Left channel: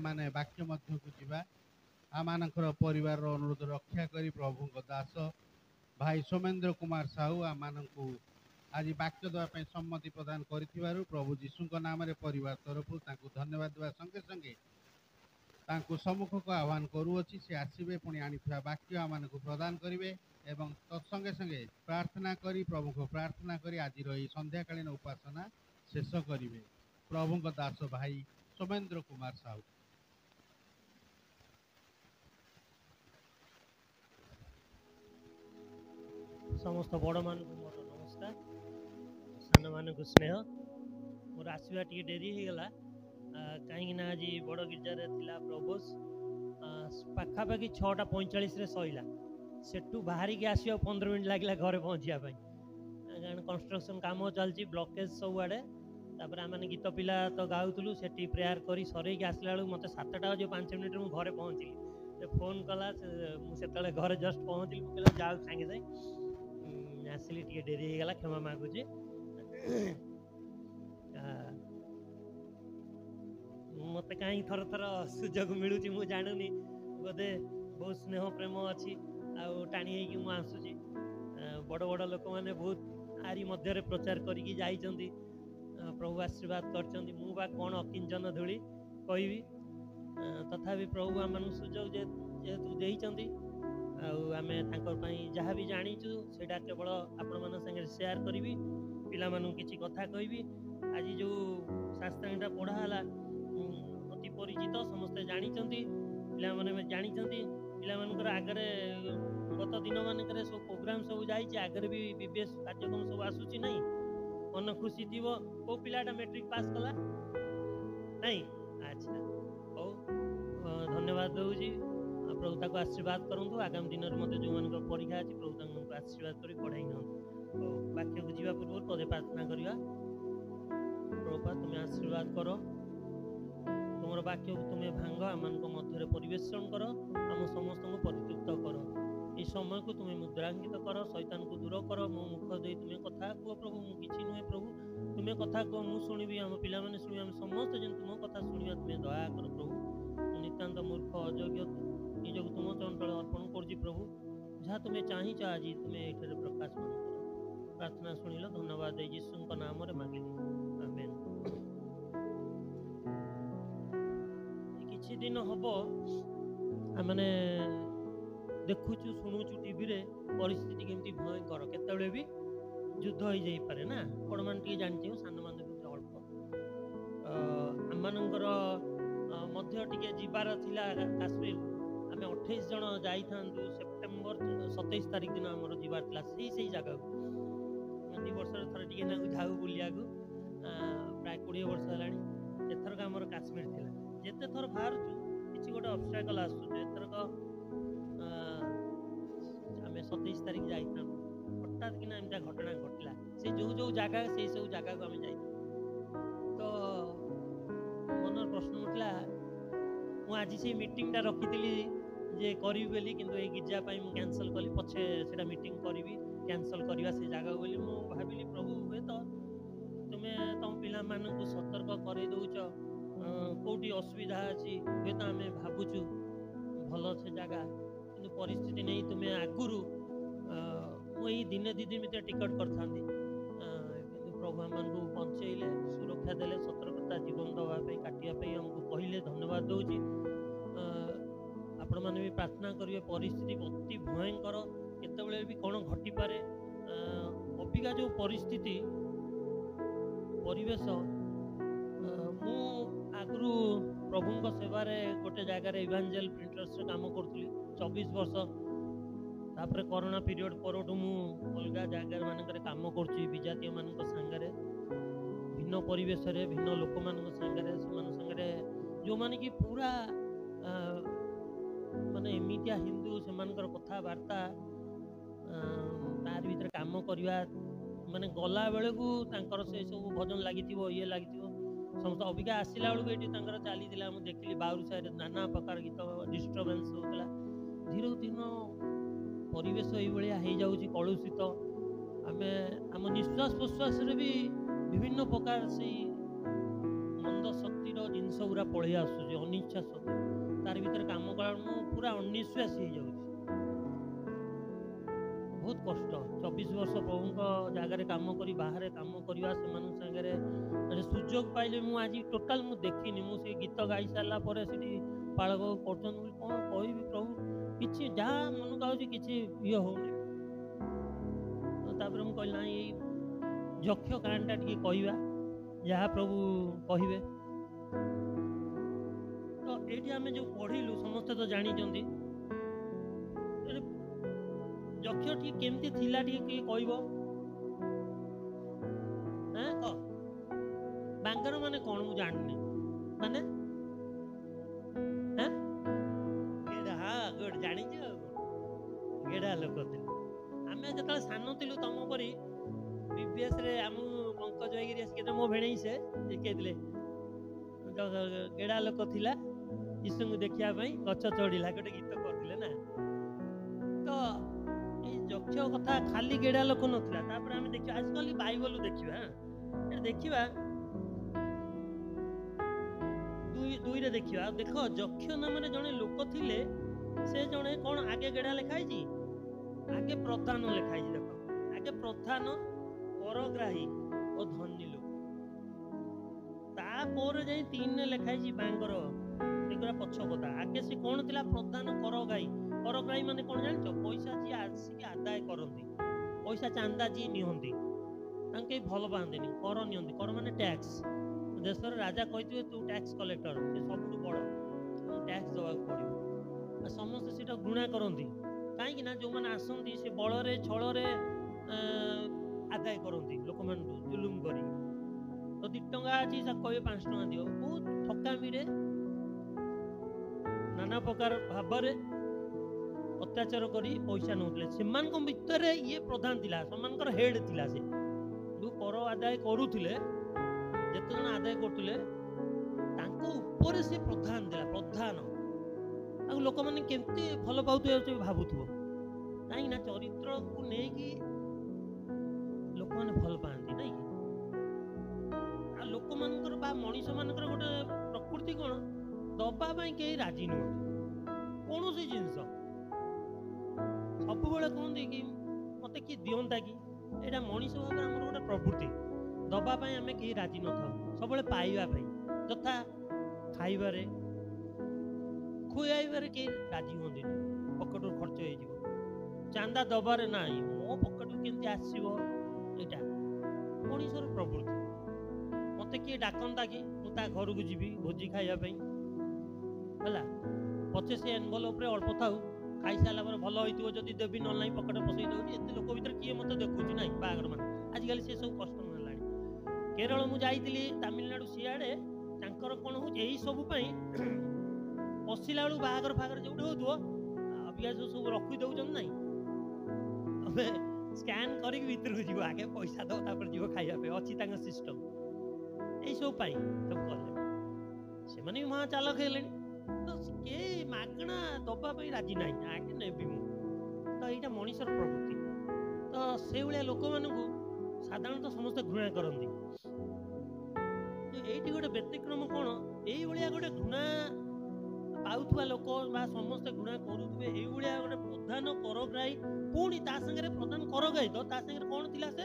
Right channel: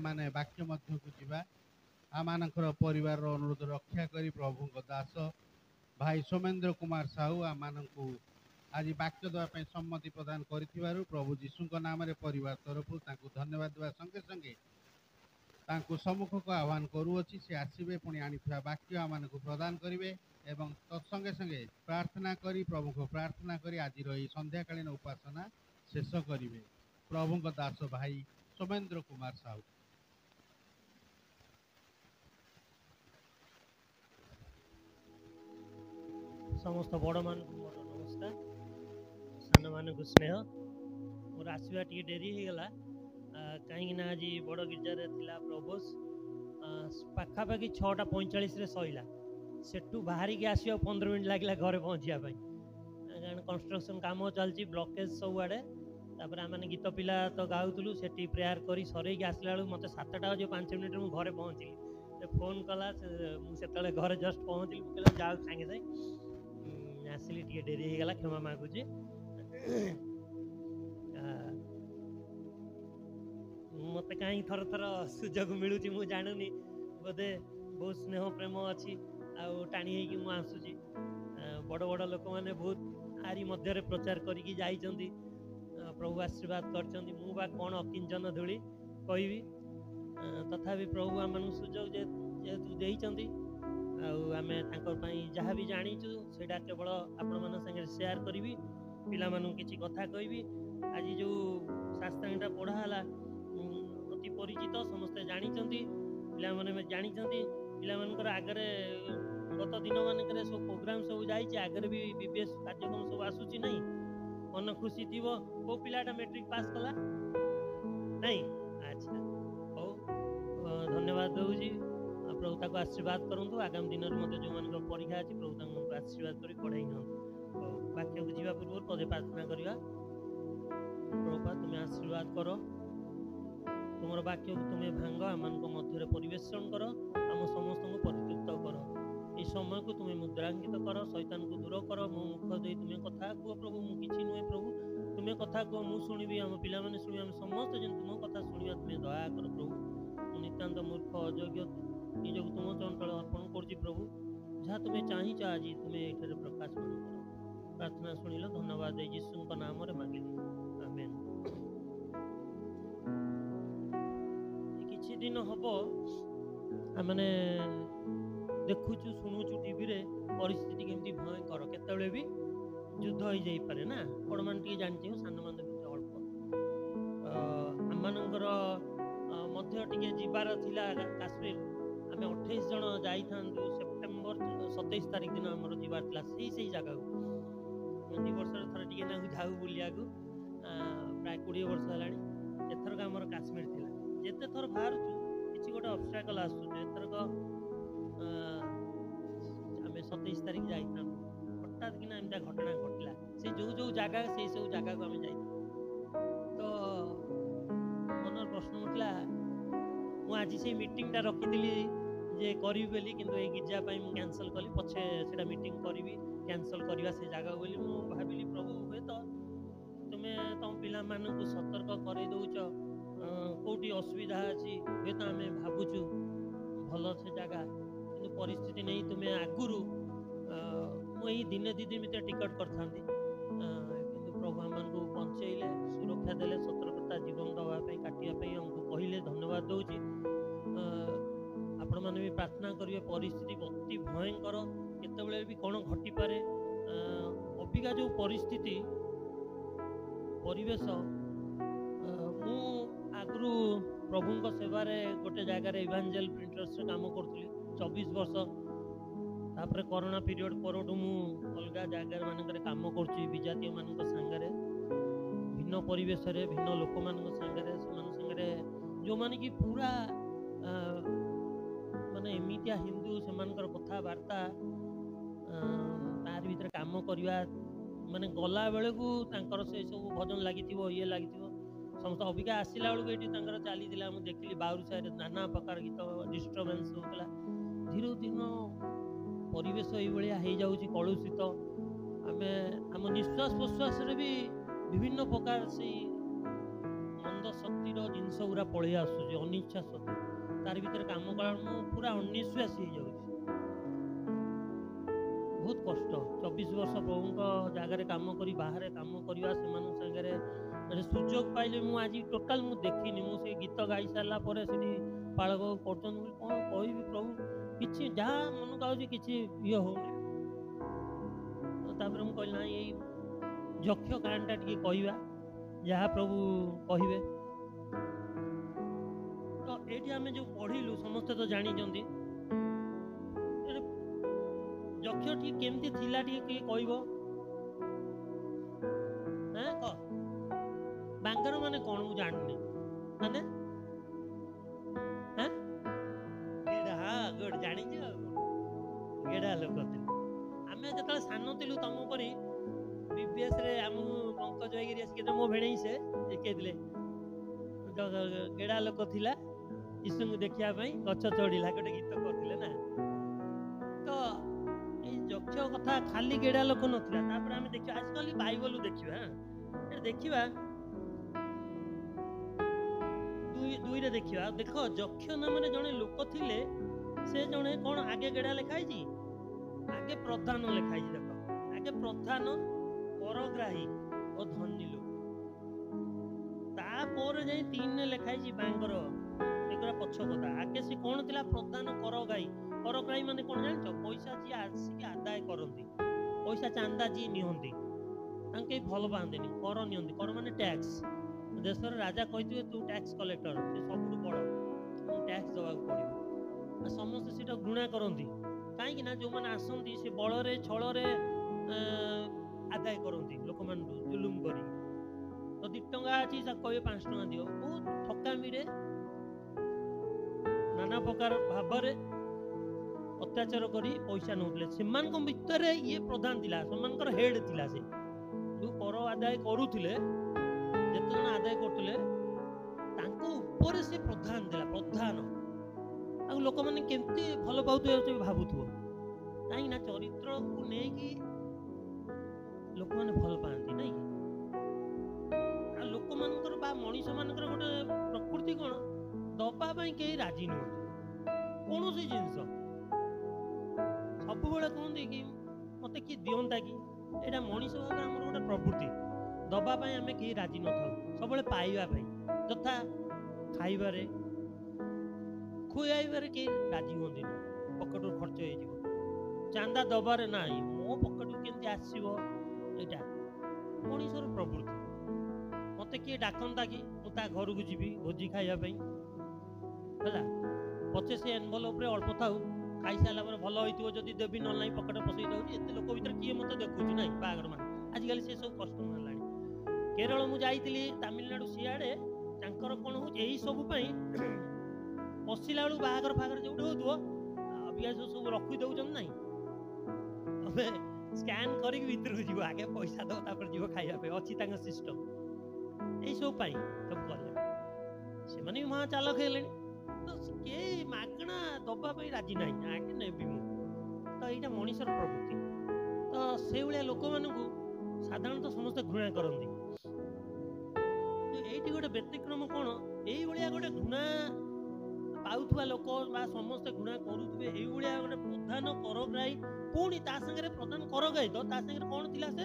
आमाने वाक्य मध्यकु जिबा आमानकर परिवार अनुरोध रक्षा करी प्रभु दास भाई सोमेन्द्र कुमार साहू आमानकु आज वाक्य देवाई सम्मति प्रदान करिथिबारु प्रभु जीशु नाम परिवार तरफ तांकु धन्यवाद देवा संगे संगे तांकु सम्मुख को आह्वान करूअछि से आसीबे पुणी आनिथिबा वाक्य आमानकु प्रदान करिवे एवं तत्संगे संगे प्रार्थना करी प्रभु को प्रार्थना करी आज संध्याकालीन उपासना शेष करिवे। प्रभु दास भाई सोमेन्द्र कुमार साहू। समस्त बड़ मान मोर नमस्कार, सान मान स्नेह। मोर आसवा टी डेरी हो गला कहीं आज बड़ गिरजार थिला प्रभोज पाखापाखि 6:45 सईला सेठू बाहर के आस 15 मिनट लगे घरे पहुँचापी कारण कंस्ट्रक्शन काम चलती ब्लकेज सब आड़े तापर आम गीत पिला तो गाऊलु से प्रेयर कर सर आसला बेलू मत 7टा बजे 5 मिनट में घरे पहुँचली फोन कला से घरे जस्ट पहुँचली मुझे जाओ सागे सागे आसली टे डेरी हो गला क्षमा मागुची। मत कहीं थर थर सुजोग मिलूँ मुझे जानुनी बोधे बहुत स्नेह प्रेम अच्छी टाणी हो आसूची बड़ बड़ लोक मैंने बहुत आरी मध्य प्रचार करी जाइछंती प्रभु आशीर्वाद करछंती मुबा कौन अकिंचन धूली कहबी तथापि प्रभु आम सुजोग जेहेतु देइछंती आमे तांकर पई जहाँ भी जानीचु सेटा केवल आपण मन संगे शेयर करी पिला मानू किछि कथा कहबी। आज जो शास्त्रांगटा पढ़ाला अति परिचित समस्ते जानीचंती पिला माने जानीचंती पिला मानकर आगरे गत दिन मानकर सब प्रोग्राम सब जाइए आगे भी बीबीएस कार्यक्रम सब आसूची नहीं मन खुशी थी को पिलाटा मैट्रिक पास कला नहीं अच्छा हो धन्यवाद दूजी प्रभु ताको आशीर्वाद करंतु आगामी दिन में जो मान परीक्षा अच्छी प्रभु ताको आशीर्वाद कर पढ़ाई न वाक्य को जीवा पूर्व पदे प्रार्थना करवा। प्रभुपा तुम्हें आशीर्वाद कर तुम वाक्य को तुम्हें भांग आम मध्य परिवेशन कर आम समस्त को परितृप्त कर ये समय को तुम्हें मुद्रांकित कर शैतान को दूर कर मो मुख दे तुम्हें कथा कह प्रभु मु किछि नुहे प्रभु तुम्हें कथा कह मु शुणिबी आम पिला माने शुणिबी आम समस्त जन तुम कथा शुणिबा तुम्हें दया कर प्रभु नितांत मूर्ख अयोग्य निजक तुम चंचल अर्पण कर प्रभु जहाँ तुम्हें चाहिए आज तुम्हें ये प्रकाश मान कर प्रार्थना शुणिल धन्यवाद दे यीशु नाम रे मांगिली आमेन। किछि दिन हम आमने देखुचु शुणुचु टीवी रे परिस्थिति केमती भयंकर केतबेले भी युद्ध हो जाई पारे ना बड़ मान टी जानछि सान मान अल्प आमनकर मध्य टिके जीवार थिला काश्मीर आम 28 जन जाई थांतु सेप्टेम्बर 27 तारिख दिन आमर जीवार थिला सही जगह को 2 वर्ष थर टिके ना जाऊ बुलिया को प्राय 20 वर्ष हलानी एथरक आमर काश्मीर थिला जेते थर बाहरचु किछि गोटे ऑब्स्टैकल आसु एथरक आम 27 तारिख जाई थांतु हठात किना एमता घटना घटला से जो जो जगह से सब जगह को आम जाई तो मन प्रश्न उठला मु आज से मीटिंगटा रखी जे करी बोली किंतु ए गिरजा पाई मु कैंसल कली पछे सेटा मीटिंग करी कैंसल करवा से जगह बोली मु भाबिली प्रभु हुए तो तुमे तुम पिला मानन को सतर्क करे दउछ कोठी असुविधा अछि हुए तो आमे भाबुछु भलो से जगह किंतु परिस्थिति नहीं तुमे आगुरु मु एही दिने दी दिन मिते टिकट करथांदी किंतु प्रभु हमन को बंचैले सुरक्षा देले सतर्कता जीवन दवा पे काटिया पे हमको कहले धन्यवाद दउची। आपण माने भी प्रार्थना करिवे परिस्थिति अति भयंकर केतबेले भी कोन घटी पारे अबिका जो परिस्थिति परिवेश मु आगु प्रभु सेवा गोटे जगार इवांजेल प्रिंटर्स काम करी 24 वर्ष तापर कोरोना पीरियड पर मु अलग जगार मानक काम करुच्ची विजातीय मान सांगे भिन्न परिवेश भिन्न लोक मान सांगे जो माने कि पूरा माने एमितिया हिंदू से कथबार्ता तार भीतर काम करवा माने गला बेले को से सब भजन लगी ये लगी समस्त अबिका आसला बेलू ये चली देखली बाउरी साइड नाना प्रकार गीत डिस्टर्बेन्स होता धीरे धीरे परिवेश ये कलुषित आम आम निश्वास प्रश्वास भी विभिन्न प्रकार से मंद शक्ति ପ୍ରକୃତିର ଜିନିଷ ଗୁରା ପଳେଇ ଆସୁଛି ଅନିଚ୍ଛା ସତ୍ତ୍ୱେ। ତାର ଭିତରେ କାମ କଲା ମୁଁ ପୁରା ଅନିଶ୍ୱାସୀ ହେଇଯାଉଛି। ବହୁତ କଷ୍ଟ। 24 ବର୍ଷ ପ୍ରଭୁଙ୍କ ଜାଗାରେ କାମ କରି ବାହାରେ କାମ କରିବା, ସେମାନଙ୍କ ସାଙ୍ଗରେ ସୁଯୋଗ ପାଇଲେ ମୁଁ ଆଜି ଟୋଟାଲ ମୁଁ ଦେଖିନି। ମୁଁ ସେ ଗୀତ ଗାଇ ସାରିଲା ପରେ ସେଠି ପାଳକ କରୁଛନ୍ତି, କ'ଣ କହିବି ପ୍ରଭୁ, କିଛି ଯାହା ମନକୁ ଆଉଛି କିଛି ଇଏ ହଉନି। ତାପରେ ମୁଁ କହିଲି ନାଇଁ ଏଇ ଯକ୍ଷ କାହାଣୀଟା ଟିକେ କହିବା, ଯାହା ପ୍ରଭୁ କହିବେ। ତ ଏଇଠି ଆମେ ଯୋଉ ପଢିଲୁ ସମସ୍ତେ ତ ଜାଣିଛନ୍ତି। ଯକ୍ଷ ଟିକେ କେମିତି ଥିଲା ଟିକେ କିଏ କହିବ? କହ। ବାଙ୍ଗର ମାନେ କ'ଣ ମୁଁ ଜାଣିନି। ମାନେ ଗୁଡ୍ ଜାଣିଛୁ ଆଉ ଗେଡା ଲୋକ ଥିଲେ। ଆମେ ଯେତେବେଳେ ସାନ ଥିଲୁ ତମ ପରି BBS ରେ ଆମକୁ ପଙ୍କଜ ଭାଇଗିରି ଆସିକି ମୋ ଭେଣେଇ ସେ ଶିଖେଇଥିଲେ। ଗେଡା ଲୋକ ଥିଲା ଯୀଶୁଙ୍କୁ ଦେଖିବା ପାଇଁ ଗଛ ଚଢିଲା, ଗୋଟେ ଗୀତ କରିଥିଲେ ନା। ତ ଏଇ ଯକ୍ଷ କଥା ଖାଲି ଗେଡା ଲୋକ ନଥିଲା। ତାପରେ ଆମେ ଦେଖିବା ଆଜିକାଲି ବାଇବଲ ଦେଖିବା, ଦେଖିବା ଦୁଇରେ ଦେଖିବା। ଦେଖ ଯକ୍ଷ ନାମରେ ଜଣେ ଲୋକ ଥିଲେ। ସେ ଜଣେ କ'ଣ ଆଗେ ଗେଡା ଲେଖା ହେଇଛି, ଆଗେ ପ୍ରଧାନ ଲେଖା ହେଇଛି। ଦେଖ ଆଗେ ପ୍ରଧାନ, କରଗ୍ରାହୀ ଓ ଧନୀ ଲୋକ। ତାପରେ ଯାଇ 3ରେ ଲେଖା ହେଇଛି ବାଙ୍ଗର। ସେଗୁରା ପଛ କଥା। ଆଗେ ସେ କ'ଣ ଥିଲା? ପ୍ରଧାନ କରଗ୍ରାହୀ। କରଗ୍ରାହୀ ମାନେ କ'ଣ ଜାଣିଛ? ପଇସା ଯିଏ ଆସିକି ଆଦାୟ କରନ୍ତି, ପଇସା ଚାନ୍ଦା ଯିଏ ନିଅନ୍ତି, ତାଙ୍କୁ କେହି ଭଲ ପାଆନ୍ତିନି। କର ନିଅନ୍ତି। କର ମାନେ ଟ୍ୟାକ୍ସ। ଦେଶର ରାଜା କହିଥିବେ ତୁ ଟ୍ୟାକ୍ସ କଲେକ୍ଟର, ସେ ସବୁଠୁ ବଡ଼, ଟ୍ୟାକ୍ସ ଦେବାକୁ ପଡ଼ିବ। ଆଉ ସମସ୍ତେ ସେଟା ଘୃଣା କରନ୍ତି। କାହିଁକି ନା ଯୋଉମାନେ ଆସନ୍ତି ସେ ବଳରେ ଛଳରେ ଆଦାୟ କରନ୍ତି ଲୋକମାନଙ୍କୁ ଜୁଲୁମ କରି। ତ 2 ଟଙ୍କା ଅଛି ତାକୁ କହିବେ 5 ଟଙ୍କା ଦିଅ। ବହୁତ ଠକାମିରେ ନାନା ପ୍ରକାର ଭାବରେ ଅତ୍ୟାଚାର କରି ପଇସା ନେଉଥିଲେ। ସେମାନଙ୍କ ଭିତରେ ଇଏ ପ୍ରଧାନ ଥିଲା, ସେମାନଙ୍କର ହେଡ୍ ଥିଲା। ସେ ଯୋଉ କର ଆଦାୟ କରୁଥିଲେ, ଯେତେ ଜଣ ଆଦାୟ କରୁଥିଲେ ତାଙ୍କ ଉପରେ ସେ ପ୍ରଧାନ ଥିଲା। ପ୍ରଧାନ ଆଉ ଲୋକମାନେ କେମିତି ଭଲ ପାଉଥିବେ ଭାବୁଥିବ। କାହିଁକି ନା ଚରିତ୍ରକୁ ନେଇକି ଲୋକମାନେ ଭଲ ପାଆନ୍ତି, ନାଇଁ କି? ଆଉ ଲୋକମାନଙ୍କର ବା ମଣିଷ ମାନଙ୍କର ଗୋଟେ ପ୍ରକୃତି କ'ଣ, ଦବା ପାଇଁ କେହି ରାଜି ନୁହନ୍ତି। କୌଣସି ଜିନିଷ ସବୁବେଳେ କୁହନ୍ତି କି ମତେ କିଏ ଦିଅନ୍ତା କି। ଏଇଟା ମଣିଷ ଭାବରେ ଆମର ଗୋଟେ ପ୍ରବୃତ୍ତି। ଦବା ପାଇଁ ଆମେ କେହି ରାଜି ନଥାଉ, ସବୁବେଳେ ପାଇବା ପାଇଁ। ଯଥା ଖାଇବାରେ, ଖୁଆଇବାରେ କେହି ରାଜି ହୁଅନ୍ତିନି, ପକେଟରୁ ଖର୍ଚ୍ଚ ହେଇଯିବ। ଚାନ୍ଦା ଦବାରେ ନାହିଁ, ମୋ ପକେଟରୁ କେମିତି ଆସିବ, ଏଇଟା ମଣିଷର ପ୍ରବୃତ୍ତି। ମତେ କିଏ ଡାକନ୍ତା କି ମୁଁ ତା ଘରକୁ ଯିବି ଭୋଜି ଖାଇବା ପାଇଁ, ହେଲା, ପଛେ ସେ ଏନଭଲପରେ ଅଳ୍ପ ଥାଉ, ଖାଇସାରିଲା ପରେ ଭଲ ହେଇଥିବ ଯଦି ଦେବି, ନହେଲେ ନାହିଁ ପକେଟରେ ପଶେଇ ଦେଉଛି। ଏତେ ଲୋକ ଭିତରେ କିଏ ମତେ ଦେଖୁଛି? ନାହିଁ ବାହାଘର ମାନେ ଆଜିକାଲି ସେ ସବୁ କଷ୍ଟ ହେଲାଣି। କେରଳ ମୁଁ ଯାଇଥିଲି, ତାମିଲନାଡୁ, ସିଆଡେ ତାଙ୍କର କ'ଣ ହଉଛି ଏଇ ସବୁ ପାଇଁ ପଶିଲା ବେଳକୁ ବାହାଘର ଫାହାଘର ଯୋଉଠି ହଉଥିବ ଅବିକା ସବୁ ରଖି ଦଉଛନ୍ତି। ନାହିଁ ତମେ ସ୍କାନ୍ କରିକି ଭିତରକୁ ଯିବ, ଆଗେ ପଇସା ଦବ ତାପରେ ଯିବ ଖାଇବା ପାଇଁ, ଅଛି ତାଙ୍କ ସିଷ୍ଟମ। ଏଇ ସବୁ ପାଇଁ ସବୁ କଲେ। ସେମାନେ ବି ମହା ଚାଲକ ହେଲେଣି। ତ କେହି ମାଗଣା ଦବା ପାଇଁ ରାଜି ନାହିଁ, ଆଗେ ନେବି ମୁଁ। ତ ଏଇଟା ମଣିଷର ପ୍ରବୃତ୍ତି। ତ ସେଇଭଳିଆ ଲୋକମାନଙ୍କୁ ସାଧାରଣତଃ ସମସ୍ତେ ଘୃଣା କରନ୍ତି। ଏଇଠି ଗୋଟେ ବ୍ୟତିକ୍ରମ କ'ଣ, ଏଇଭଳିଆ ଗୋଟେ ଘୃଣା ପାଉଥିବା ଲୋକ ବା ସମସ୍ତେ ଘୃଣା କରୁଥିବେ ଏଇଭଳିଆ ଗୋଟେ ପ୍ରଧାନ କରଗ୍ରାହୀ, ପୁଣି ତା ସାଙ୍ଗରେ ପ୍ରଧାନ କରଗ୍ରାହୀ ତ ତା ସାଙ୍ଗରେ କ'ଣ ଥିଲା? ସେ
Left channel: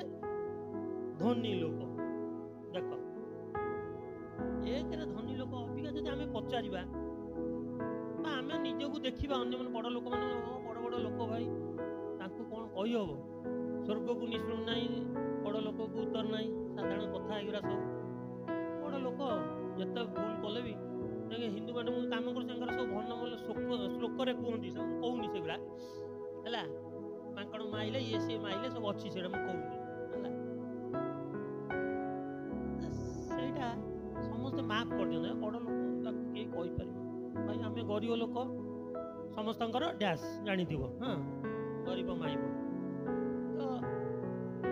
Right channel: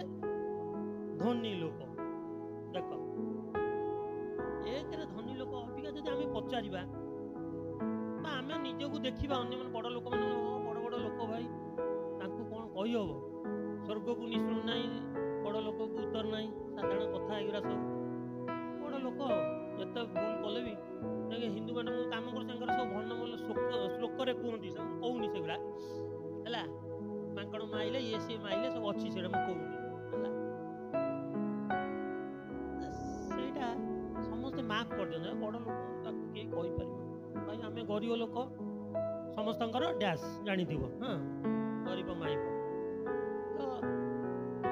ଧନୀ ଲୋକ। ଦେଖ ଏକରେ ଧନୀ ଲୋକ। ଅବିକା ଯଦି ଆମେ ପଚାରିବା ବା ଆମେ ନିଜକୁ ଦେଖିବା, ଅନ୍ୟମାନେ ବଡ଼ ଲୋକମାନେ, ବଡ଼ ବଡ଼ ଲୋକ ଭାଇ, ତାଙ୍କୁ କ'ଣ କହିହବ? ସ୍ୱର୍ଗକୁ ନିଶୁଣ ନାହିଁ, ବଡ଼ ଲୋକକୁ ଉତ୍ତର ନାହିଁ, ସାଧାରଣ କଥା ଏଗୁରା ସବୁ। ବଡ଼ ଲୋକ ଯେତେ ଭୁଲ କଲେ ବି ହିନ୍ଦୁ ମାନେ ମୁଁ କାମ କରୁ, ତାଙ୍କର ସବୁ ଭଲ ଭଲ ଶ୍ଲୋକରେ କୁହନ୍ତି, ସବୁ କହୁନି ସେଗୁଡ଼ା, ହେଲା। ମାଙ୍କଡ଼ ମାଇଲେ, ଇଏ ସିଏ ମାଇଲେ, ସବୁ ଅଛି, ସେଇଟା ମୁଁ କହୁନି, ହେଲା। ସେଇଟା ସମସ୍ତେ ମାଫ କରିଦିଅନ୍ତି। ବଡ଼ ଲୋକ ତାକୁ କେହି କହିପାରିବ ଭାଇ, ଆମେ ଗରିବ ଲୋକ, ସମସ୍ତଙ୍କର ଡ୍ୟାସ୍ ଜାଣିଥିବ, ହଁ, ଗରିବ ମାଇବ। ତ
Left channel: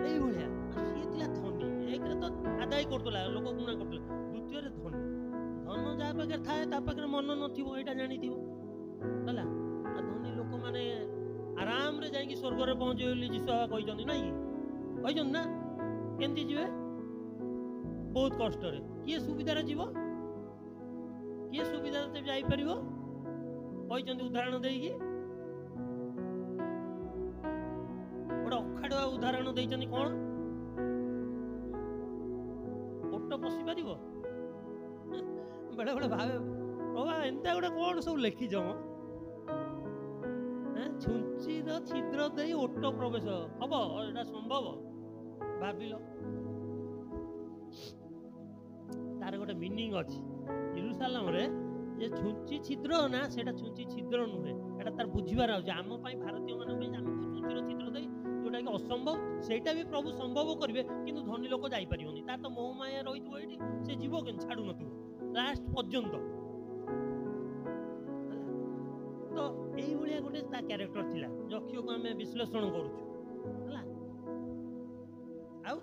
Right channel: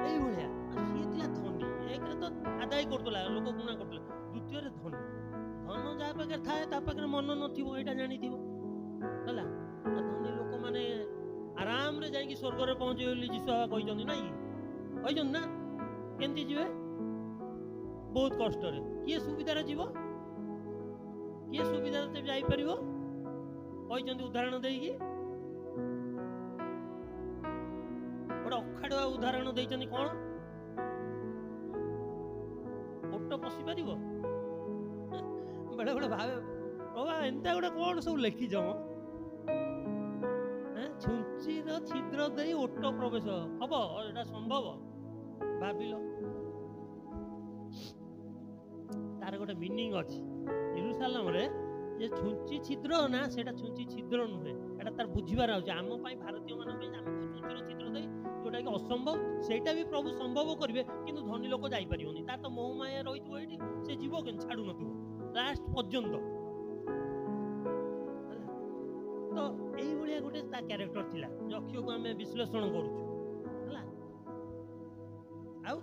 ଏଇଭଳିଆ। ସିଏ ଥିଲା ଧନୀ। ଏକରେ ତ ଆଦାୟ କରୁଥିଲା, ଲୋକ ଗୁଣା କରୁଥିଲେ। ଦ୍ୱିତୀୟରେ ଧନୀ। ଧନ ଯାହା ପାଖରେ ଥାଏ ତା ପାଖରେ ମନ ନଥିବ, ଏଇଟା ଜାଣିଥିବ, ହେଲା। ଆଉ ଧନୀ ଲୋକମାନେ ଆରାମରେ ଯାଇକି ସ୍ୱର୍ଗରେ ପହଞ୍ଚିବେ ବୋଲି ଯୀଶୁ କହିଛନ୍ତି, ନାଇଁ କି? କହିଛନ୍ତି ନା? କେମିତି ଯିବେ? ବହୁତ କଷ୍ଟରେ। କିଏ ସୁବିଧାରେ ଯିବ? किए सुविधा जापर कहते उदाहरण देगी गोटे अखाड़ुआ उदाहरण देते कौन ओट पशि पार बेले बेले भावे बाबा एंता गोटे कौन सब लिखिज छुंचीर छिद्र दे ओट प्रवेश हम एटा संभव भाविल तार गोटे मीनिंग अच्छी यरूशलेम रे जे छुंची छिद्र ना सेटा छुंची छिद्र नुहे एटा तार बुझिबार आउछ आम पई भारतीय मान पई आम को छुंचीर छिद्र दे जोटा कि असंभव सेटा भी प्रभु संभव करिवे किंतु धनी लोक जाई परियोनी तार तो मोह माया रहितो एठी से जीव केन छाडू नथु लास्ट पर्यंत तो एई भलिया गोटे ता कैरेक्टर थिला जखियो को हमें विश्लेषण करूछु हला आउ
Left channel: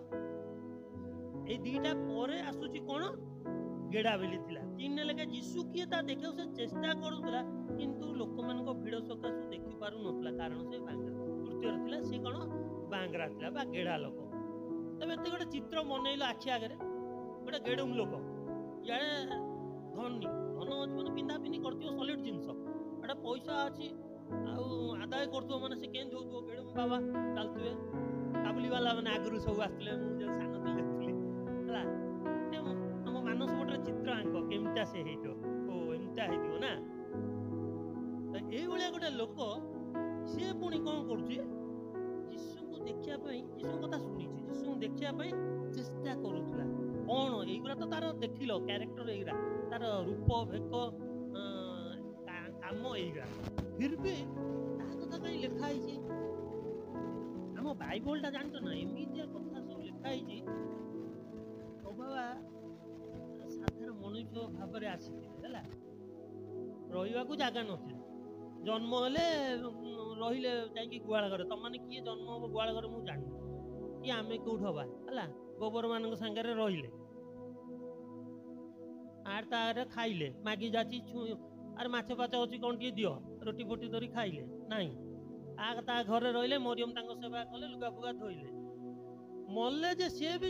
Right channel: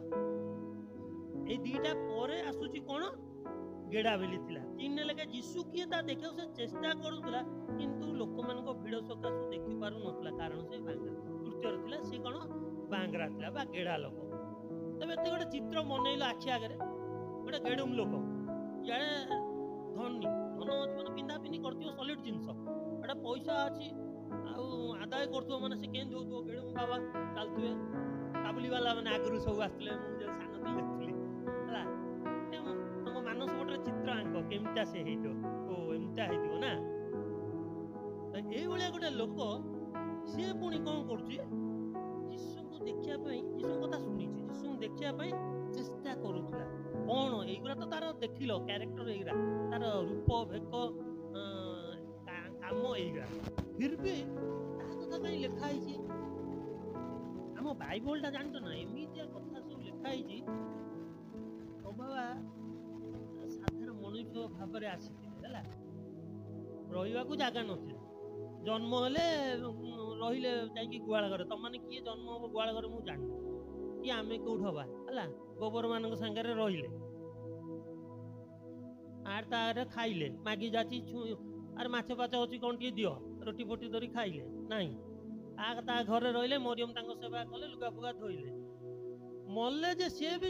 ए दीटा परे आसुची कोन गेडा बेली थिला तीन लेके यीशु किए ता देखे से चेष्टा करूतला किंतु लोक मान को भिड़ सकासु देखि पारु नथला कारण से बांगा तृतीय थिला से कोन बांगरा थिला बा गेडा लोक तबे एते गोटे चित्र मनैलो आखि आगरे गोटे गेडुम लोक याडे धनी धन जीवन पिंधा पिनी करथियो सॉलिड जिंस एटा पैसा अछि आउ आदाय करथो माने से केन जोतो गेडुम बाबा चलथुए काबुली वाला माने आगरु सब आस्तले मु जे सानो ती देखथली हला ते हम मानस बोटरे चित्र आंक केमता से हेइतो ओ एमता हेइतो ना त एई भलिया गोटे लोक से पुनी कोन करछि यीशु को देखिया पई यीशु कथा सुनिछि यीशु देखिया पई चेष्टा करूथला कोन एइगरा तो तार देखिलो कैरेक्टर एइगरा तार रूप भेक काम एइगरा फिर भी ता कथा कई लिखा आइछि हम बाइबल ता जानतो ना एमितिया कथा सब लिखा आइछि बाबा साधारण मनुष्य भाବରେ ଆସିଥିଲେ ହେଲା ରହିବାକୁ ଜାଗା ନଥିଲା जन्म हेले रहिले जाइकी गुआल घरे तुम माने किए जन्म हम गुआल घरे मु जानि कि आमे कोठ हवा हला गोबर मानक संगे रहिले आर तारे खाइले मागी जाची आर माछ पाछ अछि कोन टी दियो रोटी फोटी धरी खाइले नाही आ ता घरे रहिले मरियम तांको सेवा कले लुगा फुगा धोइले मल्ले जे से भी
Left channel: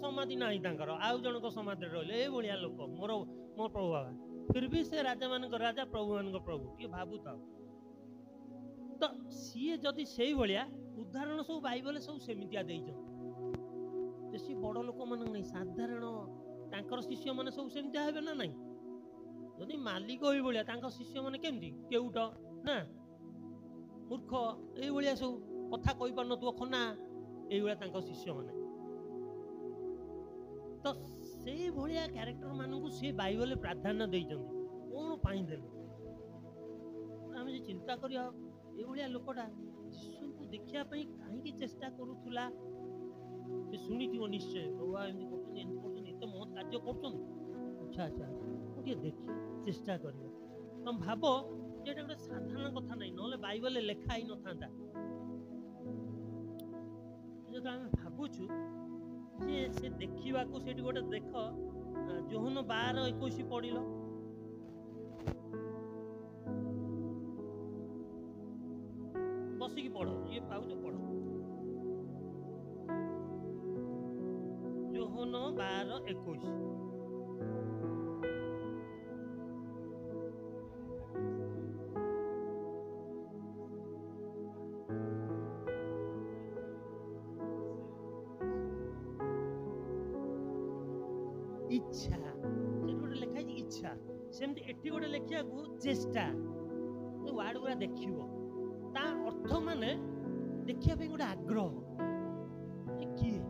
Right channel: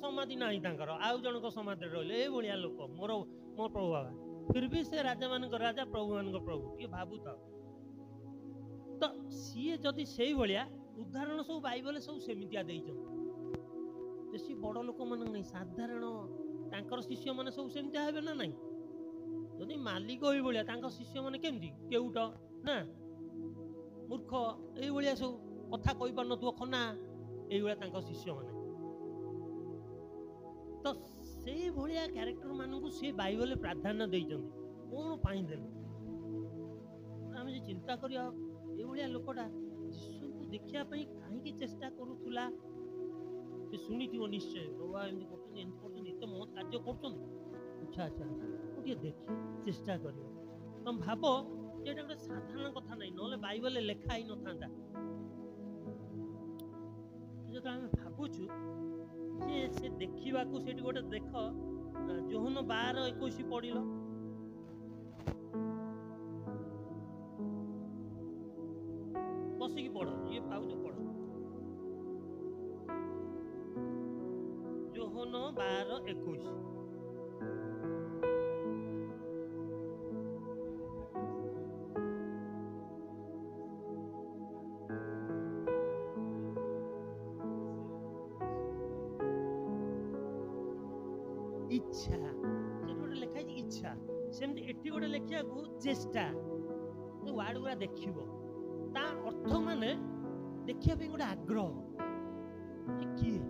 समाधि नाही तांकर आउ जनक समाधि रहिले ए बलिया लोक मोर मोर प्रभु बाबा फिर भी से राजा मान राजा प्रभु मान प्रभु ये भावु था तो सीए जदि से भाया उदाहरण सब बाइबल सब सेमितिया बेसी बड़ लोक मान नहीं साधारण तांकर शिष्य माने सब सेमितिया हेबे ना नहीं जदि मालिक होई भाया तांकर शिष्य माने केमती केउट ना मूर्ख ए भाया सब कथा कहि पार नथुव खना ए भाया तांकर शिष्य माने तो से भाया क्यारेक्टर मानू से बाइबल प्राधान्य देइछन कोन पाई देले आम जे चिंता करिया ए भाया लोकटा यीशु को देखिया पई काहे की चेष्टा करूथुला से सुनिथिव निश्चय बाबा एंती करछन एते मत कार्य करछन अच्छा अच्छा ओके देखि चेष्टा करियो तुम भाबो जेटा गोटे साधारण कथा नहीं नले बाइबल लेखा ही न थांता जो हम भाबुछु जे से देखिबा को सेठी गोटे देख जोहन 12:21 पढिलो बसिकी पढ़ ये पाउछ पढ़ जोहन 12:21 इच्छा से गोटे लिखा इच्छा सेमती एठी गोटे लिखिया को चेष्टा जो वार्ड गुरा देखिबो ता अर्थ माने देखिया पे गोटे आग्रह किए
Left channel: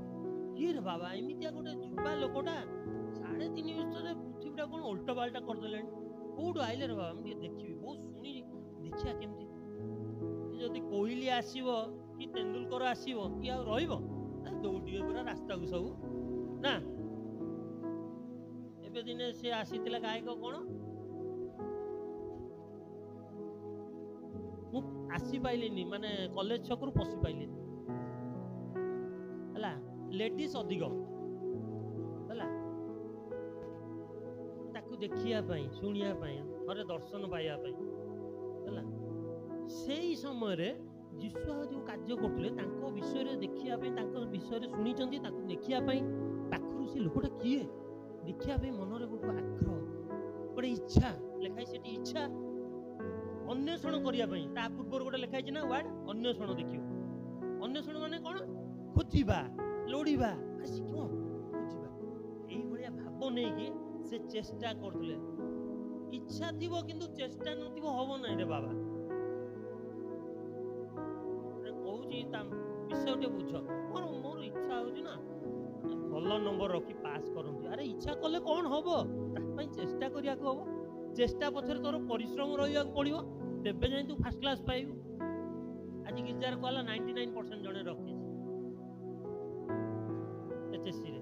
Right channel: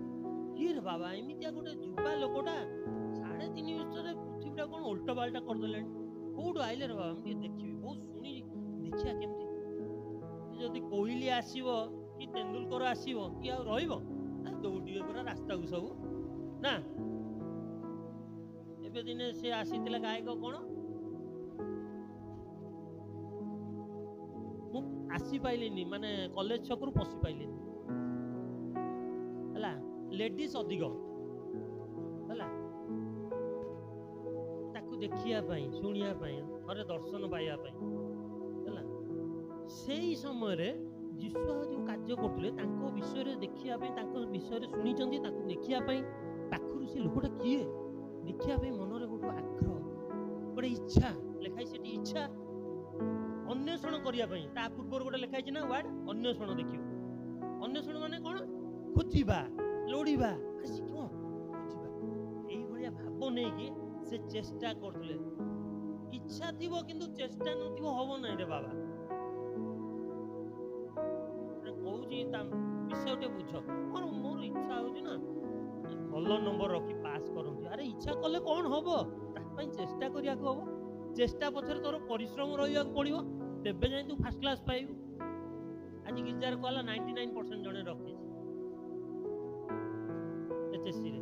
किए रे बाबा एमितिया गोटे जुबा लोकटा 3.5 वर्ष रे पृथ्वीटा कोन उल्टा बाल्टा कर देलेन कोड आइले रे बाबा हम देखिबी बहुत सुनी देखिया केमती जदी कोइली आसीबो कि तेंदुलकर आसीबो कि आ रहिबो दौड़िए पूरा रास्ता को सब ना एबे दिने से आसीतिला गायक कोन मु आसी पाइलिनी माने कॉलेज छकरू पसी पाइलिनी हला लेडीज अधिक हला ताकू देखिया पई सुनिया पई थरे दर्शन पाइया पई हला सेही समय रे यीशु जो कार्य करथले तांको विषय रे देखिया पई तांको विषय रे सुनी चंदी ताकू देखिया पई पाखरु से लोकटा किए देखिया पई मन रे गोटो आग्रह गोटे इच्छा लिखाई सेठी इच्छा अन्वेषण करिया पई ता पूर्व गोटे लिखाई ना वर्ड अन्वेषण देखियो अन्वेषण माने कोन खोजिबा लोड़ीबा आसी क्यों खोजिबा एई भलिया भाव नै कि से चेष्टा करथले इच्छा थिबो किंतु चेष्टा नथिबो होबो नै रे बाबा रे कहूची ता विषयटे बुझ मोर इच्छा होची ना भल नंबर रखी पास करंती अरे इच्छा कले कोन होबो ता पई चेष्टा करिया को होबो चेष्टा पछर तोर परिश्रम रहिया पड़िबो तेबे जाई तू फर्स्ट क्लास पाइबो आज गिरजार कहला 99% जने रखी एचएससी रे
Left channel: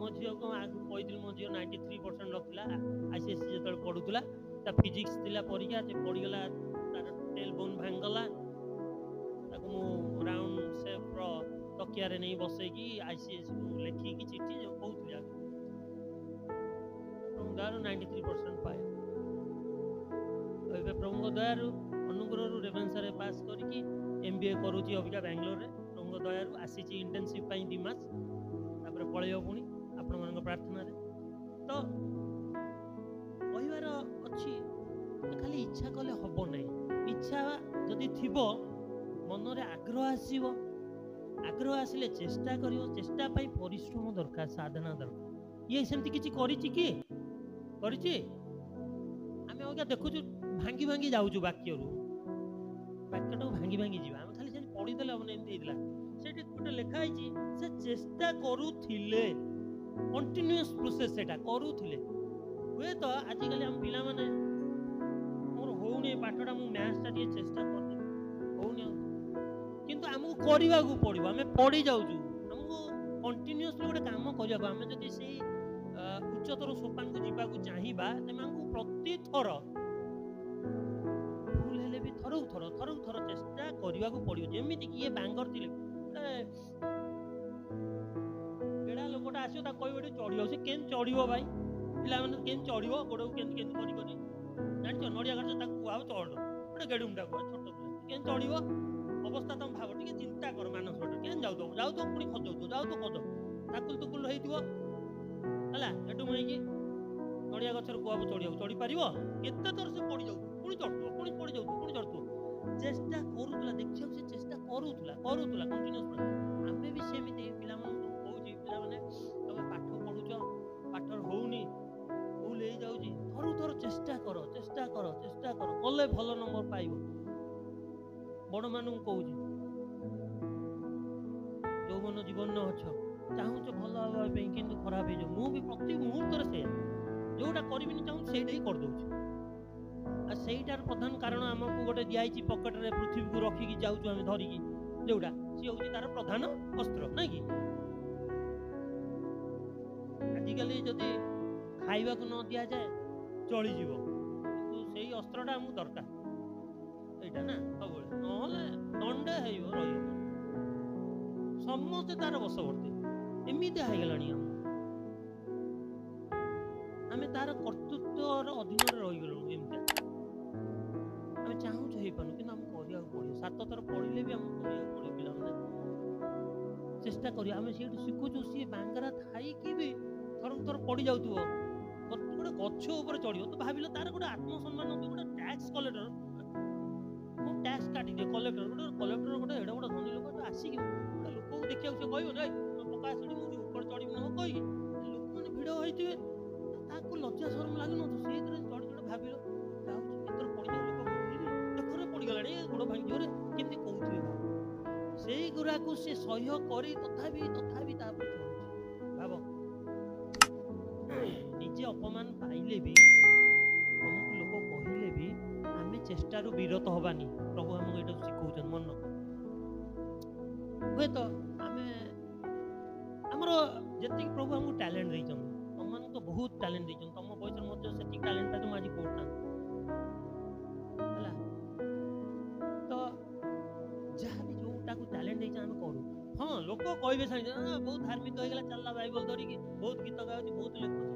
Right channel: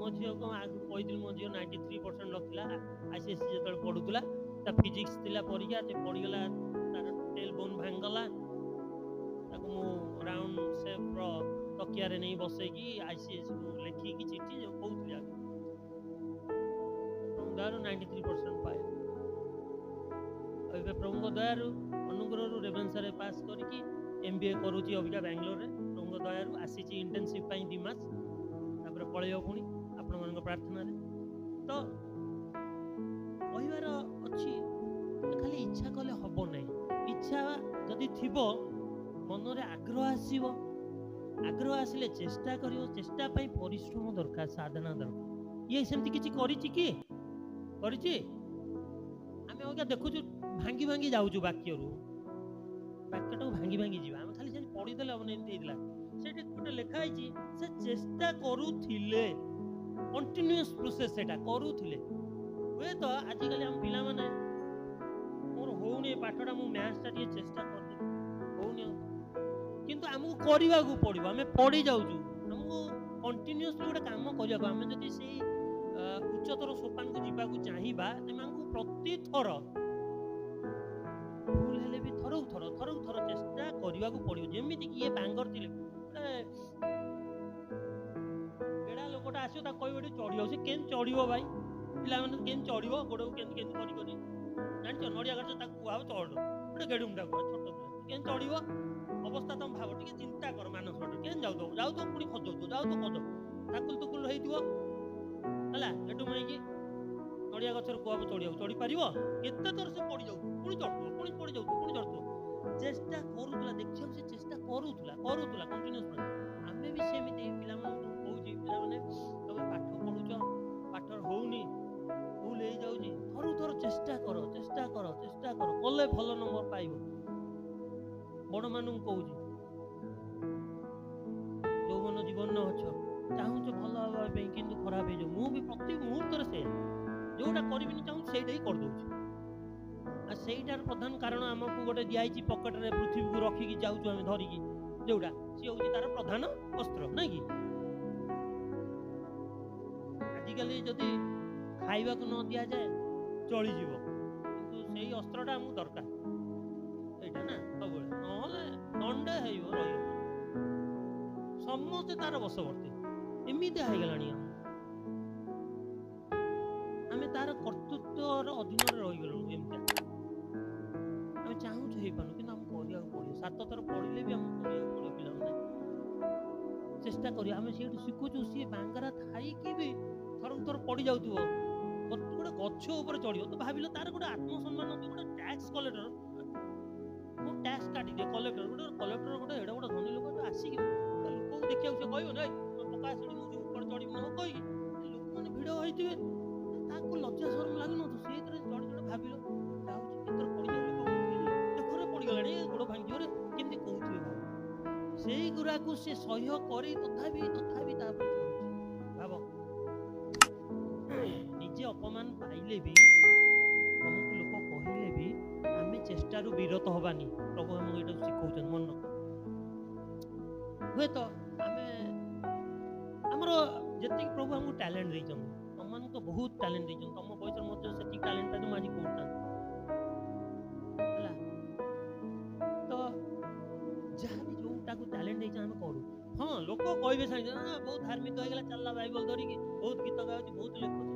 मो झियो को आगु कहिदिल मो झियो 93% रखला आईसीएससी जेतल पढुतला ता फिजिक्स थिला परीक्षा से पड़ी गला तार टेल बोन भांगला ताको मो राउंड शेप रो तकिया रे नहीं बसै की आईसीएससी को लेखी की चिट्ठी जो कहउतलिया दारू 93% पाए अबे प्रभु दयारु अनुग्रह रेवेन्सा रे पास करके एमबीए करूची अबिका बेंगलोर रे प्रभु दयारु आसीची इंटर्नशिप पई 2 मास तापर पळेयो पुनी आपण मन प्रार्थना रे तो कहिवार अछि खाली इच्छा कले हबो नै इच्छा जदि थिबो मन रे आग्रह आसीबो आग्रह आसिले चेष्टा करियो चेष्टा पई परिश्रम दरकार साधना दरकार ये सेमति किछि करिछि की करिछि आमे ओका देखुछु भांगी भांगी जाउछु वाक्यरू वाक्यटा भांगी भांगी जीवा आमे खाली सेन पढि देले हमने एमति हेतला सेठी गोटे लेखा आइछि से चेष्टा करूथिले कंटीन्यूअस प्रोसेस सेटा करूथिले वे तो आजि काली हम पिला माने मोर होउनी पाठटा मु मैथ्स टा टिए चेष्टा कर दे होउनी किंतु हमहु करिवा को पड़िबो आमे पढि जाउछु हमहु कंटीन्यूअसली गोटे काम करिया को आमे जति सेही उच्चतर सोपान को जीवा को चाहिबा तेमांकु प्रति थर भूल हेले भी थर थर चेष्टा करिवा को पड़ियो जेमिति कि ये बांगर थिले गेडा लोकटा आसियो ता कहिबेटी चढ़ियो से केन चढ़ियो भाई पिला माने केन चढ़ियो गोडो केन केन करि करि जानछो नडिया गछ ता कुआव चढ़ गोटे गेडुमटा कुआ छोट पिला केन चढ़ियो अवस्था तुम भाव टिके चिंता कर मानस छोट केन जाउ तो पुनी खजौ तो जाउ तो कद ताकुल तुकुल हेइतिबो हला एटु मई नडिया गछर कुआब चढ़िया चढ़ी पारिबो केते तोर से पड़ी जाउ पुनी चढ़तो पुनी पड़ी जाउ पुनी चढ़तो चेष्टा करूतला देखियो से चेष्टा करूतला कंटीन्यूअस आमे भी सेमिते पिला मन कहूची पिला माने तबे पाठ पढुचो पाठर होउनी भूल हे जाउची थर चेष्टा करो कले भलो नंबर पाइबो बड़ मानु कहूची जो मन जीवन न अछ चाहूँ भल हवा किंतु खराब हो मु भी प्रति मुहूर्त से जोटा करी चाहूँ सेटा ही कर दूची आ सेटार प्रधान कारण आमको गोटे दिखाई पकेट रे पृथ्वी को रखिकी जाऊँ आम धरिकी जोटा सी हूँ तार प्रधान अस्त्र ना कि आजिकल जदि खाइबा को न दि जाए चली जीव किंतु सेही अस्त्रटा आमको दरकार एटा ना सब नहले दंडे रही समस्ते तार बसवर्ती एमिति हाइगलानी आमे तार कर्तृत्वर अधीन रही गलु एमता आमे चाहू हे पानु कि हम करिया पड़ियो 7 थर पड़िले भी हम करिया पड़ियो पिला माने चेष्टा करिया आमे सेठु सिखुछु सी बांगरा थाई कि भी थर पड़ी जाउतबो गोटे गछ ऊपर चढ़ियो तो भाबिलो तार गोटे आत्मसम्मान कि गोटे टैक्स कलेक्टर मु टैक्स काटी दे कलेक्टर गोटे एडा गोटे धनी लोक तो आसी कि गोटे लोक को देखिया से कहयो नै पका सेठी मु ऊपर चढ़ी न कहि लोक माने भिड़ होइतिबे ताको लज्जा शरम लागु न तो सेतरे चढ़ी चढ़ भाबिलो जाउची केतर पड़ी जाउ लोक देखरे पड़ी गलानी गोड़ भांगी जोरे केमति कहउथिबे भाव सेही गुरा को से सहयोग करी तथापि तापर चढ़ुची भाव निजे अपमान पाइले भी तुमको लोक कहले भी आमे चेष्टारू विरत हबानी प्रभु हमको एटा सिखौछन मन हुए तो आमे हमरो जति प्रभु हमको टैलेंट दैछन तमन तो बहुत टैलेंट दैछन तम बयसर मध्य सेति टैलेंट ता माजी कोडता हला तो जहाँ भी जोटा को टैलेंट दैछ हम करू हां लोक कहबे साइ बहुत धार्मिक हो गेला चलला बाइबल धरि कि बहुत गीत गाउची बहुत लिखुची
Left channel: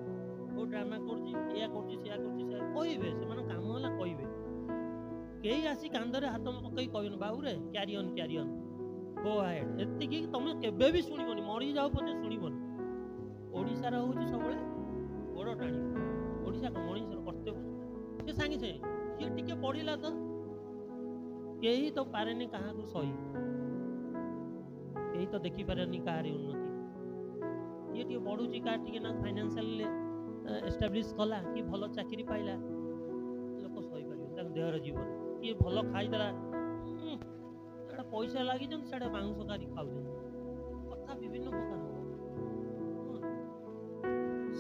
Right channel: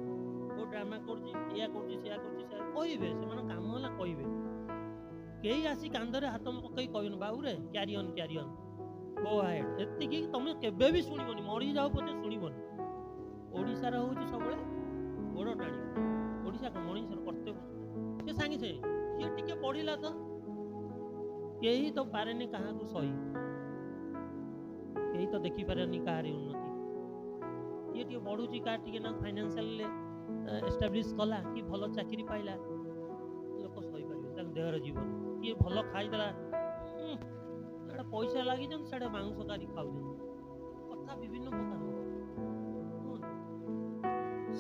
बहुत ड्रामा करची या करची से कहबे से मन काम होला कहबे केही आसी कांदरे हाथ में पकई कहन बाबू रे कैरी ऑन गो अहेड एति कि तुम केबे भी सुनिबोनी मरी जाओ पछे सुनिबोनी ओडिसा रा होची सबले ଗୋଡ଼ ଟାଣିବ। ଓଡ଼ିଶା କ'ଣ ମଣିଷର କର୍ତ୍ତବ୍ୟ? ସେ ସାଙ୍ଗେ ସାଙ୍ଗେ ଯିଏ ଟିକେ ପଢ଼ିଲା ତ କେହି ତ ପାରେନି କାହାକୁ ସହି, କେହି ତ ଦେଖିପାରେନି କାହାରି ଉନ୍ନତି। କିଏ ଟିକେ ବଢ଼ୁଛି, କାହା ଟିକେ ନା ଫାଇନାନ୍ସିଆଲ ଏଷ୍ଟାବ୍ଲିଶ୍ କଲା କି ଭଲ ଚାକିରି ପାଇଲା, ଲୋକ ସହିପାରିବେନି, ତାଙ୍କ ଦେହର ଜୀବନ। କିଏ ଭଲ ଖାଇଦେଲା, ଏଇଟା ପଇସା ଲାଗିଛନ୍ତି, ସେଟା ମାଂସ କାରି ଖାଉଛନ୍ତି, କଥା ବିଭିନ୍ନ ପ୍ରକାର ହବ।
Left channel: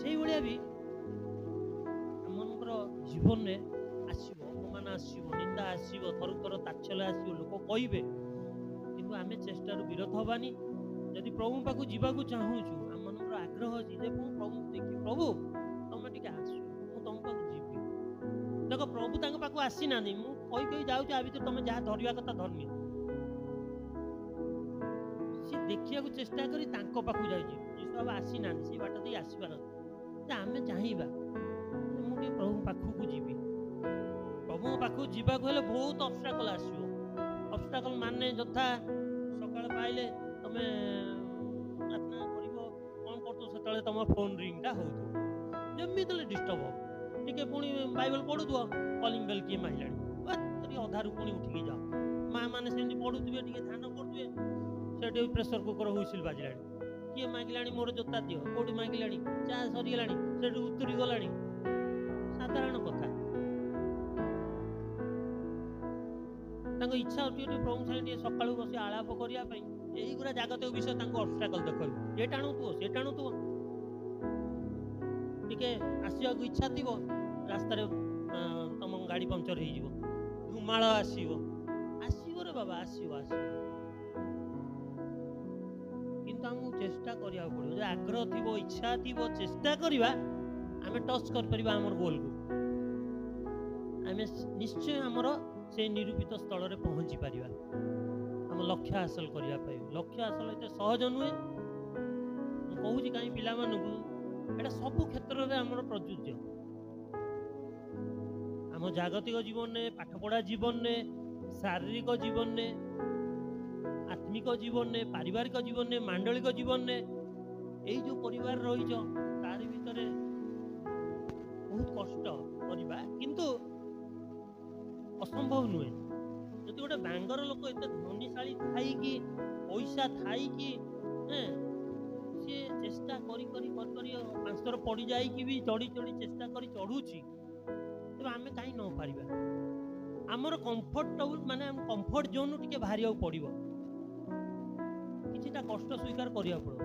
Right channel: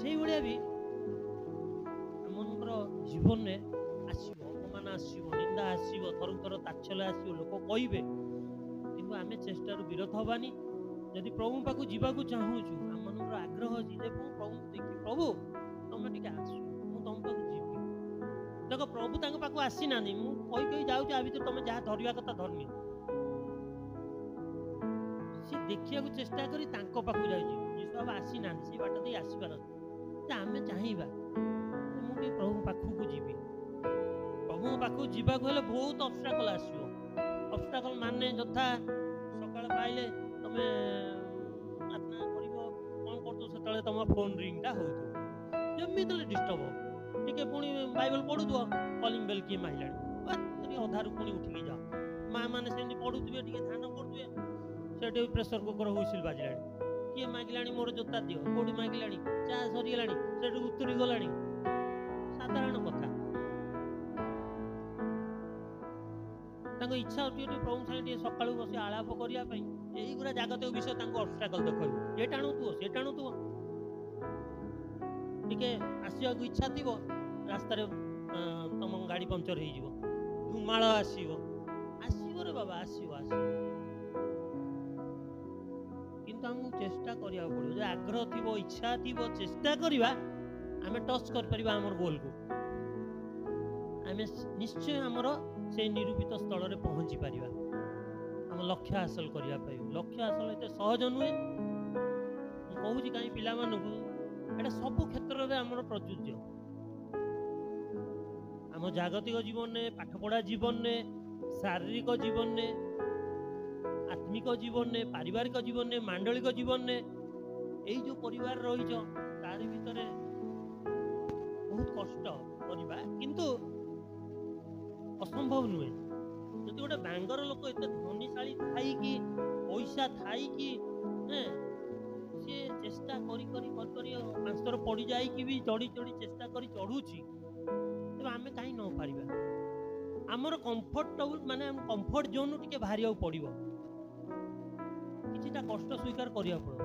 ସେଇଭଳିଆ ବି ଆମମାନଙ୍କର ଜୀବନରେ ଆସିବ, ଅପମାନ ଆସିବ, ନିନ୍ଦା ଆସିବ, ଥରକୁ ଥର ତାଚ୍ଛଲ୍ୟ ଆସିବ, ଲୋକ କହିବେ, କିନ୍ତୁ ଆମେ ଚେଷ୍ଟାରୁ ବିରତ ହବାନି। ଯଦି ପ୍ରଭୁଙ୍କ ପାଖକୁ ଯିବାକୁ ଚାହୁଁଛୁ, ଆମମାନଙ୍କର ଆଗ୍ରହ ଅଛି ଯେ ମୁଁ ପ୍ରଭୁଙ୍କୁ ଦେଖି, ପ୍ରଭୁ ତମେ ଟିକେ ଆସ, ମୁଁ ତମ ପାଖକୁ ଯିବି। ଦେଖ ପ୍ରଭୁ ତାଙ୍କ ପାଖକୁ ଆସିନାହାନ୍ତି, ମୁଁ କହି କହି ଯାଉଛି, ଆ ଭିତରେ ତମେ ଯାହା ଧରିବା କଥା ଧରିନିଅ। ସେ ଦେଖିବାକୁ ଚେଷ୍ଟା କରି ତାଙ୍କ ପାଖକୁ ଯାଉଛି। ଯୀଶୁ ବାବା ଆସିନାହାନ୍ତି, ସେଇ ବାଟ ଦେଇ ଆସିବାର ଅଛି। ଯେ ଆମେ ଚାହିଁବା ମୁଁ ଟିକେ ପ୍ରଭୁଙ୍କ ପାଖକୁ ଯିବି। ପ୍ରଭୁଙ୍କ ପାଖକୁ ଯିବାକୁ ହେଲେ ବହୁତ ଅବଷ୍ଟାକଲ ଆସିବ। ଅବଷ୍ଟାକଲ ମାନେ ଯଥା ସକାଳ ପାଇଲେ ତମେ ପ୍ରାର୍ଥନା କରିବ, କ'ଣ କରୁଥିବ, ସେତେବେଳେ ତମ ଫୋନ୍ ରିଙ୍ଗଟା ହେଉଥିବ, ଯେମିତି ହେଲେ ଡିଷ୍ଟର୍ବ ହେବ। ଟିକେ ପୁଣି ବାଇବଲ ପଢ଼ୁଥିବ, କଲିଂ ବେଲ୍ କିଏ ମାଇଲାଣି, ଟିକେ ଅଧାରୁ ପୁଣି ଉଠିକି ଯାଅ। ମା ମାନେ ସେମିତି ପଢ଼ୁଥିବେ, ଟିକେ ଧ୍ୟାନ କରୁଥିବେ, ସେଠି ପ୍ରେସର କୁକର ହୁଇସିଲ୍ ବାଜିଲାଣି, କିଏ ମାଗିଲାଣି ମୋର ଜୋତା ଦିଅ, କୋଉଠି ମାଗିଲାଣି, ଚା ସରିଗଲାଣି, ସେଠୁ ଉତୁରି ଗଲାଣି। ସାଧାରଣ କଥା। ତାଙ୍କ ଇଚ୍ଛା ଅଛି ଟିକେ ପ୍ରଭୁ ସାଙ୍ଗେ ଟିକେ ସକାଳୁ ବସି ଆଳାପ କରିବା ପାଇଁ, ଏଇଗୁଡ଼ା ଜାଗତିକ ବିଷୟ ତାଙ୍କୁ ଅବଷ୍ଟାକଲ ଦେଖାଇବ। ଏ ଟାଣୁଥିବ, ସେ ଟାଣୁଥିବ। ଟିକେ ଆସିବାକୁ ଇଚ୍ଛା ଥିବ, ରାସ୍ତାରେ ତମ ଗାଡ଼ି ପଙ୍କଚର ହେଇଯିବ, ଧୁମାଳ ଆସିବ। ଆସିବ ରେ ବାବା, ଆସିବ ଆସିବ, କିନ୍ତୁ ଆମକୁ ଚେଷ୍ଟା କରିବାକୁ ପଡ଼ିବ। ଯେ ଆଗ୍ରହ ଥିବ, ଇଚ୍ଛା ଥିବ, ଚେଷ୍ଟା କରିବା, ଆମେ ଟଚ୍ କରିପାରିବା ଆମର ଗୋଲକୁ। ଆମେ ନିଶ୍ଚୟ ଆମର ସେଇ ନିରୂପିତ ସ୍ଥଳରେ ପହଞ୍ଚି ପାରିବା, ଆମ ଲକ୍ଷ୍ୟ ହାସଲ କରିବା ପାଇଁ। ଲକ୍ଷ୍ୟ ହାସଲ ଏତେ ସହଜ ନୁହେଁ। ମୁଁ କହୁଛି କାହିଁ ପିଲାମାନଙ୍କୁ, ଏଇଟା ସବୁ କ୍ଷେତ୍ରରେ ଆମର ପ୍ରଯୁଜ୍ୟ। ଆମ ଜାଗତିକ ଜୀବନରେ, ପାଠପଢ଼ା ଜୀବନରେ, ଶାରୀରିକ ଜୀବନରେ, ଆତ୍ମିକ ଜୀବନରେ, ପାରିବାରିକ ଜୀବନରେ, ମାଣ୍ଡଳିକ ଜୀବନରେ, ଏଇ ଯେଉଁ ପରିବାର ରହିଛ ତାରି ଭିତରେ ବହୁତ କଷ୍ଟ କରିବା, କିନ୍ତୁ ଅସମ୍ଭବ ନୁହେଁ। ଯଦି ଗୋଟେ ବାଙ୍ଗର ଲୋକ ଏତେ ଧନୀଶାଳୀ ଥାଇକି, ପଇସା ଥାଇକି, ସିଏ ଚେଷ୍ଟା କରି କରି କରି କରି 5 ଥର ପଡ଼ି ଯାଇକି ବି ଚଢ଼ି ଚଢ଼ି ଚେଷ୍ଟା କରି ଚଢ଼ୁଛି, ତେବେ ଆମେ କାହିଁ ନ ପାରିବା? ଆମର କମ୍ଫର୍ଟେବୁଲ୍ ମାନେ ଆମ କମ୍ଫର୍ଟ ଜୋନ୍ରୁ ଟିକେ ବାହାରିବାକୁ ପଡ଼ିବ, କିଛିଟା କଷ୍ଟ ସ୍ୱୀକାର କରିବାକୁ ପଡ଼ିବ,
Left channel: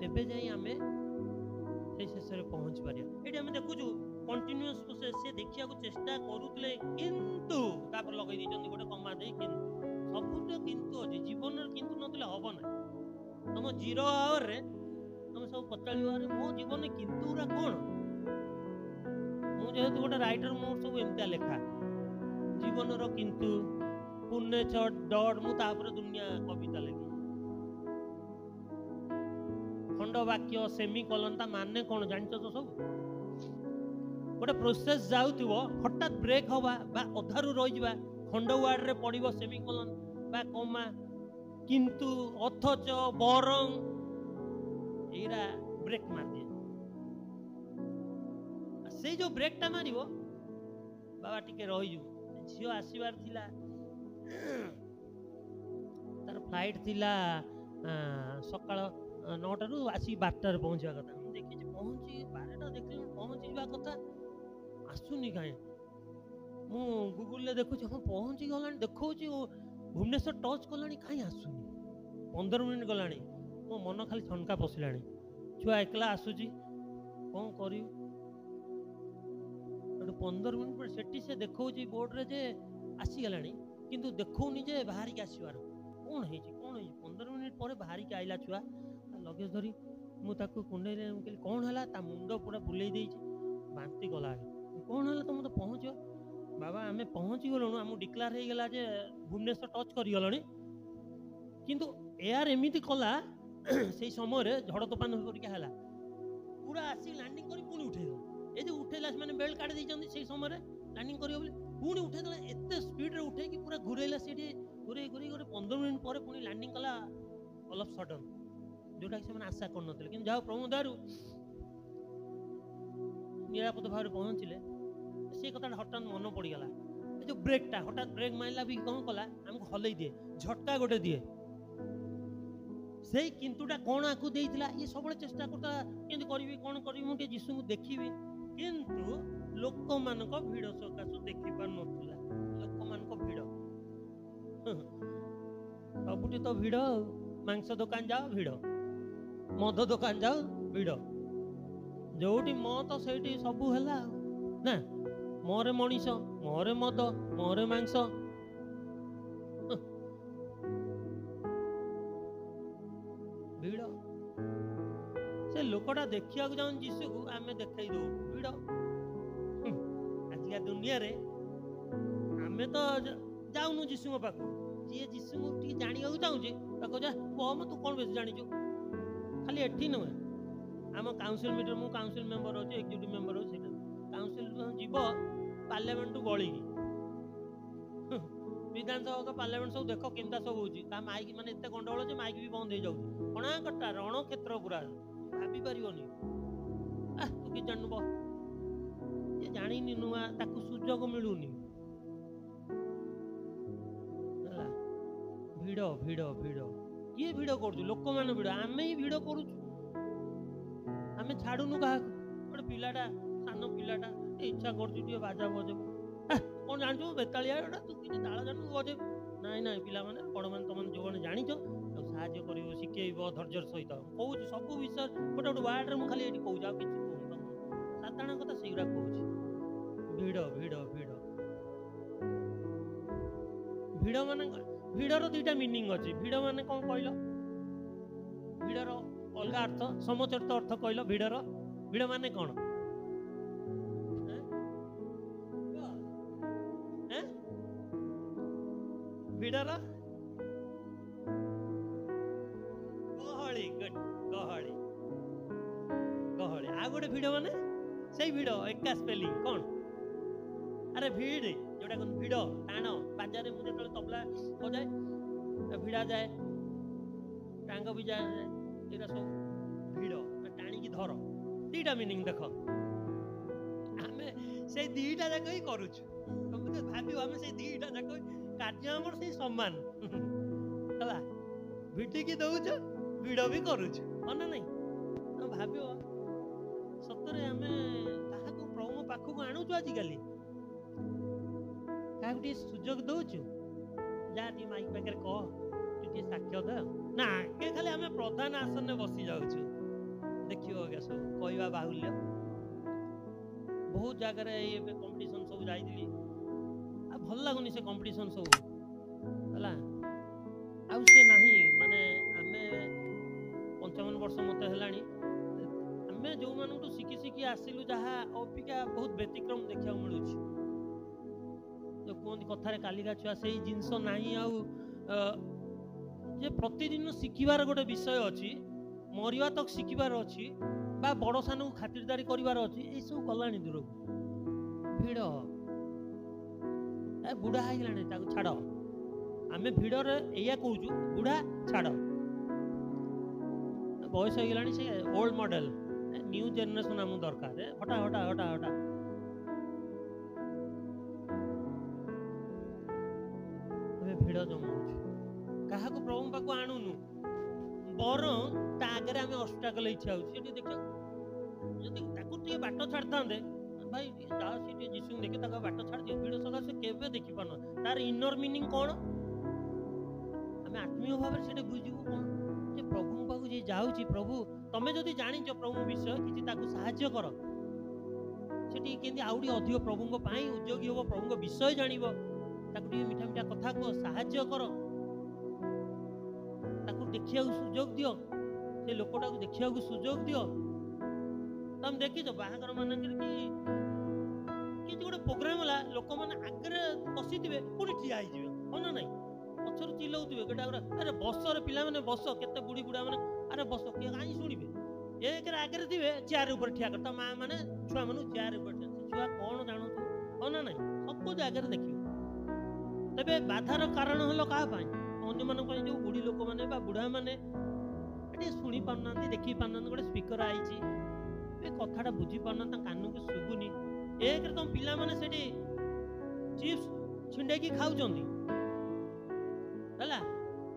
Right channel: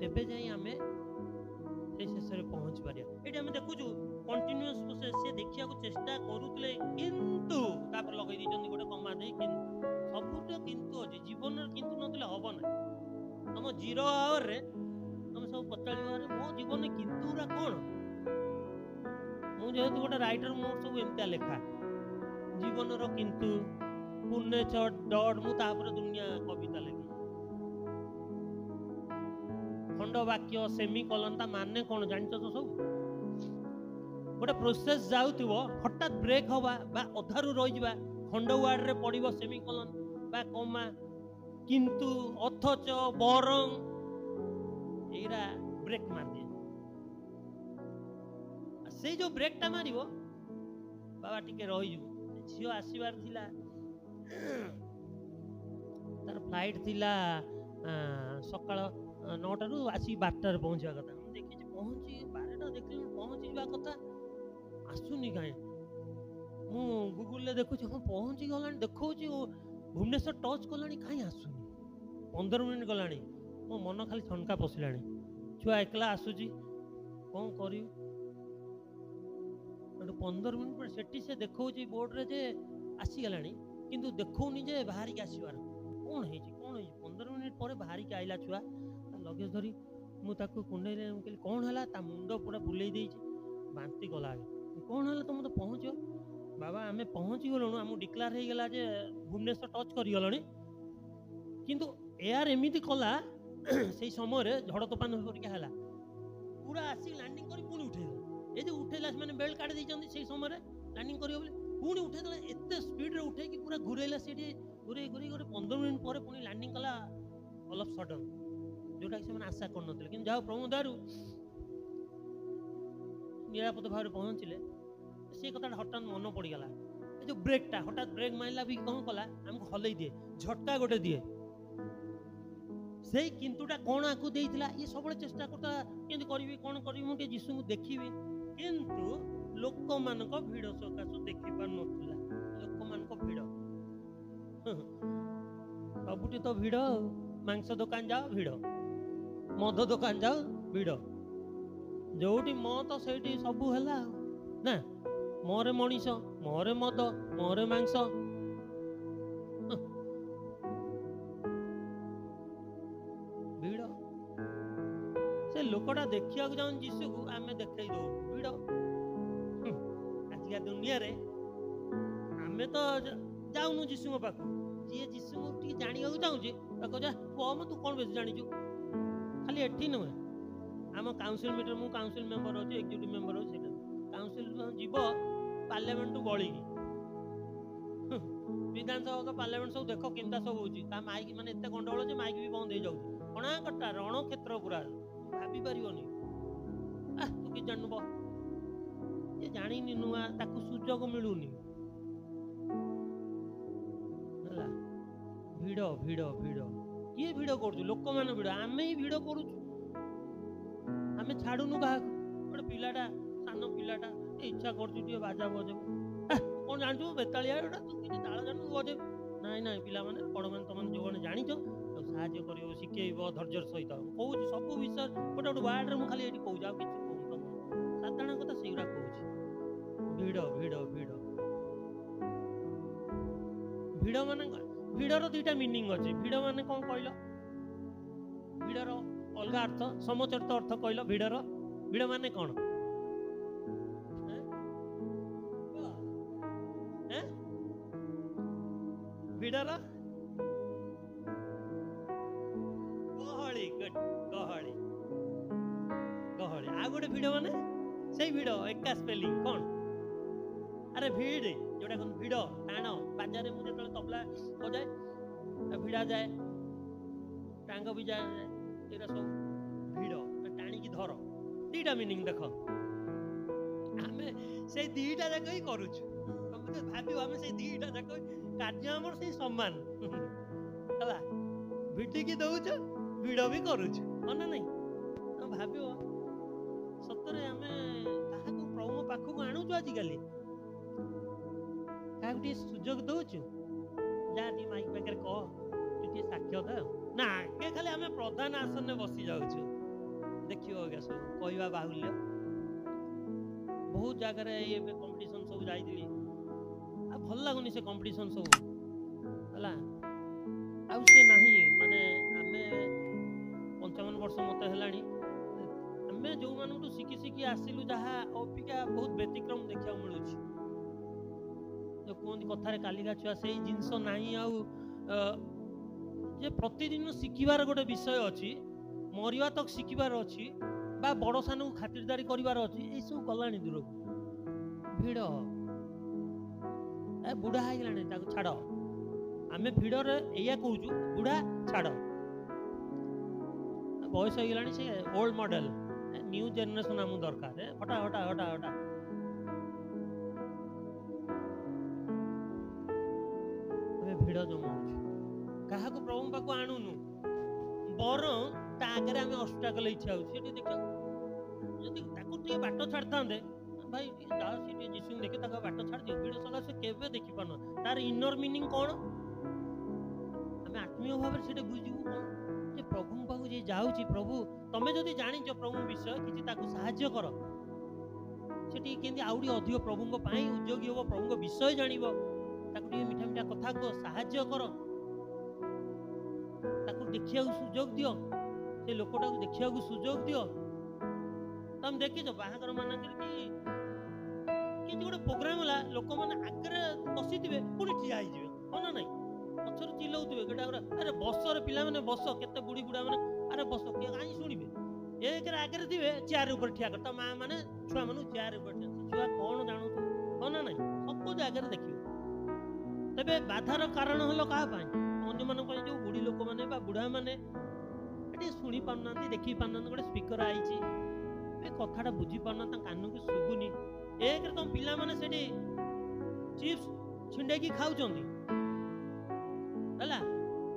ତେବେ ଯାଇ ଆମେ ସେଇ ଶେଷରେ ପହଞ୍ଚି ପାରିବା। ଏଇଠି ଆମେ ଦେଖୁଛୁ କଣ୍ଟିନ୍ୟୁଅସ୍ ପ୍ରୋସେସ୍। ସେ ଦେଖିବାକୁ ଚେଷ୍ଟା କରୁଥିଲେ, କିନ୍ତୁ ତାପରେ ଲଗେଇ ଦେଇଛନ୍ତି ଗୋଟେ କମା ଦେଇ କିନ୍ତୁ। ସବୁଠୁ କିନ୍ତୁ ଅଛି ଜୀବନରେ, କିନ୍ତୁ ନଥିଲେ ହବ ନାହିଁ। ତମ 0 ଆୱାରରେ ତମେ ସବୁ ପଚାରିବ, ଆରେ ମୋ ଜୀବନରେ କିନ୍ତୁ ଗୁରା କ'ଣ? ମୁଁ ଯେହେତୁ ଗୋଟେ ରାଇଟର, ମୋର ସବୁ ଏମିତିଆ ଲେଖା, ଜୀବନର କିନ୍ତୁ, ପୂର୍ଣ୍ଣେଚ୍ଛର ଡଟ୍, ମୁଁ ତାପରେ ଦୁନିଆ କବିତା ଲେଖି। ଖଣ୍ଡ ବାକ୍ୟ, ସେମିକଲନ, ତା ମାନେ କ'ଣ ଜାଣିଛ ତ ସବୁ? ଗୋଟେ ପ୍ରୋସେସ୍ ଯାଉଥିବ, ହଠାତ୍ ବ୍ରେକ୍ ହବା ବା ଅଧାରୁ ରହିଯିବା, ଖଣ୍ଡ ୱାର୍ଡରେ ପଡ଼ିବ ସେମିକଲନ ବା କମା, କିନ୍ତୁ, ଅଥଚ, ବରଂ, ଏଇରା ବ୍ରେକ୍ ମାରିଦିଏ। ସେଇ ଯୋଉ ବ୍ରେକ୍ଟା ମାରିବ, ବାବା ଟିକେ ରହିଯିବୁ, ଝିଅ ଆସିବାର ଥିଲା, ତାର ଫ୍ଲାଇଟ୍ ଥିଲା ସକାଳ 9ଟାରୁ, ଆସିକି 12ଟାରେ ପହଞ୍ଚିବା କଥା। ମୁଁ ଦେଖିଛି ପହଞ୍ଚି 12ଟା ଦେଖିଲି ପହଞ୍ଚିଯିବା କଥା, ଆସୁନି କାହିଁ। ମୁଁ ଗୁଗୁଲରେ ଦେଖୁଛି, ହଁ ପହଞ୍ଚି ଗଲାଣି ଦେଖାଉଛି, ଭୁବନେଶ୍ୱର ଟଚ୍ କଲାଣି, କାହିଁ ଆସୁନି। 15 ମିନିଟ୍ ଗଲାଣି, ମୋ ମନ ଖାଲି ଠନକା ପଶିଲାଣି। ଛୁଆ ଏକଲା ଆସୁଛି, କ'ଣ କରିବି? ସେଠୁ 15 ମିନିଟ୍ ପରେ ସେଠି ସେ ଦେଖାଉଛି ବୋର୍ଡରେ ଯେ ଆସିଗଲାଣି, କିନ୍ତୁ ଦେଖାଉନି ଯେ ବାହାରିକି ଆସିବାର। କ'ଣ ହେଇଛି କ'ଣ ହେଇଛି? 15 ମିନିଟ୍ ପରେ ବାହାରିକି ଆଇଲା ଛୁଆ, ତା ଲଗେଜ୍ ଧରି। ମୁଁ ତାକୁ କୁଣ୍ଡେଇଲେ, ମୁଁ କହିଲି କ'ଣ ହେଲା? ତା ମୁଣ୍ଡ ପୁରା ବୁଲେଇ ଦେଇଛି, ବାନ୍ତି ଗଲା ଆগে। କ'ଣ ହେଲା ତମେ ତ ପହଞ୍ଚିବ? ବାବା ଆମେ ପହଞ୍ଚି ଗଲୁଣୁ, ଆମକୁ ଡିକ୍ଲାର ହେଇଗଲା ଯେ ଭୁବନେଶ୍ୱର ଟଚ୍ କରିଗଲଣି, କିନ୍ତୁ ଏୟାର ଏମିତି କଲା ସେଇ ସମୟରେ ଝଡ଼ ତୋଫାନ ପରିକା ହେଲା, ପୁରା ଆସିକି ଲ୍ୟାଣ୍ଡିଂ କରି ପୁଣି ଉଠେଇଦେଲା। এই যে উঠেলা ସେମାନେ ବେଲ୍ଟ କାଢି ଦେଇଛନ୍ତି ସେଇ ସମୟରେ ଲ୍ୟାଣ୍ଡିଂ କରିବ ବୋଲି, ପୁଣି ଉଠେଇଦେଲା, ଏତେ ସ୍ପିଡରେ ଉଠେଇକି ପୁରା ଘୁରେଇଲା, ସେଠି ଘୁରେଇ ଗୋଟେ 15 ମିନିଟ୍ ପରେ ପୁଣି ଲ୍ୟାଣ୍ଡିଂ କଲା ଅଲ୍ ଅଫ୍ ସଡନ୍, ଯୋଉଟାକି ସେମାନେ ଆଶା କରୁନଥିଲେ। କିନ୍ତୁ ଯାହା ପ୍ରଭୁଙ୍କ ଦୟାରୁ ନିରାପଦ ଭାବରେ ପହଞ୍ଚିଲେ। ସେ କଥାଟା ହଠାତ୍ ମନେ ପଡ଼ିଗଲା। ଏ ଯେଉଁ ବ୍ରେକ୍ଟା ହଠାତ୍ ବ୍ରେକ୍ ମାରିଲା ବି କ'ଣ କଲା, ଆମକୁ ହଲେଇ ଦିଏ, ଝଟକା ଗୋଟେ ଦିଏ। ସେଇ କିନ୍ତୁଟା କ'ଣ ଆକୁ ଦେଇଥିଲା, ଇଏ ସବୁବେଳେ ଚେଷ୍ଟା କରୁଥିଲା କେମିତି କରିବି, କ'ଣ କରିବି, ମୁଁ ଟିକେ ଯୀଶୁଙ୍କୁ ଦେଖିବି, କିନ୍ତୁ ଲୋକମାନଙ୍କ ଭିଡ଼ ସକାଶୁ ଦେଖିପାରୁନଥିଲା। ଲୋକମାନଙ୍କ ଭିଡ଼, ସବୁଠି ତ ଭିଡ଼। ମାଂସ ଦୋକାନ ଯାଅ ଭିଡ଼, ମଦ ଦୋକାନ ଯାଅ ଭିଡ଼, ଯୋଉଠି ମତ ସେଇଠି ସବୁ ହେଲା ନା। ମୋରେ ମଣିଷ, ମୋରେ ମଦ, ମୋରେ ମାଂସ। ଭିଡ଼। ସେ ଲୋକଟା ଦେଖିବାକୁ ଯାଉନି ଯୀଶୁକୁ, ଆମେ ଦେଖେଇ ଦଉ ଭିଡ଼। ଆଜିକା ଦୁନିଆରେ ଆମେ ତ ଯାଉନୁ ଯୀଶୁଙ୍କ ପାଖକୁ। ଯିଏ ଯୀଶୁଙ୍କୁ ଟିକେ ଜାଣିବାକୁ ଚାହୁଁଛି ତାକୁ ଯା କମ, ତୁ କ'ଣ ବେଶୀ ଜାଣିଛୁ। ଖାଲି ଏଠି ନୁହେଁ, ଆମ କାଉନସିଲ ମିଟିଂ, ମୁଁ କାଉନସିଲ ମେମ୍ବର ଅଛି, ଏକ୍ଜିକ୍ୟୁଟିଭ ମେମ୍ବର ଅଛି। ସେଇଟା କାଉନସିଲ ଯିବ ପାର୍ଲାମେଣ୍ଟରୁ ଗଳିକି, ବିଧାନସଭା ପାର୍ଲାମେଣ୍ଟ ସବୁ ଦେଖ କେମିତି ସବୁ ହଉଛି। ତା ମାଇକ ମାନେ ଏତେ ଗଣ୍ଡଗୋଳ ଯେ ମାଇକ ବି ବନ୍ଦ ହେଇଯାଉଛି। କଣାକଟା ରଣକ୍ଷେତ୍ର ପୁରା, ଭାବି ପାରିବନି। ତୁ କିଛି ଜାଣିନୁ, ଏ ଜାଣିନି ନୂଆ, ତାକୁ ସୁଯୋଗ ମିଳୁନି ହେଲା। ଭିଡ଼ ଭିଡ଼ ଭିଡ଼, କିଏ ଭିଡ଼ କରୁଛୁ? ଲୋକମାନେ ଭିଡ଼, ଆମେ ହିଁ ଭିଡ଼ କରୁଛୁ। ଆମେ ଛାଡୁନୁ କାହାକୁ। ଗୋଟେ ପିଲାଟା, ସାନ ପିଲାଟା ଇଚ୍ଛା କରୁଛୁ ଟିକେ ବାଜା ବଜେଇବ, କ'ଣ ଜାଣିଛୁ ବେତାଳିଆ ଏଟା, ତୁ କିଛି ତାଳ ଜାଣିଛୁ ବଜେଇବୁ। ନାଇଁ ନାଇଁ, ପିଲାମାନେ ବଡ଼ମାନେ, ତମମାନେ ଯେଉଁମାନେ ଜାଣିଛ ତାକୁ ସାହାଯ୍ୟ କରିବ, ଶିଖେଇବ ଧୈର୍ଯ୍ୟର ସହିତ। ମୁଁ କହୁଛି ସବୁ ବିଷୟ ଗୋଟେ ଗୋଟେ ୱାର୍ଡରେ ମୁଁ ଖାଲି ଏଠି କହୁଛି, ଆଉ କିଛି କହୁନି ତମକୁ। ସାଧାରଣ କଥା ସେଇଗୁଡ଼ା କହୁଛି। ଭିଡ଼ ଭିଡ଼ ଭିଡ଼ ଭିଡ଼ ମାନେ, ଭିଡ଼ର ଦୁଇଟା ମିନିଂ ଅଛି। ଭିଡ଼ ମାନେ କ'ଣ କହିଲ? ଭିଡ଼ର ଅଲଗା ଅର୍ଥ, ସମଚରିତ ଅର୍ଥ କହିଲ। ଭିଡ଼ର ଭିଡ଼ ମାନେ କ'ଣ? ଭିଡ଼ର ଗହଳି, ଗହଳି ଗହଳି। ଆଉ ଗୋଟେ ଭିଡ଼ ମାନେ ସେଇ ଭିଡ଼, ଏକା ସ୍ପେଲିଂ କ'ଣ? ଆରେ ଭିଡ଼, ଯୋଉଟା କହନ୍ତି ଭିଡ଼, ଟାଣ। ବାଜାରେ ମୁଁ ଯେତେବେଳେ ତବଲା ବଜାଏ, ଭିଡ଼ା ଯାଏ, ଟାଙ୍ଗ ବି ଯାଏ, ଏଗୁଡ଼ା ସବୁ ଭିଡ଼, ଟାଣିକି ଧର। ଦିଟା ମିନିଂ ଦେଖ, ଆମେ ସେଇ ଦିଟା ଯାକ ହିଁ କରୁଛୁ। ତମେ ଭାବିବ ଆମେ ସେଇ ଦିଟା ଯାକ କାର୍ଯ୍ୟ ଆମର ସେଇ ସମାନ ହେଲା। ଭିଡ଼ିକି ଦଉଛୁ, ଭିଡ଼ ବି କରୁଛୁ, ନା ନାଇଁ? ତମେ ଭାବିବ ସତରେ ଆମେ କାହାକୁ ପ୍ରଭୁଙ୍କ ପାଖକୁ ଆଣୁଛୁ ଆଜିକାଲି? କାହାକୁ ଟିକେ ସୁଯୋଗ ଦଉଛୁ? ଯାହା ଟିକେ ମାଇକ ପାଖରେ କହ, ତୁ ଟିକେ ସାକ୍ଷ୍ୟ ଦେ ନା, ଆଗେ ଖାଲି ଆମେ ପ୍ରଧାନ ଆସନରେ ବସି ଯାଉଛୁ। ଦେଖିବ ଆଜ୍ଞା ସବୁ କହିବା ବାହୁଲ୍ୟ। ବହୁତ ଜାଗାରେ ଏବେ କମ୍ପିଟିସନ ସବୁ ଯାଇଥିଲି, ଆଉ ଭଲ ଲାଗୁନି ସେ କମ୍ପିଟିସନ ସବୁ ହେଲା। ଆଉ ସେ ନାହିଁ, ମାନେ ଆମେ 55 ବର୍ଷ ମତେ ହେଲାଣି, ଆମେ ଯେଉଁମାନଙ୍କଠୁ ଶିଖି ଶିଖି ଆସିଲୁ ଯାହା ଅପେକ୍ଷା ବହୁତ ବ୍ୟତିକ୍ରମ ଦେଖିବାକୁ ମିଳୁଛି। ଯେଉଁ କୁହନ୍ତି କଥାରେ କାଲିକା ଛୁଆ, ସେଇ ଜିନିଷ ନାହିଁ ଆଉ। ଯେ ପ୍ରତିଦିନ ଶିଖିବାର ଗୋଟେ ବିଷୟ ଅଛି, ମରିବା ତକ ଶିଖିବାର ଅଛି, ବା ବଡ଼ ସାନକୁ ଖାତିରଦାରୀ କରିବାର ଅଛି, ଏଇସବୁ ଗଲାଣି ଦୂରକୁ। ଭିଡ଼, ବୁଢ଼ା ହେଇଗଲାଣି, ତାକୁ ଛାଡ଼। ଆମେ ଭିଡ଼ରେ ଏଇଆ କହୁଛୁ, ବୁଢ଼ା ଛାଡ଼, ବୟସ ହେଇଗଲାଣି, ସେ ଓଲ୍ଡ ମଡେଲ। ନ୍ୟୁ ଜେନେରେସନ ଆମକୁ ଦରକାର। ହଟା ହଟା ହଟା ହଟା। ଆମେ ଭିଡ଼ ଜମାଉଛୁ, କାହାକୁ ପ୍ରଭୁଙ୍କ ପାଖକୁ ଆଣୁନୁ, ବରଂ ତା ଆଗରେ ଆମେ ଅବଷ୍ଟାକଲ ଇଚ୍ଛା ହଉଛି। ସେଠି ଦେଖିବାକୁ ଯଦି ତାକୁ ଟିକେ ବାଟ ଛାଡ଼ିଥାନ୍ତେ, ଭାଇ ଯାହା ସେ ଟିକେ ଯୀଶୁଙ୍କୁ ଦେଖେ, ତାକୁ ବାଟ ଛାଡ଼ିଦିଅ। ଭିଡ଼ ସକାଶେ କେବେ ଦେଖିପାରୁନ। ତାର ଇନର ମିନିଂ କ'ଣ? ଆମେ ଆତ୍ମୀୟ ଭାବରେ ସେଠି ବୁଝିବୁ କ'ଣ? ଯେ ପ୍ରଭୁଙ୍କ ପାଖକୁ ଯିଏ ଯାଉଛି, ପ୍ରଭୁ ତମେ ଯଦି ଜାଣିଛ ପ୍ରଭୁଙ୍କ ବିଷୟ କିଛି, ତାକୁ ସାହାଯ୍ୟ କର। ସେଠି କେମିତି ଆହୁରି ଅଧିକ ପ୍ରଭୁଙ୍କ ପାଇଁ ଉଦ୍ୟୋଗୀ ହବ, ପ୍ରଭୁଙ୍କ ବିଷୟ ଜାଣିବ। ତାକୁ ଟିକେ ମିଠା ମିଠା କଥା କୁହ, ସାହାଯ୍ୟ କର, ତାକୁ ଦେଖିବାକୁ ସୁଯୋଗ ଦିଅ, ସେ ଲୋକଟାକୁ ଦେଖିବାକୁ ସୁଯୋଗ ଦିଅ। ତମେ ଦେଖିଛ ବାହାଘର ମାନଙ୍କରେ କି କିଛି ଗୋଟେ ପ୍ରୋଗ୍ରାମ ହେଲା, ଲୋକମାନେ ଆଗରେ ବସିଥିବେ, ପୁଣି ଠିଆ ହେଇଯିବେ, ହଁ ନା ନାଇଁ? ପଛରୁ ଚିଲଉଥିବେ ଗୋଟା ଗୋଟା, ଆରେ ବସରେ ପିଲାମାନେ ବସ, କେତେ ବୁଢୀ ବୁଢା ମାନେ, ଆରେ ବସ, କିଏ କାହିଁ ଶୁଣିବେ? ଏକରେ ଆଗରେ ଥିବେ, ଚେୟାର ଉପରେ ଠିଆ କର। ତା ମା ମାନେ ଛୁଆ ମାନଙ୍କୁ ଚେୟାର ଉପରେ ଠିଆ। ଛୁଆ କ'ଣ ଜାଣୁଥିବ, ହଁ ନା ନାଇଁ? ସବୁ ଜାଗାରେ ଦେଖିବ। ତେବେ ବାଧାର କାରଣ ହলো କାହା ପାଇଁ? ଅନ୍ୟମାନଙ୍କ ପାଇଁ। ଯୋଉ ବୁଢୀ ଲୋକମାନେ ବା ବୁଢା ମାନେ ଟିକେ ଶୁଣି ପାରୁନାହାନ୍ତି, ଦେଖି ପାରୁନାହାନ୍ତି। ଗୋଟେ ସ୍ପିକର ଆଇଛି, ए कथाटा बुझी पारना कान को शुभुनी एक तुम पिला माने सेठी चिप्स छिंडेकी खाउचंदी हला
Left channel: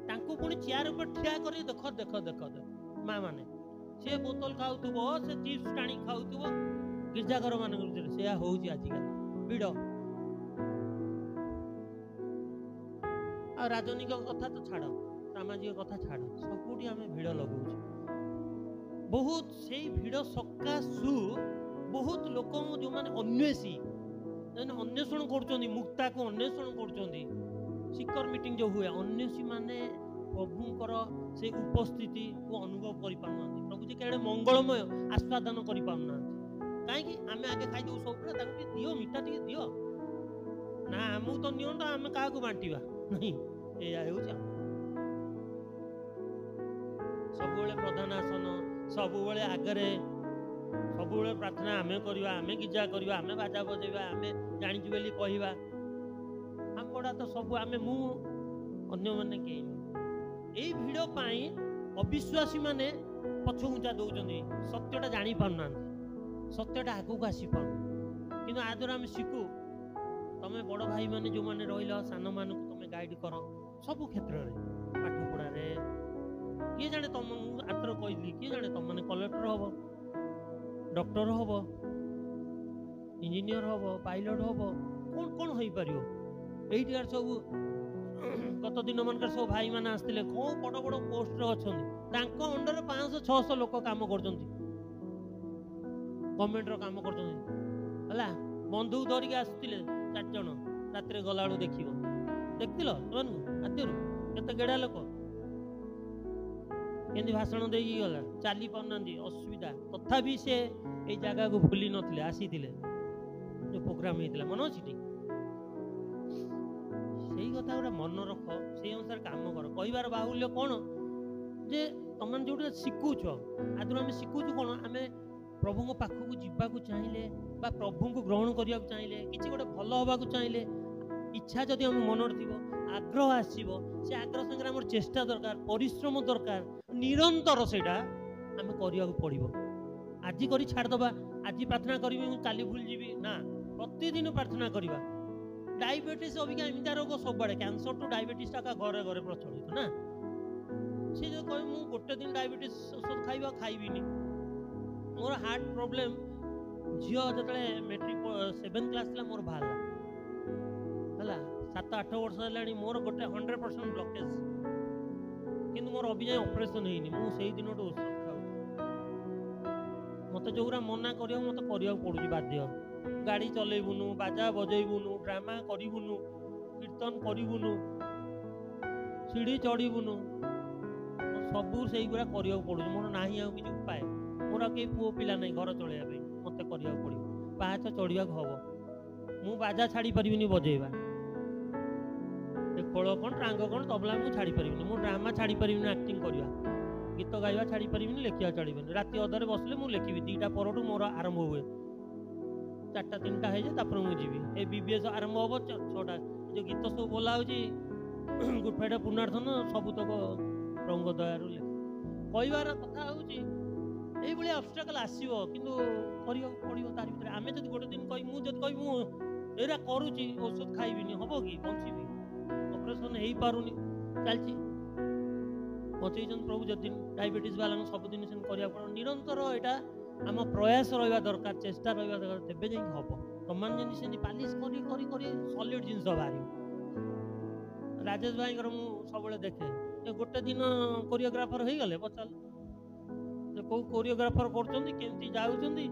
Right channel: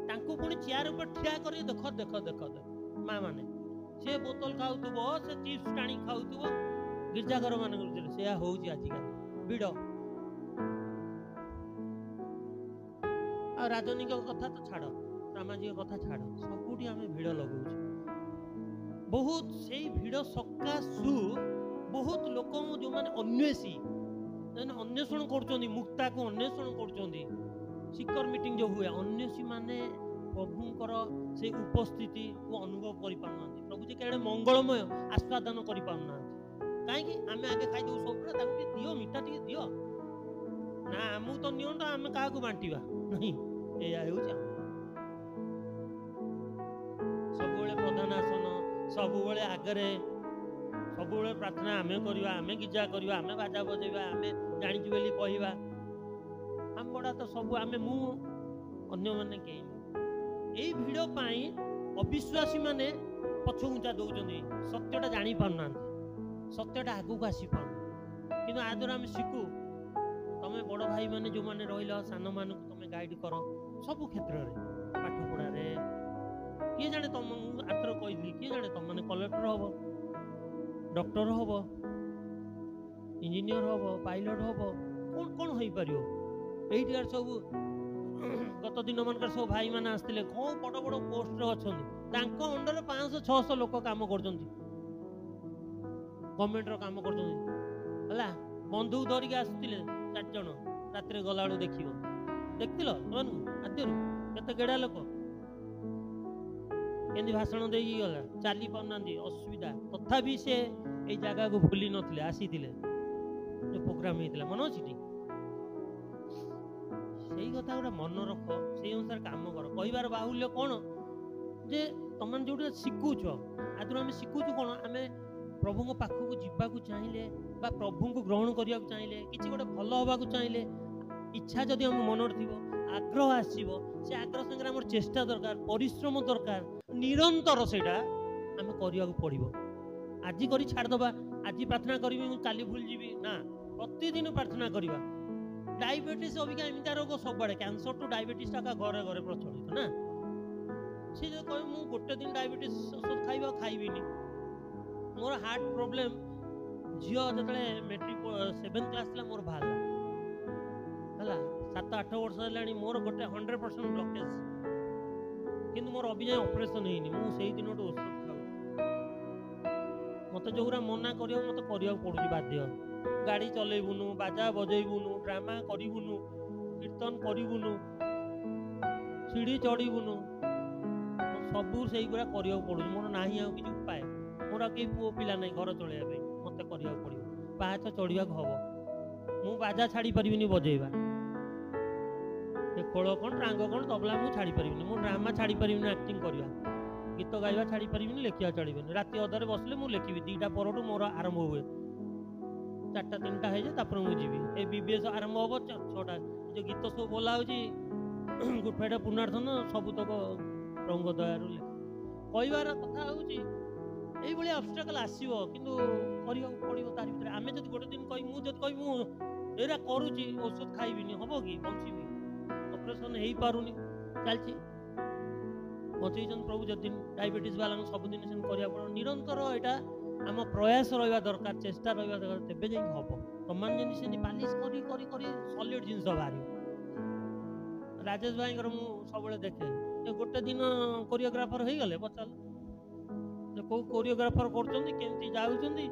तांकू पुणी चेयर ऊपर ठिया करी देख देख देख माँ माने से बोतल खाउथुबो से चिप्स टाणी खाउथुबो गिरजाघर मान से होउची आजिकाली भिड़ आ राजनीतिक कथा तो छाड़ सामाजिक कथा छाड़ सबुठी आम भिड़ लगौଛୁ बहुत से भिड़ सकाशु बहुत लोक जो माने अन्वेषी अन्वेषण कर मुक्ता को अन्वेषण कर शिखर मीटिंग जो हुए अन्वेषी माने प्रभुंकर से उपस्थिति को अनुभव कर पाना प्रभु जी केड़े मंगलमय आस्वादन कर पाना कहीं आम आगे खाई दो सब दियो मिठा टे दियो ना आमको तो नियो तो आम क्या बांटा नहीं या सब प्रधान आसन सब आगरे सब प्रार्थना आमे करवा आमे गिजा करवा आमे बाजा बजेवा आमे जानिचु बोली कहवा आम बड़ा तो सब आमे मु अन्य माने के यही भिड़ पाई अविश्वासी माने पछघुंचा दौरान सत्यटा जानी पारना सत्यटा आगू को आसी पार कि आदर आम शिखु तुम बड़ भाई माने जो माने रहिल सान मान तुम गाइड कर सब क्षेत्र में पाठ पढ़ारे किए जाने तुम आतर कहली किए जाने तुम मैंने कलेक्टर हम डॉक्टर हम इंजीनियर हम पायलट हम कौन कौन हो पार ये सब गत दिन मानक सब भाई मैंने आसते कौन बड़ बड़ पोस्ट अच्छा अंडर 500-600 लोक काम कर गवर्नमेंट काम कर बंधुक धरिक आसुले 4 जन रात गला देख देखल आद्य केते गेड़ा लोक केंदी भाषण दे गला चली पारना असुविधा तथापि से ये जगह को भूली नथिले आसी जो प्रोग्राम होता मन अच्छी से कथा गोटे मन रख से अनुसार काम कर कहबार बाहुल्य कौन जे तुम जो शिखुच आदि आम शिखुचु कौन आम प्रभु को पाखक जावाक चाहिए प्रभु को ग्रहण करने चाहिए किसी गोटे भल हवा चाहिए इच्छा जदि आम मन थी आग्रह आसो से आग्रह संगे आम चेष्टा दरकार परिश्रम दरकार निरंतर से आम करने पड़ो आज कर छाड़दबा आज प्रार्थना करी काली भूल जी ना प्रतिदिन प्रार्थना करवा डायबिटीज अबिका एमती रोग सब कैंसर टू डायबिटीज टा घरे घरे प्रचलित ना सी जो कह मु गोटे दिन डायबिटीज औषध खाइबा खाइबिनी मोर हार्ट प्रोब्लेम झील जो मेट्रिक 7th क्लास मोर बाहर है 7-8 वर्ष है मोर गोटे 100% ब्लॉकेज किंतु मोर अभी जाए ऑपरेशन है मुझे दिन औषध खाऊ मत जो मना कर मत करने पड़ू बाध्य गाड़ी चलैबुनु बाजा बजेबुनु ड्रामा करिबुनु कीर्तन करिबुनु सीढ़ी चढ़ीबुनु सबू से करने पड़ू मोर ना कि उपाय मोर कई पुओ पिला ना घर चलैया मत करने पड़ो पाहाच चढ़ा हम मु बाजा छाड़ी पारिनी बजेबा खोल कौन टांग कौन तबला मुझे छाड़ी पारिनी मु ड्रामा छाड़ी पारिनी एक्टिंग करवा गीत गाइबा छाड़ी पारिनी लेखिया छाड़बनी राति अधरे बसले मुझे लिखी 2टा पर मोर आरंभ हुए 4टा 3टा है मुझे जीवी ए बीबीएस आरंभ हम 6टा जो गीत सब बोला गुड फ्राइडे पुनर्धन सबुतक प्रभु दयारू कहबार कथा हूँ ऑब्स्टेकल आसो कि पड़ो तार भर आम जब गोटे दिन कह मुझे कह करुच्ची औषध खाइबिनी हम कि बची ऑपरेशन हो पारुनी चलती बचैन प्रभु जब दिन डायबिटीज वाला सबुदिन से पड़ो निरंतर यहाँ आम प्रयास रहा दरकार चेष्टा रहा दरकार तेज जा हम तुम जमी पालिश कर सॉलिड जिन बाहर राजेश भाई सब देखे गोटे दिन कोरियोग्राफर हो गले पचार कौ कोरियोग्राफर करमती जाऊँगी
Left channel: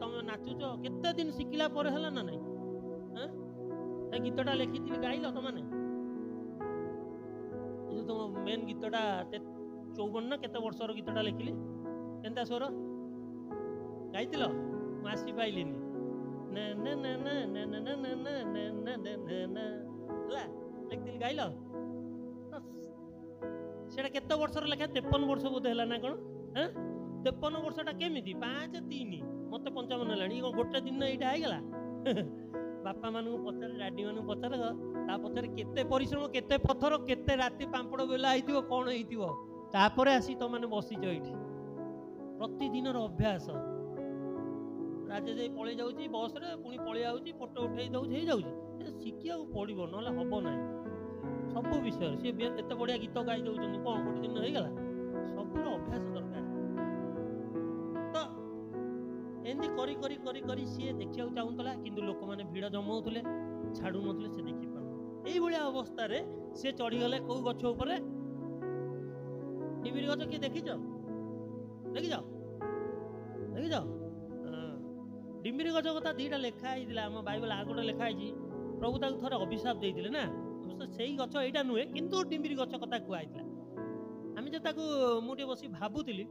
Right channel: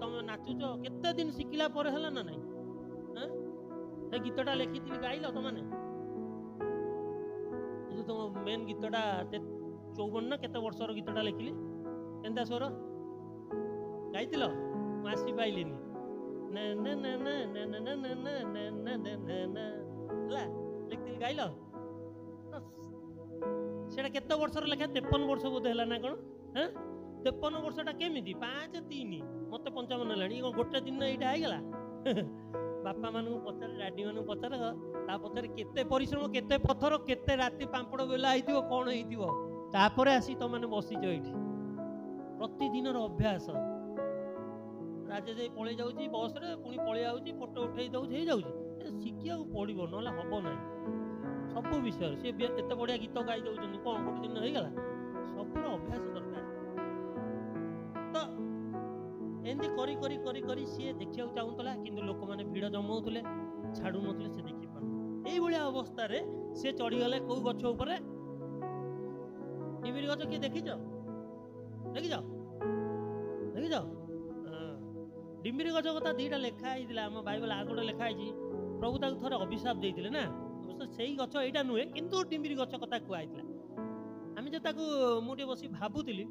तुम नाचुच केते दिन शिखला है ना नहीं गीतटा लिखी गाइल तुमने जो तुम मेन गीतटा 54 ना केते वर्षर गीतटा लिखिली केनता स्वर गाइल आसी पाइलिनी लिखी गाइल से केते वर्षर लेखा 53 वर्ष बोध है ना कौन 53 वर्षटा केमी 5-3 मत 55 है गोटे दिन यहाँ होगा बापा मानू पचार डाडी मानू पचार ता पचार केते परिश्रम केते पत्थर केते राति पांपड़ बेला होइतिबो कोन होइतिबो तापरे आसी तो माने बसिछ एठी प्रतिदिन अभ्यास ରାଜେଶ ପଳେଇ ଯାଉଛି ବସ୍ରେ, ପୁଣି ପଳେଇ ଯାଉଛି, ଫଟୋ ଉଠେଇ ଦେଉଛି, ହେଇଯାଉଛି। ଶିଖିବାକୁ ପଡ଼ିବ, ନହେଲେ ହେବ ନାହିଁ। ସବୁ ବିଷୟରେ ସିଏ ଏତେ ବଢ଼ିଆ ଗୀତ ଗାଇ ଦେଉଛନ୍ତି, କ'ଣ ଗୋଟେ ଦିନ ହେଇଗଲା? ସବୁର ଅଭ୍ୟାସ ଦରକାର। ତ ଏମିତି କରି କରି କରି କରି ସିଏ ଦେଖିବାକୁ ଚାହୁଁଥିଲା, କିନ୍ତୁ ଲୋକମାନେ ଭିଡ଼ ଜମାଉଥିଲେ, ଛାଡ଼ୁନଥିଲେ, ସେ ଦେଖିପାରୁନଥିଲେ। ଏଇଭଳିଆ ଅବସ୍ଥାରେ ସେ ଚଢ଼ିଗଲେ କୋଉ ଗଛ ଉପରେ? ଡିମିରି ଗଛ। କିଏ ଦେଖିଛ? ଦେଖିଛ? ଦେଖିଛ? ଡିମିରି ଗଛ କଥା ଦିଟା ଲେଖା ହେଇଥିଲା ଆମ ବାଇବଲ। ଆଉ ଗୋଟେ ଲେଖା ହେଇଛି, ପ୍ରଭୁ ତାକୁ ଥରେ ଅଭିଶାପ ଦେଇଥିଲେ ନା, ସେଇ ଗଛ ଏଇଟା ନୁହେଁ, କିନ୍ତୁ ଡିମିରି ଗଛ କଥା କୁହାଯାଇଥିଲା। ଆମେ ଯେ ତାକୁ ମୁଁ ଟିକେ ବସି ଭାବୁଥିଲି,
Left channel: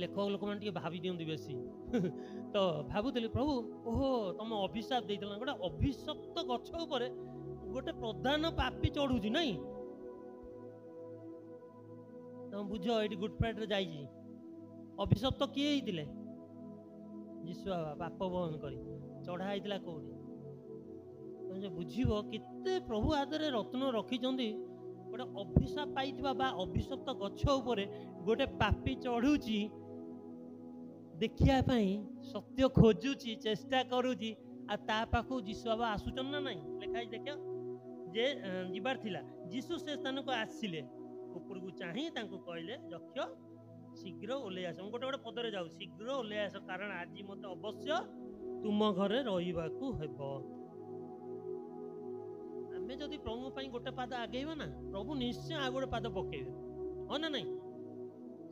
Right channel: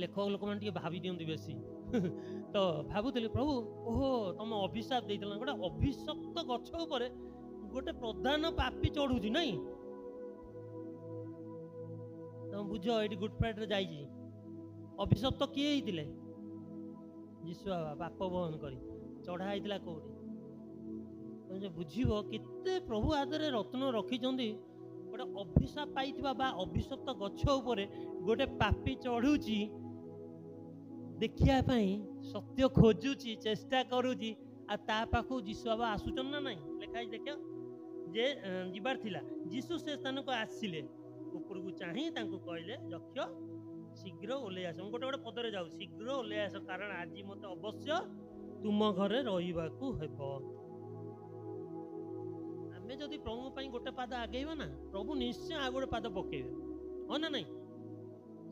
ଲେଖକ ଲୋକମାନେ ଟିକେ ଭାବି ଦିଅନ୍ତି ବେଶୀ ତ ଭାବୁଥିଲି, ପ୍ରଭୁ ଓହୋ ତମ ଅଭିଶାପ ଦେଇଥିଲା, ଗୋଟେ ଅଭିଶପ୍ତ ଗଛ ଉପରେ ଗୋଟେ ପ୍ରଧାନ ପାପୀ ଚଢୁଛି ନାଇଁ? ତମେ ବୁଝ, ଏଇଠି ଗୁଡ୍ ଫ୍ରାଇଡେ ଯାଇଛି। ଅଭିଶପ୍ତ କିଏ ହେଇଥିଲେ? ଯୀଶୁ ବାବା ପାପ ବହନ କରି ଚଢା ହେଇଥିଲା କୋଉଠି? ତମେ ଯେ ବୁଝିବ କେତେ ପ୍ରଭୁ ଆଦରେ ରତ୍ନ ରଖିଛନ୍ତି। ଗୋଟେ ଅଭିଶାପ ପାଇଥିବା ବା ଅଭିଶପ୍ତ ଗଛ ଉପରେ ଗୋଟେ ପାପୀ ଚଢୁଛି, ଦେଖିବା ପାଇଁ ସତ୍ୟ ଖୋଜୁଛି, ଚେଷ୍ଟା କରୁଛି, ଆଉ ତା ପାଖକୁ ଯୀଶୁ ବାବା ଆସୁଛନ୍ତି ନା ନାଇଁ? ଲେଖା ହେଇଛି ଦେଖ, ଯେ ଯିବାର ଥିଲା, ଯୀଶୁ ସେ ସ୍ଥାନକୁ ଆସିଲେ, ଉପରକୁ ଚାହିଁ ତାଙ୍କୁ କହିଲେ, ଯକ୍ଷ ଶୀଘ୍ର ଓହ୍ଲେଇ ଆସ। ମୁଁ ଗୋଟେ ଗୋଟେ ପଦରେ ଯାଉ, ଶୀଘ୍ର ଓହ୍ଲେଇ ଆସ, କାରଣ ଆଜି ମତେ ଅବଶ୍ୟ ତୁମ ଘରେ ରହିବାକୁ ହେବ। ଆମେ ଯଦି ପ୍ରଭୁଙ୍କ ପାଇଁ ଗୋଟେ ପାଦ ଆଗେଇବା ନା, ପ୍ରଭୁ ନିଶ୍ଚୟ ଆଉ ଗୋଟେ ପାଦ ପକେଇବେ, ହଁ ନା ନାଇଁ?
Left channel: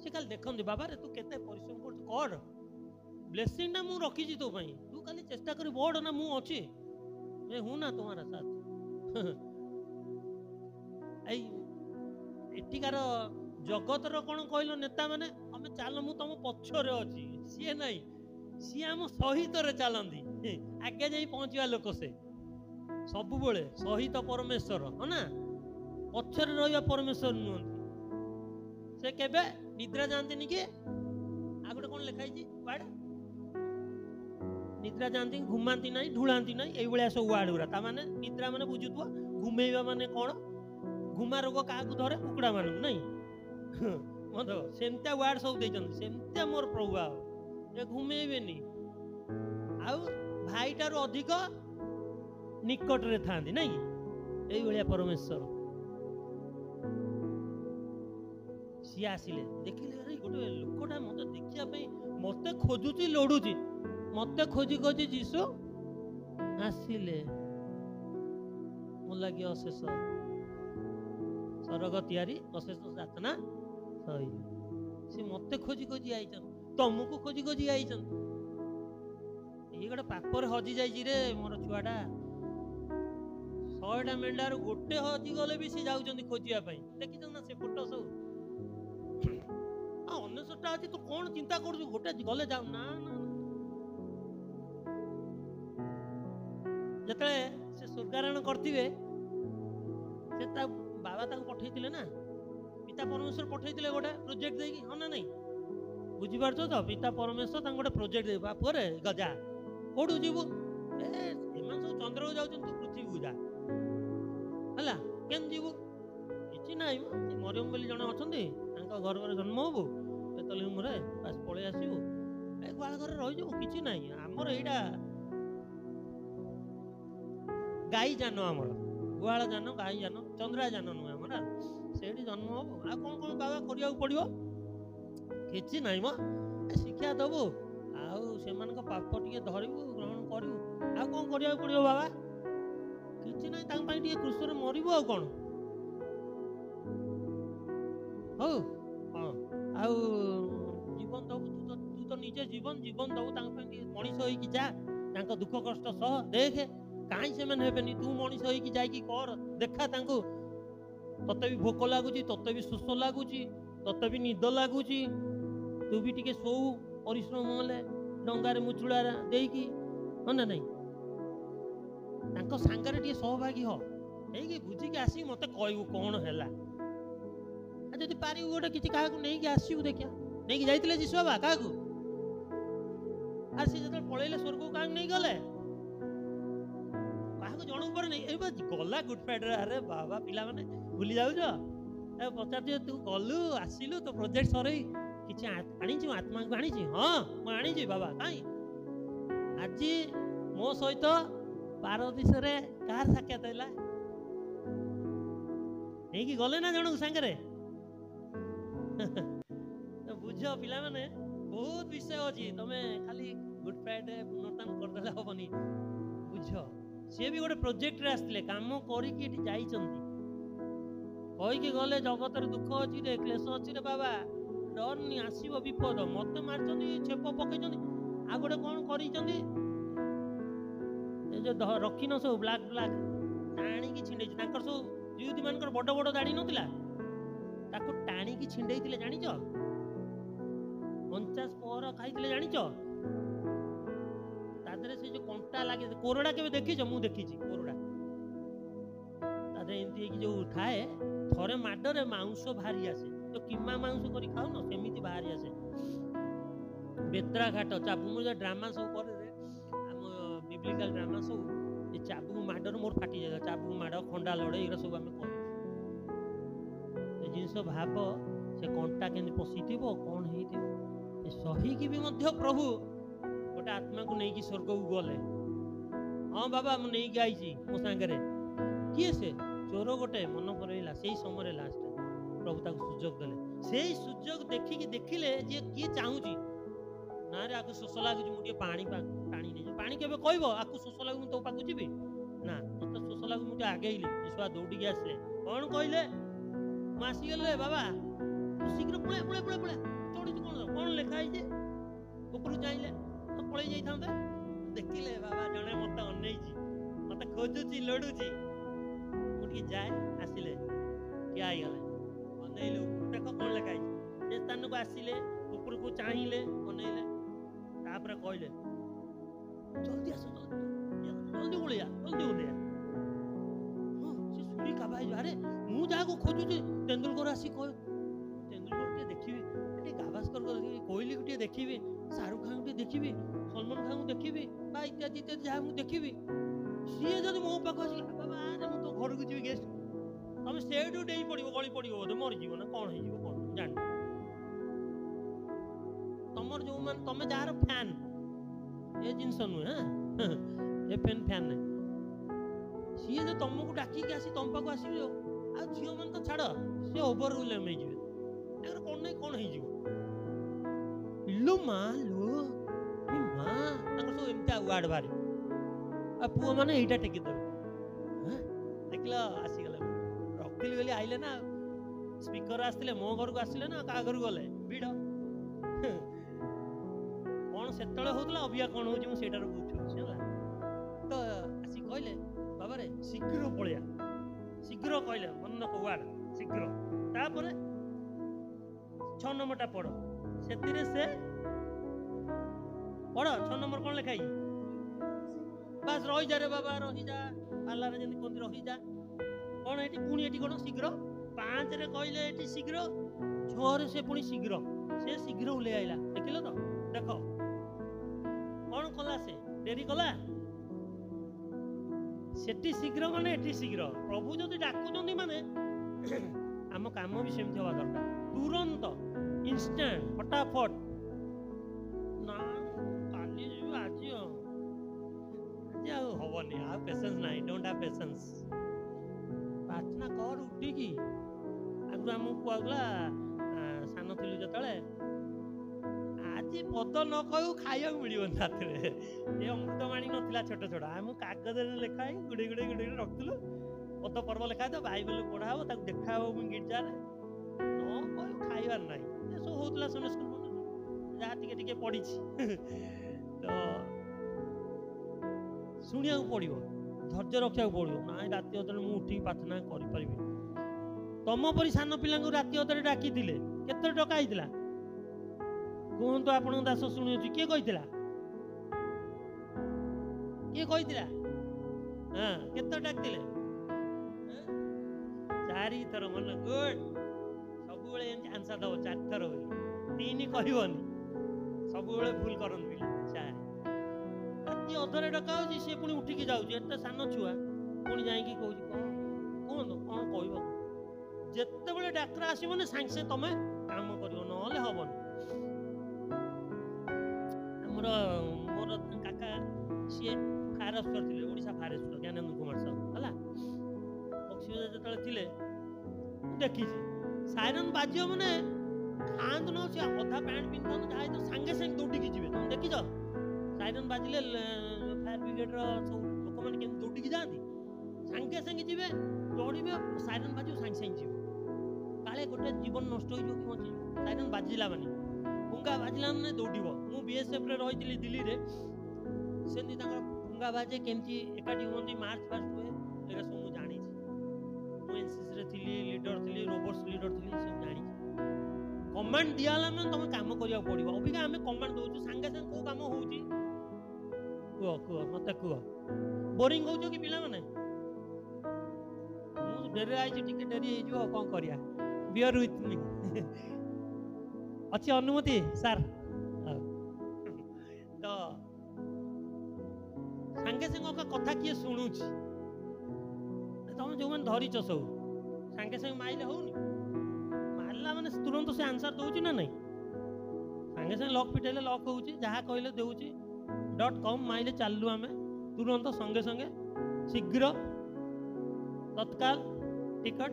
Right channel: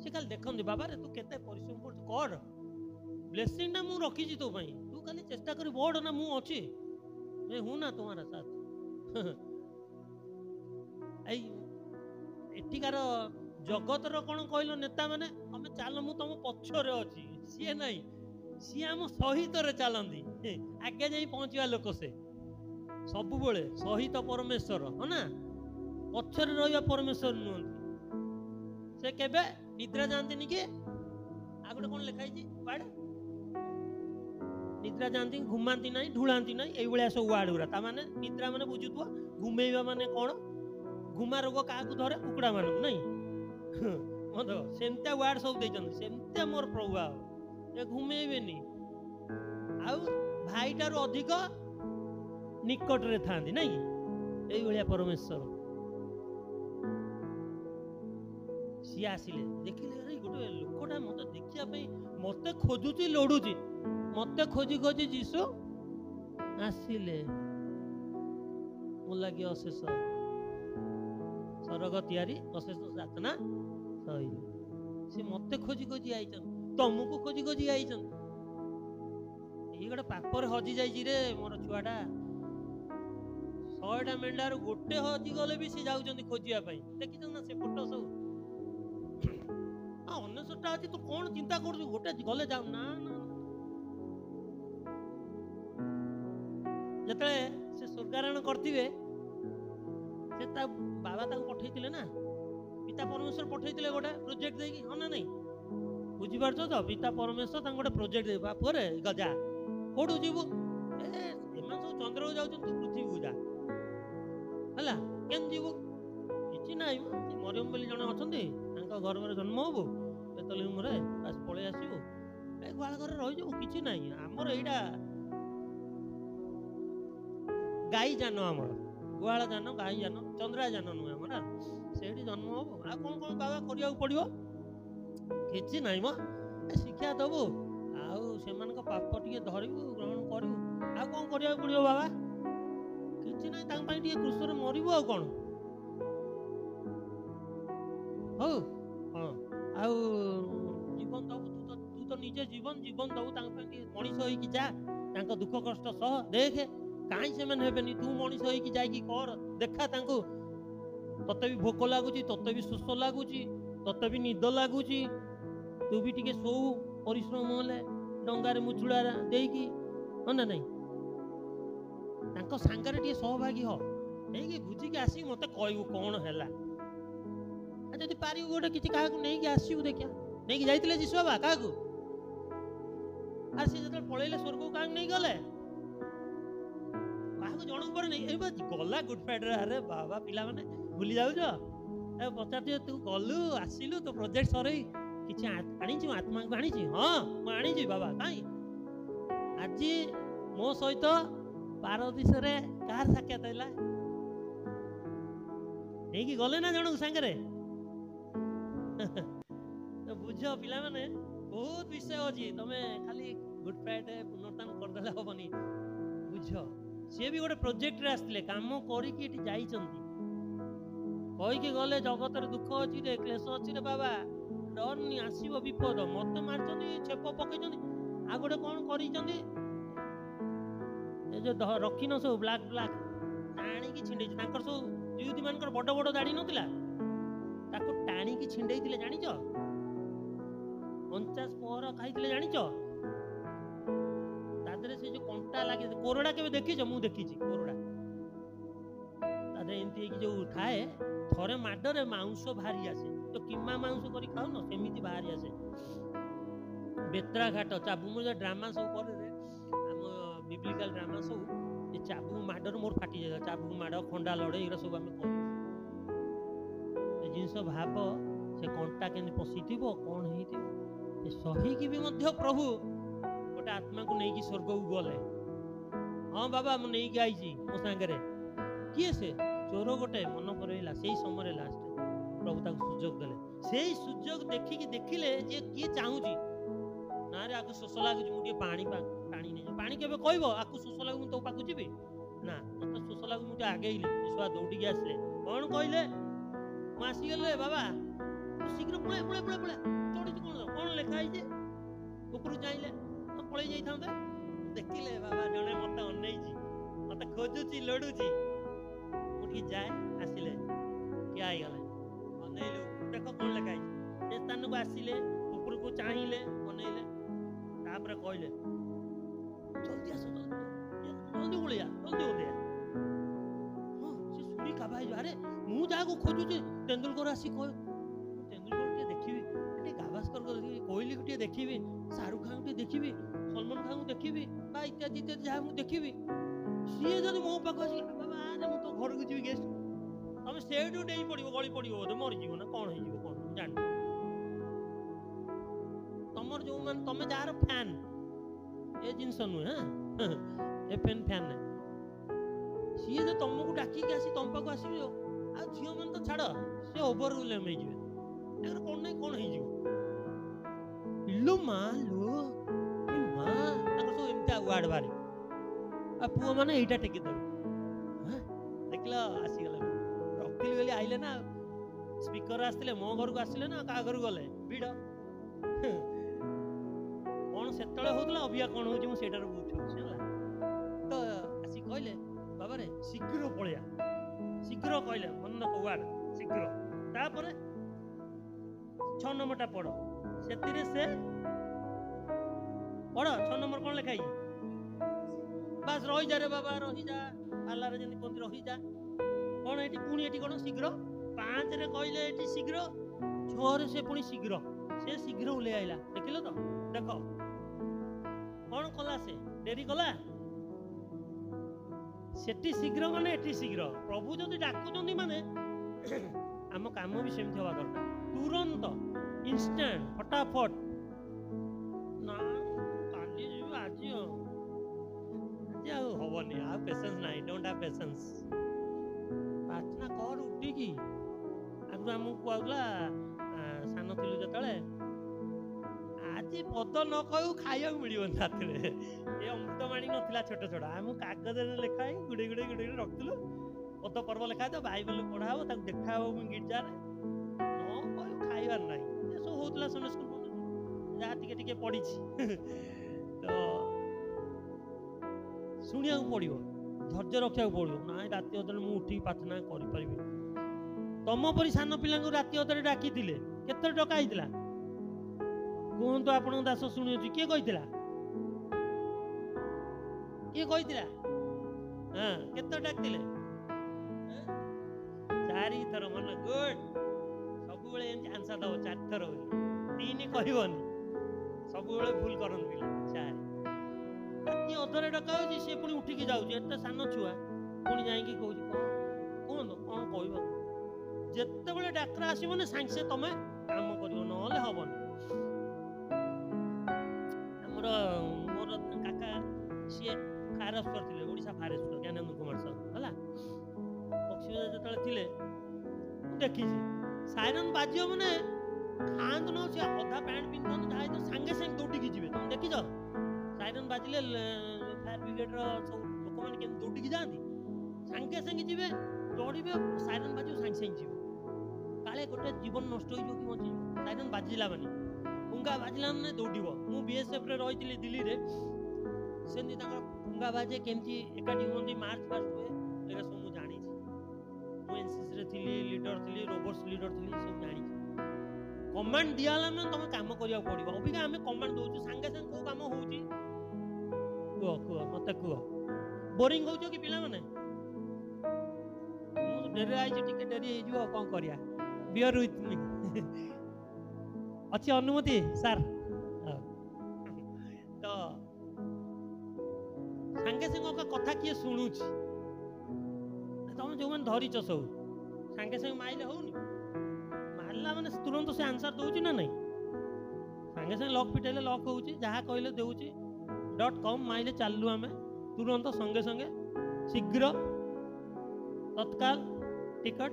ସେ ଖାଲି ଦେଖନ୍ତି, ବାବାରେ ତୁ କେତେ ପରିଶ୍ରମ କରୁଛୁ, କର, ବ୍ଲେସିଂ ଟା ମୁଁ ରଖିଛି ତୋ ପାଇଁ, ତୁ ଖାଲି ଚେଷ୍ଟା କରି ବଢ ନା, ମୁଁ ଅଛି, मैं हूं ना तुम्हारा साथ। ଏଇ ଏଠିକାର ଜଗତର କ'ଣ କହିଲ ନେତା ମାନେ, ତମେ ଚାଲ ମୁଁ ତମ ପଛରେ ଅଛି, ସିଏ ନାହିଁ, ସିଏ ଆମ ସହିତରେ ଚାଲନ୍ତି, ଆଗେ ଯାଇ ପହଞ୍ଚିବା ଲୋକ ସେ ସବୁବେଳେ ସହିତ ପରମେଶ୍ୱର, ହଁ ନା? ପଛରେ ରହିବା ପରମେଶ୍ୱର ନୁହନ୍ତି। ସେ କେବେ ନିଦ୍ରା ଯାଆନ୍ତିନି କି? ଆଉ ଗୋଟେ କ'ଣ ଲେଖା ହେଇଛି ୱାର୍ଡ, ନିଦ୍ରା ଯାଆନ୍ତି, ଘୁମାନ୍ତି ନାହିଁ, ଢୁଳାନ୍ତି ନାହିଁ, ଏଇଭଳିଆ ସବୁ ୱାର୍ଡ ଗୁରା। ତା ମାନେ ନିଦ୍ରା ମାନେ ବୁଝୁଥିବ, ଘୁମେଇବା ମାନେ କ'ଣ? ଘୁମା ରୋଗ କାହାକୁ ଧରେ? କୁକୁଡ଼ା ମାନଙ୍କୁ, ନାଇଁ? ମତ ସେମିତିଆ ୱାର୍ଡ ସବୁ ଦେଇଛନ୍ତି। ସେମିତିଆ ମୋର ପ୍ରଭୁ, ଆଉ ଏ ଘୁମେଇବେନି, ଆଉ ଭାଇଠାରୁ ଅଧିକ ନିକଟରେ ଥାନ୍ତି, ନାଇଁ? ଏଇଭଳିଆ ପରମେଶ୍ୱର। ସିଏ ଆସିଲେ, ଦେଖିଲେ, ଆରେ ଗୋଟେ ଲୋକଟା ମତେ ଦେଖିବା ପାଇଁ ମତେ ଖୋଜୁଛି, ଲୋଡୁଛି, ମତେ ଖୋଜି ଖୋଜି ଯୀଶୁ ଆସିଲେ। ମୋ ଲାଗି ଅଶେଷ ସରଗ ତିଆରି, ଅଶେଷ ଯାତନା ସହିଲେ। ସେ ମତେ ଖୋଜି ଖୋଜି ଆଇଛନ୍ତି, ତମକୁ ଖୋଜି ଖୋଜି ଆଇଛନ୍ତି। ଏଇ ଗୋଟେ ପାପରେ ହଜି ଯାଇଛି ରେ ମୋର ଛୁଆଟା। 100ଟା ମେଣ୍ଢାରୁ ଗୋଟେ ହଜିଗଲେ ବି ସେ ଯାଉଛନ୍ତି ଖୋଜିବା ପାଇଁ। ଦେଖିଛ ନା ସେ ଫଟୋ ସବୁ? 19ଟା ଅଛି, ତୁ କ'ଣ ଚିନ୍ତା କରୁଛୁ? ଗୋଟେ ଗଲେ ଯାଉ ନା। ଯେତେବେଳେ ସେ ସ୍ୱର୍ଗାରୋହଣ କରିଥିବେ, ସେ ତା ବାବା ତାକୁ ପଠେଇଥିଲେ ନା, ପିତା ପରମେଶ୍ୱର ପଠେଇଥିଲେ ଗୋଟେ ପ୍ରୋଜେକ୍ଟ ଦେଇକି, ହଁ ନା ନାଇଁ? ବୁଝିପାରୁଛ ତ? ପିତା ପରମେଶ୍ୱର ତାଙ୍କୁ ଗୋଟେ ପ୍ରୋଜେକ୍ଟ ଦେଇ, ବାପରେ ଗଜା କୋଉଠୁ ଯିବୁ? ଏମାନେ ସବୁ ଚନ୍ଦ୍ରକୁ ଯାଉଛନ୍ତି, ତୁ ପୃଥିବୀକୁ ଯା, ହେଲା? କେମିତି ଯିବୁ? କିଛି ନାହିଁ, ମରିୟମ ବୋଲି ଜଣେ ଅଛନ୍ତି, ତାଙ୍କ ଗର୍ଭରେ ଜନ୍ମ ହବୁ, ବେତଲେହେମରେ ବାସ୍ ପଳେଇ ଆସିବୁ, ଏ ଗୁହାଳ ଘରେ ରହିଯିବୁ, କିଛି ନାହିଁ। ଆମର ଏଇଟା ଗାଈ ଯାନ, ଆମର ଗୁହାଳ ଯାନ, ଗାଈ ଯାନ, ଚନ୍ଦ୍ରାଯାନ ନୁହେଁ ଆମର। ସେଇଠି ଜନ୍ମ ହବୁ, ଆଉ କ'ଣ କ'ଣ ବାବା କରିବାକୁ ପଡିବ? କିଛି ନାହିଁ ମ, ଶିକ୍ଷା ଦବୁ, ଆଉ ସେମାନଙ୍କ ପାପ ଟିକେ ଧରିବୁ, ଗ୍ରହଣ କରିବୁ, ଆଉ କ'ଣ କରିବାକୁ ପଡିବ ବାବା? କିଛି ନାହିଁ, ତାଙ୍କ ପାଇଁ ଟିକେ କ୍ରୁଶରେ ମରିବୁ, ଆଉ କ'ଣ? ହଉ, ହଁ, ଆଉ ଜୀବନ ଦବୁ, ତୁ ତ ନିଜେ ଜୀବନ ଦବୁ ତାଙ୍କ ପାଇଁ, ଟିକେ ମଣିଷ ହେଇକି ଯା, ତାଙ୍କ ଦୁଃଖ କଷ୍ଟ ସହ ଦେଖେ, କାହିଁ ସେମାନେ ହେବେନି? ତୁ ମଣିଷ ହେଇକି ଯାଇକି କର, ଦେଖା ତାଙ୍କୁ। ତତେ ବି ଭୋକ ଲାଗୁଛି, ତତେ ବି ଶୋଷ ଲାଗୁଛି, ତତେ ବି ନିଦ ଲାଗୁଛି, ତୁ ବି ଟିକେ ଶୋଉ, ପରିଶ୍ରମ ହେଲେ ଡଙ୍ଗାରେ ମୁଚୁଳା ଦେଇକି, ହଁ ନା ନାଇଁ? ତାଙ୍କ ସାଙ୍ଗରେ ଟିକେ ସହଭାଗୀ ହ, ହେଇକି ବୁଝିକି ଆସିକି ମତେ କହିବୁ କ'ଣ ହେଲା। ଯଦି ପାରିବୁ ଗୋଟେ କିଛି କାହାକୁ ନେଇକି ଆସିବୁ, ଦେଖିଆ। ନେଇକି ଯାଇଥିଲେ ଯୀଶୁ ବାବା କାହାକୁ? ଆରେ ସେ ଯେତେବେଳେ ପଳେଇଲେ ସ୍ୱର୍ଗକୁ, କାହାକୁ ନେଇକି ଗଲେ? କାହାକୁ ଜଣକୁ ପରେ ନେଇ, ଏଇ ଗଲା ଗୁଡ୍ ଫ୍ରାଇଡେ। ଆରେ ବାବା, ପିଲାମାନେ ଭୁଲି ଯାଉଛ? ପଚାରୁଥିବେ, ତୁ ଗଲୁ, ଆସିଲୁ, ତୋ ପ୍ରୋଜେକ୍ଟ ସରେଇ କିଛି ଆଣିଛୁ ଆତ୍ମାକୁ ଆଣିଛି? ହଁ ମୁଁ ଆଣିଛି ବାବା। କାହିଁ ଆଜି ମୋ ସହିତ ପାରଦୀସରେ କାହାର ସାକ୍ଷାତ ହେଲା? ନେଇକି ଗଲେ ନା ଜଣକୁ ସାଙ୍ଗରେ। ବୁଝ ପିଲାମାନେ, ବହୁତ ବିଷୟ ଅଛି। ତମେ ଖାଲି ଗୁଡ୍ ଫ୍ରାଇଡେ ପୁନରୁତ୍ଥାନ କରିଦେଲେ ହବନି। ବୁଝ, ସିଏ ବି ଗୋଟେ ପ୍ରୋଜେକ୍ଟରେ ଆସିଥିଲେ, କାମ କରିକି ଏଠି ଯାଇଛନ୍ତି, କହିକି ଗଲେ ଜଗତରେ ଦୁଃଖ ଅଛି ରେ, କ୍ଲେଶ ଅଛି ରେ ବାବା, ଡରନି, ଆସିବ ବିପଦ। ମତେ ମାରିଛନ୍ତି, ଛେପ ପକେଇଛନ୍ତି, ଆଉ ଗୋଟେ କଣ କରିଛନ୍ତି, ଏ ଯୋଉ ରଖିନ ସବୁ ବ୍ଲାକ୍ ଟାଣିକି ଛିଣ୍ଡେଇଛି। ତାଙ୍କର ସବୁ ଯୁବତୀ ମାନଙ୍କର ବଡ ବଡ ଦାଢି ନଥିଲା, ତାକୁ ଟାଣିକି ଛିଣ୍ଡେଇଥିଲେ ଜାଣିଛ? 50 ପହର ଖାଇଥିଲେ ଜାଣିଛ? ତା ଦେହରେ ସେ ଯୋଉ କଣ୍ଟା ଲାଗେ, କୋରଡା କେବେ ଦେଖିଛ? ମୁଁ ଦେଖିଛି କୋରଡା। ତା ଦେହରେ ଏମିତି ହେଇକି ଯୋଉ ଥାଏ, ଥରେ ମାଡରେ ମାଉଁସ ବାହାରି ଆସେ। ତ କିମା ମାଉଁସ କରି ଖାଉନ, ସେମିତି ବାହାରି ଆସେ। ବେତ୍ରା ଘାଟ ଚାବୁ, ମୁଁ ଡ୍ରାମା ସବୁ କରେ, ଆମ ବିବ୍ଲିକାଲ ଡ୍ରାମା ସବୁ, ଏ ଚାବୁକୁ ମାଡରେ ମୋର ଫାଟି ଯାଇଥିଲା। ଚାବୁକୁ ମାଡ, ଖଣ୍ଡା ଲଢେଇ, ଏଗୁରା ସବୁ ଆମେ କରୁ। ସେ ଜିନିଷ ଭାବ, ସେ କଣ୍ଟା କେମିତି ପଶିଥିବ, କଣ ହେଇଥିବ। ସେ ସହିକି ବି ମଧ୍ୟ ପ୍ରଭୁ ଗୋଟେ ଆତ୍ମାକୁ ନେଇକି ସ୍ୱର୍ଗକୁ ଗଲେ। ହଁ ବାବା ମୁଁ ନେଇକି ଆଇଛି ମୋ ସାଙ୍ଗରେ। କିଏ ସେ? ଚୋର ଗୋଟେ। ମନେ ପଡିଲା ସେଇ ସମୟରେ ଲାଷ୍ଟ ପ୍ରଭୁ ତାକୁ ସୁଯୋଗ ଦେଲେ। ସେଇ ସୁଯୋଗ ଦେଖିକି ଦେଖିଲେ ଯେ କିଏ ଚାହୁଁଛି ନା ରେ ଆକୁ ଶୋଷ ଲାଗୁଛି, ମୁଁ ଟିକେ ପାଣି ଟାଣି ନେଇଯାଉ। ପାଣି କେବେ କହିବ ଆକୁ ଶୋଷ ଲାଗୁ ମୁଁ ତୋ ପାଖକୁ ଯିବି? ନା, ତତେ ଶୋଷ ଲାଗୁ ମୁଁ ଟିକେ ଆଗେଇଲି, ଛୁଆ ଦୌଡ଼ିକି ଆସିଲେ। କଣ କହିଲେ? ମୁଁ ଆସିଗଲେ ବାବା, ତୁ ଶୀଘ୍ର ପଳା ପଳା ପଳା ପଳା। ଚଢିଛୁ କଣ? କଣ ଲେଖା ହେଇଛି? ଉପରକୁ ଚାହିଁଲେ ପଳେଇ ଯାଇଥାନ୍ତେ। ଦେଖିଲେ ବାବା ଜଣେ ମତେ ଅନେଇଛି, ମତେ ଖୋଜୁଛି, ଲୋଡୁଛି। ମୁଁ ଟିକେ ଯାଏ, ଆସିଲେ ଠିଆ ହେଇଗଲେ, ଅନେଇଲେ ଉପରକୁ, ଦେଖ କଣ ଲେଖା ହେଇଛି। ସେ ସ୍ଥାନକୁ ଆସିଲେ, ଉପରକୁ ଚାହିଁଲେ, ଅନେଇଲେ, ତାପରେ କହିଲେ ଜଲ୍ଦି ଆସ, ଜଲ୍ଦି ଓଳିଆ, ଜଲ୍ଦି ଓଳିଆ। ହଁ, ସେ ଶୁଣି କାବା ହେଇଯିବ। ଆରେ ମୁଁ ଯାହାକୁ ଖୋଜୁଛି, ତେନ୍ଦୁଲକର ଆସି ତେନ୍ଦୁଲକର ଟିକେ ଦେଖିବି, ଟିକେ ଗାଭାସ୍କର ଦେଖିବି, କୋହଲିକୁ ଟିକେ ଦେଖିବି, ଶାହରୁଖ ଖାନକୁ ଟିକେ ଦେଖିବି, ସଲମାନ ଖାନକୁ ଦେଖିବି, ବା ଇତ୍ୟାଦି ଇତ୍ୟାଦି ଯାହା ମୁଁ ଦେଖିବି, ସିଏ ଯଦି ମୋ ପାଖକୁ ଆସିକି ବାବା ଆରେ ମୁଁ ତ ଘରକୁ ଯିବି ଗେଷ୍ଟ, ତମେ ସେଇଠୁ ଡେଇଁ ପଡିବ, ଗଳି ପଡିବ, ବୋଧେ ମରିଯିବ ନା କଣ ହେଇଯିବ, କଣ ମୁଁ ଜାଣିନି। ତମର ଯୋଉମାନେ, ତମେ ଯାହାର ଫ୍ୟାନ୍, ଏ ଜିନିଷ ନୁହେଁ, ଏ ଫ୍ୟାନ୍ ନାହିଁ। ସିଏ ଯେ ତମକୁ ଡାକିକି ଆସି ତମ ପାଖକୁ ଆସିବି, ଆଉ ଝିଅ ମାନେ ତ ଛାଡ, ସେ ଓଭର ହେଇଯିବେ, ତାଙ୍କର କଣ ନାହିଁ କଣ ହେଇଯିବ। ଇଲୋ ମା ଲୋ, ଏ ମା, ତାଙ୍କର ସବୁ ଏମିତି ୱାର୍ଡ ବାହାରେ। ଆଉ ପୁଅ ମାନେ ଏଇଟା ଟେକି ଦେବେ। ଦେଖିଲ ଆସିଗଲେ, ରଖିଲି ବୋଲି ଆଇଲେ ନା। ସ୍ପିକର ଆସିଥିଲେ, ମୋ ଘରକୁ ଆସିଲେ ନା କାହା ଘରକୁ ଗଲେ? ଭିଡ କଣ ସେତେବେଳେ ହଉଥିଲା, ଅବିକା କଣ ହଉଛି, ମୁଁ ସେଇଟାର ବୁଝୁଛି ହେଲା। ତ ଆସି କହିଲେ ବାବାରେ ଶୀଘ୍ର ପଳେଇଆ, ଶୀଘ୍ର କହିଲେ, ମନେ ରଖ ୱାର୍ଡ ଶୀଘ୍ର। ତାପରେ 6 ନମ୍ବରଟା ପଢ, ସେଥିରେ ସେ ପଢ 6 ନମ୍ବର କଣ ଲେଖା ହେଇଛି? ବାସ୍ ରହିଯା ରେ ବାବା, ରହିଯା, ପାଲାରେ ଯେମିତି କୁହନ୍ତି ରହିଯା। କଣ ଏଠି ପୁଣି ଏଠି କଣ ଶୀଘ୍ର? 5ରେ କହିଲେ ଏଠି ଶୀଘ୍ର, 6ରେ ସେ ପୁଣି ଶୀଘ୍ର, ସେ ଶୀଘ୍ର ଓହ୍ଲେଇ ଆଇଲା। ଦେଖିଲ ତ, ଦେଖ କଣ କଲା, ସେ ଡେରି କଲା। ସେଠି ଶୀଘ୍ର ମାନେ ଏଠି ଶୀଘ୍ର। ପ୍ରଭୁ ଯଦି ଡାକୁଛନ୍ତି ମାନେ ଆମ କାମ ବି ସେମିତି ହବା ଦରକାର, ତୁରନ୍ତ, ଇନଷ୍ଟାଣ୍ଟ, ଫଟାଫଟ। ନା କାଲି ଯିବି, ଆଜି ଆଉ ହବନି, ଆଉ ପେସେନ୍ସ ନାହିଁ, ଡୋଣ୍ଟ ହାଭ୍ ପେସେନ୍ସ। ପ୍ରାର୍ଥନା କର ଉଠିକି। ଆଗରୁ ଆମକୁ କୁହାଗଲା, ସାନ ଥିଲୁ ଯେତେବେଳେ, ଆଜି ପଦ ନ କହିବୁ ଖାଇବାକୁ ମିଳିବନି ରାତିରେ। ଏ ଅମୃତବାଣୀ ନଥିଲା ଛୋଟ ଛୋଟ, ଆମକୁ କାଗଜରେ ଲେଖା ହେଇ ଗୁଡେଇ ରଖିଥିଲୁ। ପଦ ପର୍ବ ଲେଖା ହେଇଥିବ, ବାଇବେଲ ପଢା ହବ, ତାକୁ ଦେଖା ହବ ଗିର୍ଜାରେ, ନ କହିବୁ ଖାଇବାର ନାହିଁ। ଏସବୁ ହଉଥିଲା ସନ୍ଡେ ସ୍କୁଲ, ଯାହା ଟିକେ ଟିକେ ପଢିଛି। ତ ଶୁଣିବାକୁ ପଡିବ, ଧୈର୍ଯ୍ୟ ରଖିବାକୁ ପଡିବ। ନାଇଁ ରାତି ଅଧରେ ମୁଁ ଉଠିକି ପ୍ରାର୍ଥନା କରିପାରିବି। ତମ ପରି ସାନ ପିଲାଙ୍କୁ ରାତି ଅଧରେ ଡାକିଥିଲେ, କେତେ ଟଙ୍କା ହେଇଥିଲା କୁହନ୍ତୁ? ଆପଣଙ୍କ ଦାସ ଶୁଣୁଛି, କିଏ କହିଥିଲା? କିଏ କହିଥିଲା? ହଁ, କେତେ ଡାକିଥିଲେ? 4 ଥର। ମନେ ଗୁଡ, ସବୁବେଳେ ଏମିତି ଆନ୍ସର ଦବ 4 ଥର ବୋଲି, 3 କହିବନି, ସବୁବେଳେ ଭୁଲ କରନ୍ତି ପିଲା। 4 ରାତି ଅଧରେ ଡକା ହଉଛି, ସେ ପୁଣି ଉଠିକି ଯାଉଛି, ଏତେ ସାନ ଛୁଆ, ପୁଣି ଯାଇକି କହୁଛି କଣ କୁହନ୍ତୁ, କଣ କହିବାକୁ? ଯେତେବେଳେ ଡାକରା ଆସିବନି ସାଙ୍ଗେ ସାଙ୍ଗେ ତମେ କାମ କରିବ, ନହେଲେ ହବନି। ଆମର ମୋର କାକା ସିଏ ଫାୟାର ଅଫିସର ଥିଲେ, ଓଡ଼ିଶା ଫାୟାର ଅଫିସର ଜ୍ଞାନେନ୍ଦ୍ର କୁମାର ସାହୁ ହେଲା। ବକ୍ସିବଜାର ଯେତେବେଳେ ଥିଲେ ମୁଁ ଦେଖିଛି ସାଇରନ୍ ବାଜିବ ମାନେ ଖାଆନ୍ତୁ ନ ସେ ଅଧା ପ୍ୟାଣ୍ଟ ପିନ୍ଧନ୍ତୁ ଯାହା ହେଇଥିବ ସାଙ୍ଗେ ସାଙ୍ଗେ ଦୌଡ଼ିକି ଯିବେ। ତମେ ଦେଖିଛ ସାଇରନ୍ ବାଜିଲେ ଫାୟାର ବ୍ରିଗେଡର ସବୁ ଲୋକମାନେ କେମିତି ଦୌଡ଼ିକି ଯାଆନ୍ତି? ସାଙ୍ଗେ ସାଙ୍ଗେ ଯିବେ, ଦୌଡ଼ିବେ, ସାଇରନ୍ ବାଜିବ ସାଙ୍ଗେ ସାଙ୍ଗେ ଯିବେ। କାଳେ ଗୋଟେ ଜୀବନ ନଷ୍ଟ ହେଇଯିବ କି ବଞ୍ଚିଯିବ। ସାଇରନ୍ ବାଜିଲା ମାନେ ପୁଙ୍ଗା ବାଜିଲା ମାନେ ଦୌଡ଼ିବ। ମୁଁ ବିଏସ୍ଏଫ୍ରେ ରହିଥିଲି ଦିଲ୍ଲୀରେ, ସେମିତି ତାଙ୍କର ପୁଙ୍ଗା ବାଜେ, କେମିତି ଏକାଠି ହୁଅନ୍ତି, ମାର୍ଚ୍ଚ ଫାଷ୍ଟ ହୁଏ, ଏଗୁଡ଼ା ସବୁ ମୁଁ ଜାଣିଛି। ମୁଁ ଏନ୍ସିସିରେ ଥିଲି, ଲିଡର ଥିଲି, ରୋବୋଟ୍ସ ଲିଡର ଥିଲି, ସବୁ ଜାଣିଛି। କମାଣ୍ଡ ଦିଆହେଲା ମାନେ ତମେ କାମ କରିବାକୁ ପଡ଼ିବ। ଅବିକା ଆମେ କମାଣ୍ଡ ଦଉଛୁ ସାଙ୍ଗେ ସାଙ୍ଗେ କୋଉ କାମ ହଉଛି କୁହ ମତେ କୁହ। ବୋରିଂ ହଉଛ କି ପିଲାମାନେ? ମୁଁ ଡେରିରେ ଆଇଛି, ଟିକେ ଡେରି ହେଇଯିବ, ଆଉ କ'ଣ କରିବା। ବିୟର ୱିଥ୍ ମି। ଅଛି ଅନୁମତି ସାର୍? ତ ସାଙ୍ଗେ ସାଙ୍ଗେ କଥା କିଏ ଶୁଣୁଛି? ତମେ ଯୋଉମାନେ ଧରିଛ ସବୁ ସାଙ୍ଗେ ସାଙ୍ଗେ ମାଇଲେ ହଉନି? ମାରିଲା ମାନେ ତୁରନ୍ତ ସେ ଆନ୍ସର ଦଉଛି ନା ନାଇଁ? ସାଙ୍ଗେ ସାଙ୍ଗେ ଲକ୍ ଫିଟେଇଲେ ଲକ୍ ହଉଛି, ଯାହା କହିଲେ ଦେଉଛି। .com ମାଇଲେ ଚାଲିଲୁ ଆମେ ତୁରନ୍ତ, ସଙ୍ଗେ ସଙ୍ଗେ, ଶୀଘ୍ର, ତତ୍କାଳ ଟିକଟ।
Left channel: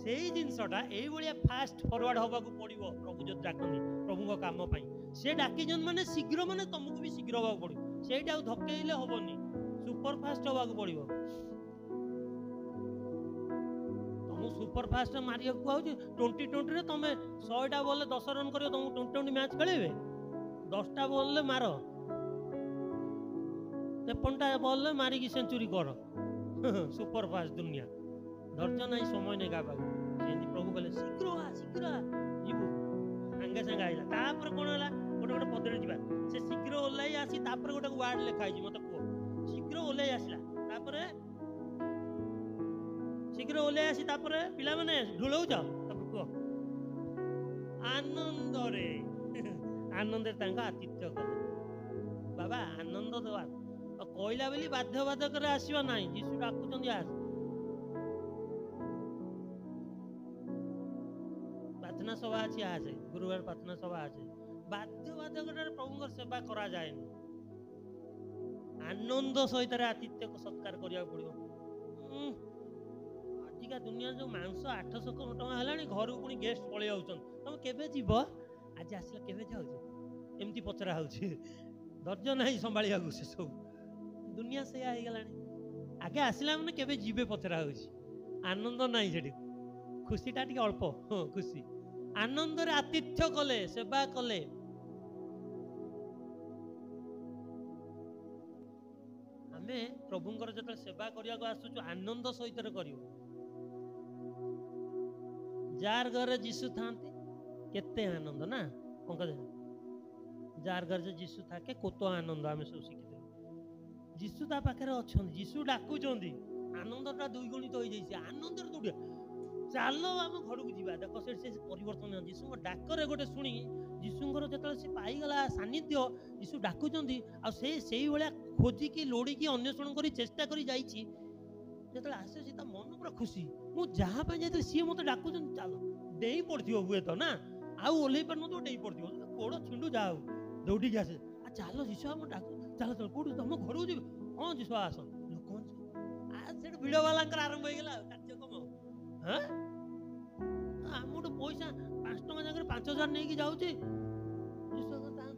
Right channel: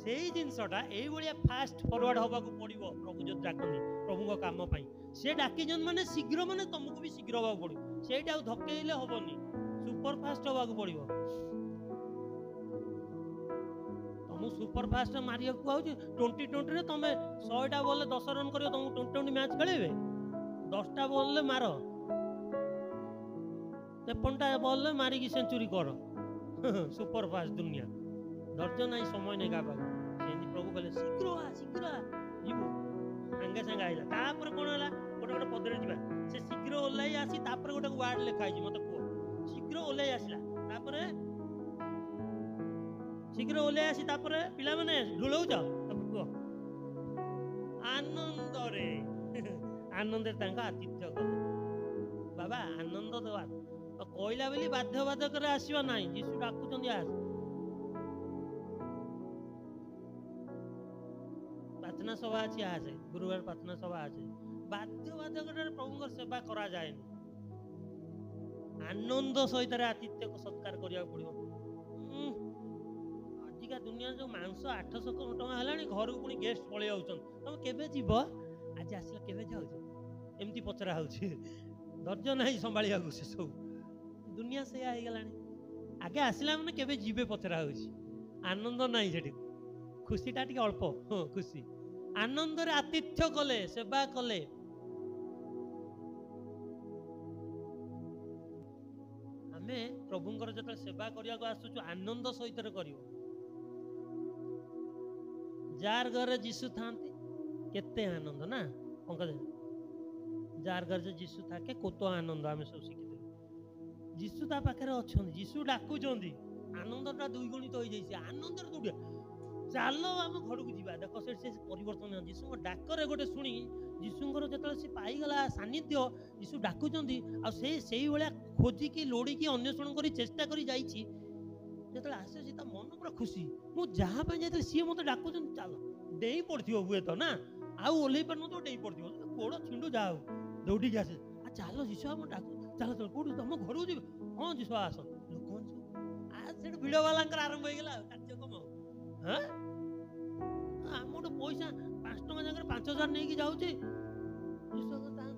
ସେଇ ଜିନିଷଟା ଏଇଭଳିଆ ଫାଷ୍ଟ ଫରୱାର୍ଡ ହବାକୁ ପଡ଼ିବ। ପ୍ରଭୁ ଯଦି ଡାକନ୍ତି ପ୍ରଭୁଙ୍କ କାମ ପାଇଁ, ସେ ଡାକିଛନ୍ତି ମାନେ ଶୀଘ୍ର, ମାନେ ତମକୁ ବି ଶୀଘ୍ର ହବାକୁ ପଡ଼ିବ। ସେଇଟା ଆଉ ଧକେଇଲେ ହବନି, ସୁପର ଫାଷ୍ଟ ହବାକୁ ପଡ଼ିବ। ତମକୁ ସୁପର ଫାଷ୍ଟ ମାରିବାକୁ ଆଉଛି। 2020ରେ ତମେ 100ଟା ବଲରେ 10 ରନ୍ କରିବ, ତମକୁ 2020 ମ୍ୟାଚ୍ ଖେଳେଇବେ? 10ଟା ବଲରେ ମାର, 53ଟା ବଲରେ ମାରିକି ସେଞ୍ଚୁରୀ କର। ସୁପର ଫାଷ୍ଟ ଦୁନିଆ, ଧୈର୍ଯ୍ୟ ନାହିଁ, ସମୟ ନାହିଁ କାହା ପାଖକୁ। ସେମିତି ପ୍ରଭୁ କହିଲେ ଶୀଘ୍ର ଆ, ଶୀଘ୍ର ଆ, ଯିବୁ। ସାଙ୍ଗେ ସାଙ୍ଗେ ଆଇଲା। ତାପରେ କ'ଣ ହେଲା? ଗୋଟେ ପଦରେ ଯିବା। ସେ ଶୀଘ୍ର ଓହ୍ଲାଇ ଆସି ତାପରେ ଗୋଟେ ୱାର୍ଡ ଲେଖା ହେଇଛି, ମତେ କୁହ। ଶୀଘ୍ର ଓହ୍ଲାଇ ଆସିଲା, ତାପରେ ଶୀଘ୍ର ଓହ୍ଲାଇ ଆସି ତାପରେ ପିଲାମାନେ ଢୁଳଉଛ, ତାପରେ କୁହ ଆନନ୍ଦରେ। ଆନନ୍ଦରେ ତାଙ୍କ ଆତିଥ୍ୟ କଲେ। ବାବା ଆନନ୍ଦ ଦେବା କହିଲା ବୋଲି ବାଧ୍ୟବାଧକରେ ଆସିବା ନାହିଁ। ଯୀଶୁ ଡାକୁଛନ୍ତି ଆସ। ପ୍ରାର୍ଥନା ସଭା ଅଛି ଆସେ, ଗୁରୁବାର ପ୍ରାର୍ଥନା ସଭା ଅଛି। ବାଧ୍ୟବାଧକରେ ପ୍ରଭୁଙ୍କର ସେବା କରାଯାଏନି। ଆନନ୍ଦ ସହିତ ଆତିଥ୍ୟ ସତ୍କାର କରିବାକୁ ପଡ଼ିବ। ଆଜିକା ଦୁନିଆରେ ଯୋଉ ମାଂସ 800 ଟଙ୍କା ହେଲାଣି, ଘରକୁ ପୁଣି ଗେଷ୍ଟ ପଳେଇ ଯାଉଛନ୍ତି। ତମେ କେବେ ଯିବ? ଆଜି ଆସିଲା, କେବେ ଯାଉଛ? ଏମିତି ପଚରା ହଉଛି। ଧୈର୍ଯ୍ୟ ନାହିଁ ସମ୍ଭାଳିବାକୁ। ସେ ସବୁ ଦୁନିଆ ସେଇଆ ହେଇଗଲାଣି। ଆଗେ ଆସିଲା ମାନେ କେବେ ଯିବେ ପଚରା ହଉଛି। ଆନନ୍ଦ ନାହିଁ ସେଠି, ଖୁସିଟା ଟିକେ ଅଳ୍ପ। ଖୁସି ଆନନ୍ଦରେ ଆତିଥ୍ୟ କଲେ, ସେବା କଲେ। ଆମେ ପ୍ରଭୁଙ୍କର ଯେତେବେଳେ ସେବା କରିବାକୁ ଆସୁଛୁ, ଆନନ୍ଦ ସହିତ କରିବ। ଯାର ଘରେ ଯୀଶୁ ଥାନ୍ତି କେତେ ଆନନ୍ଦ ନା ପଙ୍କଜ। ଯାର ଘରେ ଯୀଶୁ ଥାକେ କୋତ ଆନନ୍ଦ, ଆମେ ସବୁ ଶିଖିଥିଲୁ। ଯୀଶୁ ତା ପାଖରେ ଅଛନ୍ତି, ଯୀଶୁ ଡାକୁଛନ୍ତି, ଆନନ୍ଦଟା ଦ୍ୱିଗୁଣିତ ହେଇଯାଇଛି। ଆନନ୍ଦରେ ଦୌଡ଼ିବା, ଚାଲ ଆମ ଘରକୁ ଯିବା। ଦେଖ ସେଠି ସେ ପରିବର୍ତ୍ତନ। ଯୀଶୁଙ୍କ ଡାକରେ ଗୋଟେ ଶୁଣି, ଯୀଶୁଙ୍କର ଯେତେବେଳେ ସେ ପାଇଗଲା ସାନ୍ନିଧ୍ୟ, ଯୀଶୁ ଡାକୁଛନ୍ତି, ଆଉ ସେଇଭଳିଆ ଖୋଜିକି ଲୋଡ଼ିକି ଅନ୍ୱେଷଣ କରି ଚେଷ୍ଟା କରି ଯାଇଛି। ଯେତେବେଳେ ଆସୁଛି ତା ମନ ପୁରା ଖୁସି। ମୁଁ ଯାହା ପାଇଁ ଯାଇଥିଲି ସିଏ ମତେ ଡାକୁଛନ୍ତି, ଚାଲ। ଡେଇଁ ପଡ଼ିଥିବ ହୁଏତ ନା, ଆଉ ଓହ୍ଲେଇ ପାରୁନଥିବ, ଡେଇଁ ପଡ଼ିଥିବ, ଗୋଡ଼ ଛିଣ୍ଡୁ ଯାହା ହଉ, ଦୌଡ଼ିକି ଆସେ। ଚାଲ ଯୀଶୁ ଆମ ଡାକୁ, ଚାଲ ଚାଲ। କୋଉଠି? ତମ ଘରକୁ ଯିବି। ହଁ ଯୀଶୁ ଆସ। ଲୋକମାନେ ସେଠୁ ଭିଡ଼ ବାଲାଙ୍କର ଆରମ୍ଭ ହେଇଗଲା କାର୍ଯ୍ୟକ୍ରମ। ଆମଠୁ ପଇସା 5 ଟଙ୍କା ଜାଗାରେ 5000 ନେଇକି ଯାଉଛି।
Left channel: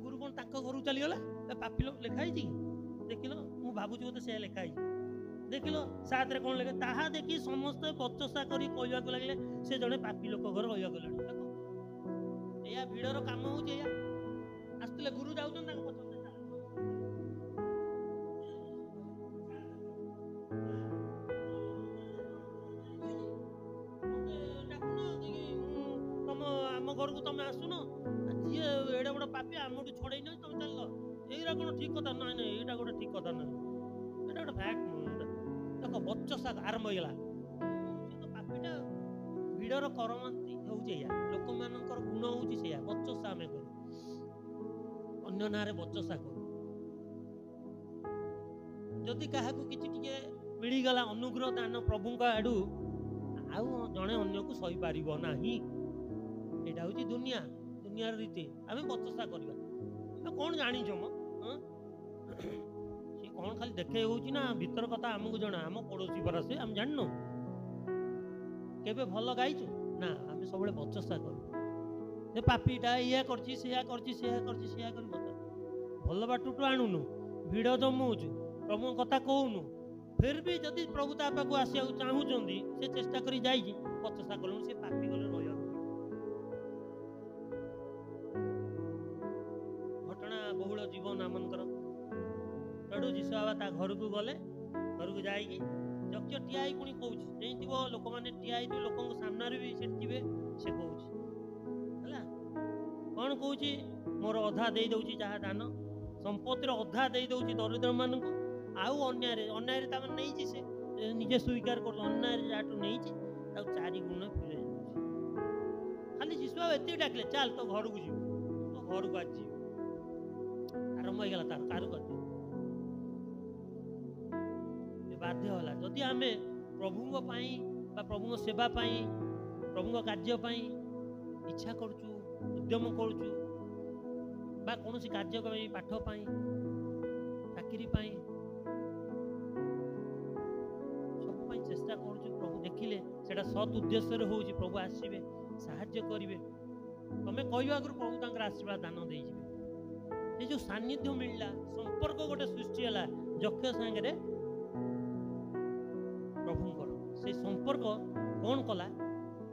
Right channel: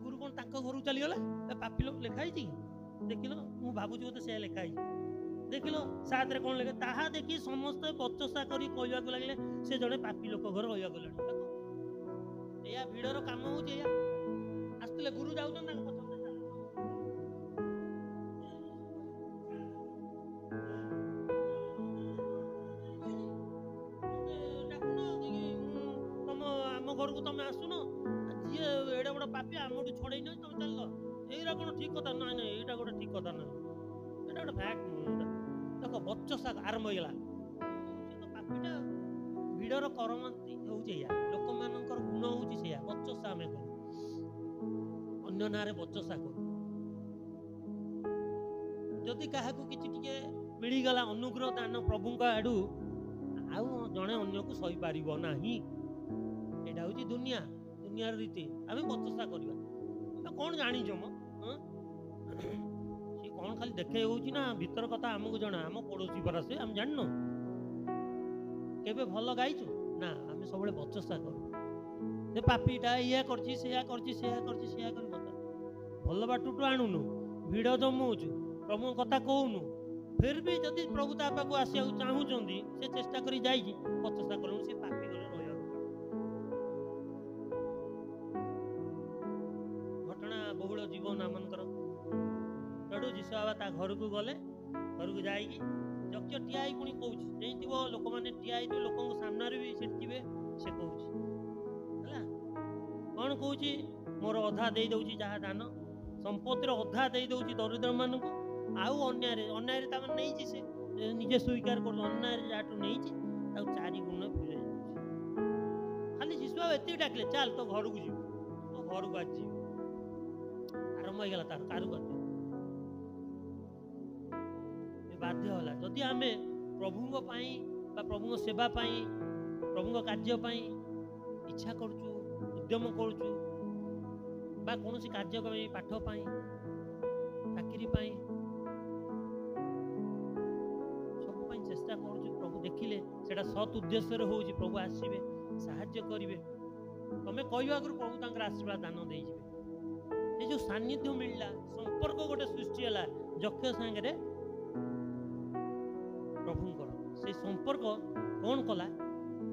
ଗୁରୁ କ'ଣ ତାଙ୍କ ଘରକୁ ଚାଲିଗଲା? ପାପି ଲୋକ ଲେଖା ହେଇଛି କି? ଦେଖିଲ, ମୁଁ ଭାବୁଛି ବୋଧେ ସେ ଲେଖା ହେଇଛି। ଦେଖିଲ 7ରେ କ'ଣ ଲେଖେ? ତାହା ଦେଖି ସମସ୍ତେ ବଚସା କରି କହିବାକୁ ଲାଗିଲେ, ସେ ଜଣେ ପାପି ଲୋକ ଘର ରହିବାକୁ ଗଲାଣି। ଦେଖ, ଏଇଆ ଭିଡ଼ର କାମ ହଉଛି। ଏଇଆ ଆସୁଥିଲେ, ଗୁରୁ ଯାଉଛନ୍ତି, ତାଙ୍କ ପଛ ଆମ ଘରକୁ ତମେ ଆସୁନ। ଯିଏ ଏଡେ ବଡ଼ ପାପି ଆମଠୁ ଛଡ଼େଇ ନେଇ ତମେ ଚାଲିଲ। ଏଇଟା କ'ଣ ଠିକ କଥା? ନାଇଁ ନାଇଁ, ଏଇଟା ଗୋଟେ ଠିକ କଥା ନାହିଁ। ଏଇଟା ଗୋଟେ ଫ୍ୟାକ୍ଟ ନୁହେଁ। ଦେଖ, ବଚସା ଆରମ୍ଭ ହେଇଗଲା। ସେ ତ ପାପିଟା। ଭିଡ଼ର କରମାନ୍ତି ହେଉଛି ଏଇଆ। ଲୋକମାନଙ୍କର ଗୁଣ ହେଉଛି ସେଇଆ, ବଚସା ଆମେ କରୁ, ଅନ୍ୟ ନାଁରେ ବଚସା କରୁ। ଯଦି କାହାକୁ କିଛି ଟିକେ ମିଳିଗଲା ଅନୁଗ୍ରହ ଦାନ ପ୍ରଭୁଙ୍କ ଆଡୁ, ଆଉ ଜଣେ ଅନ୍ୟକୁ ସହିପାରିବ ନାହିଁ। ଏଇଟା ହେଉଛି ଦୁନିଆ। ଦୁନିଆର ରୀତି ଆମେ ବଚସା କରିବା। କଣ ଜାଣିଛ ମ ସିଏ କଣ ଖାଲି ଦେଖେଇ ହଉଛି ନା ଭିତର କଥା ଆମକୁ ଜଣା। ଆମ ପଡୋଶୀ ପରା ସେ, ଆମେ ଜାଣିନୁ? କେବେ ଭଲ ଗାଇଛୁ ନା? ଆମେ ସବୁବେଳେ ବଚସା କରୁ। ସେ ପାପିଟା ଇୟା କରିଛି, ସେୟା କରିଛି, ସେୟା କରିଛି, ସେୟା କରି ଭଲ ବାଟୁଟୁ ଆଣୁନୁ, ଭିଡ଼ ଜମଉଛୁ, ପ୍ରଭୁଙ୍କ କଥା କହୁନୁ। ଫେର ବି ଯଦି ପ୍ରଭୁ ତା ପାଖକୁ ଆସିବାକୁ ଚାହୁଁଛନ୍ତି, ସେ ଚେଷ୍ଟା କରି ଯାଇଛି, ବଚସା କଲୁଣି, ସେ ପାପି ଗଲେ ରହିବାକୁ। ଘଟଣା ବହୁଳ ଜୀବନ ଆମଙ୍କର। ସେଠୁ ଯୀଶୁ ବାବା ତା ଘରକୁ ଗଲେ। ଘରକୁ ଯାଇକି ଯକ୍ଷ ଠିଆ ହେଇ ପୁଣି କହୁଛି, ଯେଇଥିବ ଲୋକମାନେ ଠିଆ ହେଇଥିବେ, ଲୋକଙ୍କ ସାମ୍ନାରେ ବି ସେଠି ଥିବେ, ସେ କହୁଛି ହେଲା। କଣ କହୁଛି? ମୋର ଅଧା ଦେଇ ଦଉଛି ଯାହା ଦାନ, ସମ୍ପତ୍ତିର ଅଧା ଦେଇ ଦଉଛି ଦରିଦ୍ର ମାନଙ୍କୁ। ଆଉ ଅନ୍ୟାୟରେ ତାମାନେ ନେଇଛି, ସେ ନିଜେ ସ୍ୱୀକାର କରୁଛି, ଅନ୍ୟାୟରେ ଯାହାଠୁ ନେଇଛି ତାକୁ 4 ଗୁଣ ଫେରାଇ ଦଉଛି। ଖାଲି ଯୀଶୁ ବାବା ଏତିକି ଡାକିଲେ, ଚାଲ ତୋ ଘରକୁ ଯିବୁ, ତୋ ଘରକୁ ଆଜି ଯିବୁ। ଆରମ୍ଭ ହେଇଗଲା ତାର କାରୁକାର୍ଯ୍ୟ। ବାଧ୍ୟ ହେଲା। ଯଦି ଆମେ ପ୍ରଭୁଙ୍କ ପାଇଁ ବା ପ୍ରଭୁଙ୍କ ସେବା ପାଇଁ, ପ୍ରଭୁଙ୍କ କାର୍ଯ୍ୟ ପାଇଁ ଇଚ୍ଛା କରୁଛୁ, ଉଦ୍ୟମ କରୁଛୁ, ବା କୌଣସି କାର୍ଯ୍ୟ ପାଇଁ, ପାଠ ପାଇଁ, ଚାକିରି ପାଇଁ, ସବୁ ପାଇଁ ଚେଷ୍ଟା କରୁଛୁ, ପ୍ରଭୁ ଦେଖିଲେ ସେଟା ସତ୍ ଉଦ୍ଦେଶ୍ୟରେ ହଉଛି, ପ୍ରଭୁ ଆସିବେ, ସାହାଯ୍ୟ କରିବେ। ତମେ କହିବା ଆଗରୁ ପ୍ରଭୁ ତାଙ୍କର ଆଶୀର୍ବାଦ ଦାନ ଦେଇଯିବେ। ଏ ଯୋଉ ସାନ୍ନିଧ୍ୟ ମିଳିଲା, ସମ୍ପର୍କ ଗୋଟେ ସୃଷ୍ଟି ହେଲା ଯକ୍ଷ ସାଙ୍ଗରେ ପ୍ରଭୁଙ୍କର। ସେଇ ସମ୍ପର୍କ କଣ କଲା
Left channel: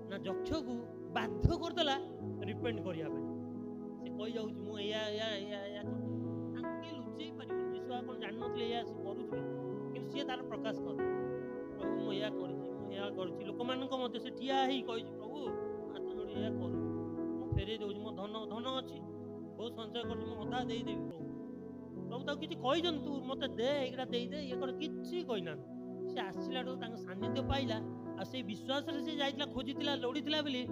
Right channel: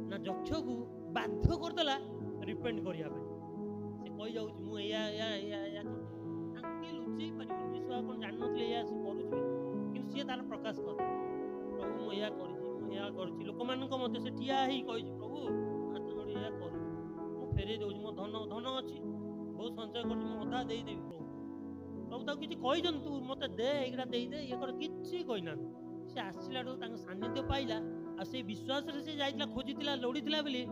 ନା ଯକ୍ଷକୁ ବାଧ୍ୟ କରିଦେଲା ରିପେଣ୍ଟ କରିବା ପାଇଁ। ସେ କହିଯାଉଛି, ମୁଁ ଏଇଆ ତାଙ୍କୁ କିଏ ଲୁଚେଇ ପାରିବନି। ଯୀଶୁ କଣ ଜାଣିନଥିଲେ ଏଇଆ ସେ କରୁଛି? କିନ୍ତୁ ସିଏ ତାର ପ୍ରକାଶ କଲା, ପ୍ରଭୁ ମୁଁ ଏଇଆ କରିଛି, ମୁଁ ଏଇଆ କରିଛି। ଲୋକମାନଙ୍କ ମଧ୍ୟରେ ସେ ଠିଆ ହେଇ କହିଛି, ପ୍ରଭୁ ହାତ ଯୋଡ଼ି ଏଇଆ କରୁଛି, ମୁଁ ଫେରେଇ ଦଉଛି, ମୋ ଧନ ଅଛି, ବହୁତ ସଞ୍ଚୟ କରୁଛି, ମୁଁ ଅଧା ଦେଇଦେବି। ପ୍ରଭୁ ତାକୁ କିଛି କହିଛନ୍ତି, ତୁ ମତେ ଦେ, ଏଇଟା ଦେଇଦେ, ଇଏ କର, କିଛି କହିନାହାନ୍ତି। ସେ ଆସିଲାଠୁ ତାଙ୍କ ସାନ୍ନିଧ୍ୟ ପାଇଲା, ଆଉ ସେଇ ବିଶ୍ୱାସରେ ସେ ଯାଇଥିଲା, ଖୋଜିଥିଲା, ଲୋଡ଼ିଥିଲା ବୋଲି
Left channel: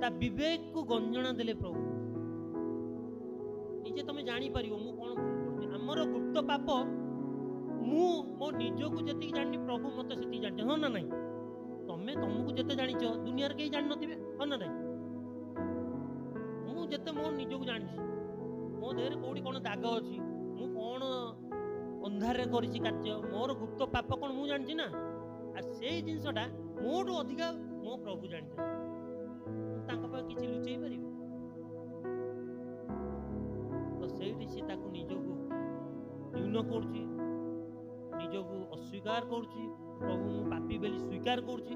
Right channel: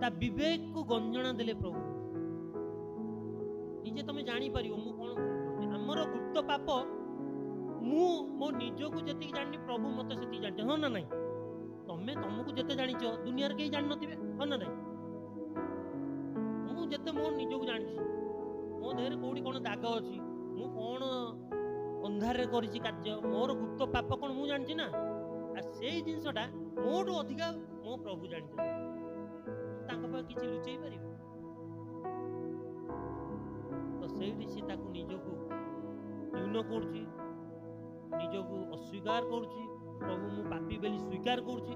ତା ବିବେକକୁ ଗଞ୍ଜଣା ଦେଲେ ପ୍ରଭୁ। ନିଜେ ତମେ ଜାଣିପାରିବ ମୁଁ କଣ ଭୁଲ କରୁଛି। ଆମର ଗୁପ୍ତ ପାପ, ମୁଁ ମୋ ନିଜକୁ ଯେତିକି ଜାଣିନି, ପ୍ରଭୁ ମତେ ସେତିକି ଜାଣିଛ, ହଁ ନା ନାଇଁ? ତମେ ତମକୁ ଯେତେ ଜାଣିଛ, ଦୁନିଆରେ କେହି ଜାଣିନଥିବେ, ହଁ ନା ନାଇଁ? ମୁଁ ଯେତେ ମୋ ନିଜକୁ ଜାଣିଛି, ମୋ ଦେହରେ କୋଉଠି କଣ ଦାଗ ଅଛି, ମୁଁ କଣ ଅନ୍ଧାରରେ କରିଛି କାର୍ଯ୍ୟ, ମୋର ଗୁପ୍ତ ପାପ କଣ ମୁଁ ଜାଣିଛି ନା। ଆଉ ସେଇ ଜିନିଷଟା ମୋଠୁ ଅଧିକା ମୋ ପ୍ରଭୁ ଜାଣିଛନ୍ତି। ତାଙ୍କ ପାଖରେ କିଛି ଲୁଚେଇ ପାରିବି? ତ ସେଇଠି ସେ ତାକୁ ନିଜକୁ ନ୍ୟୁନ କରୁଛି, ନିଜକୁ ଅସ୍ୱୀକାର କରୁଛି। ପ୍ରଭୁ ମୁଁ ପାପି ବୋଲି ସ୍ୱୀକାର କରୁଛି।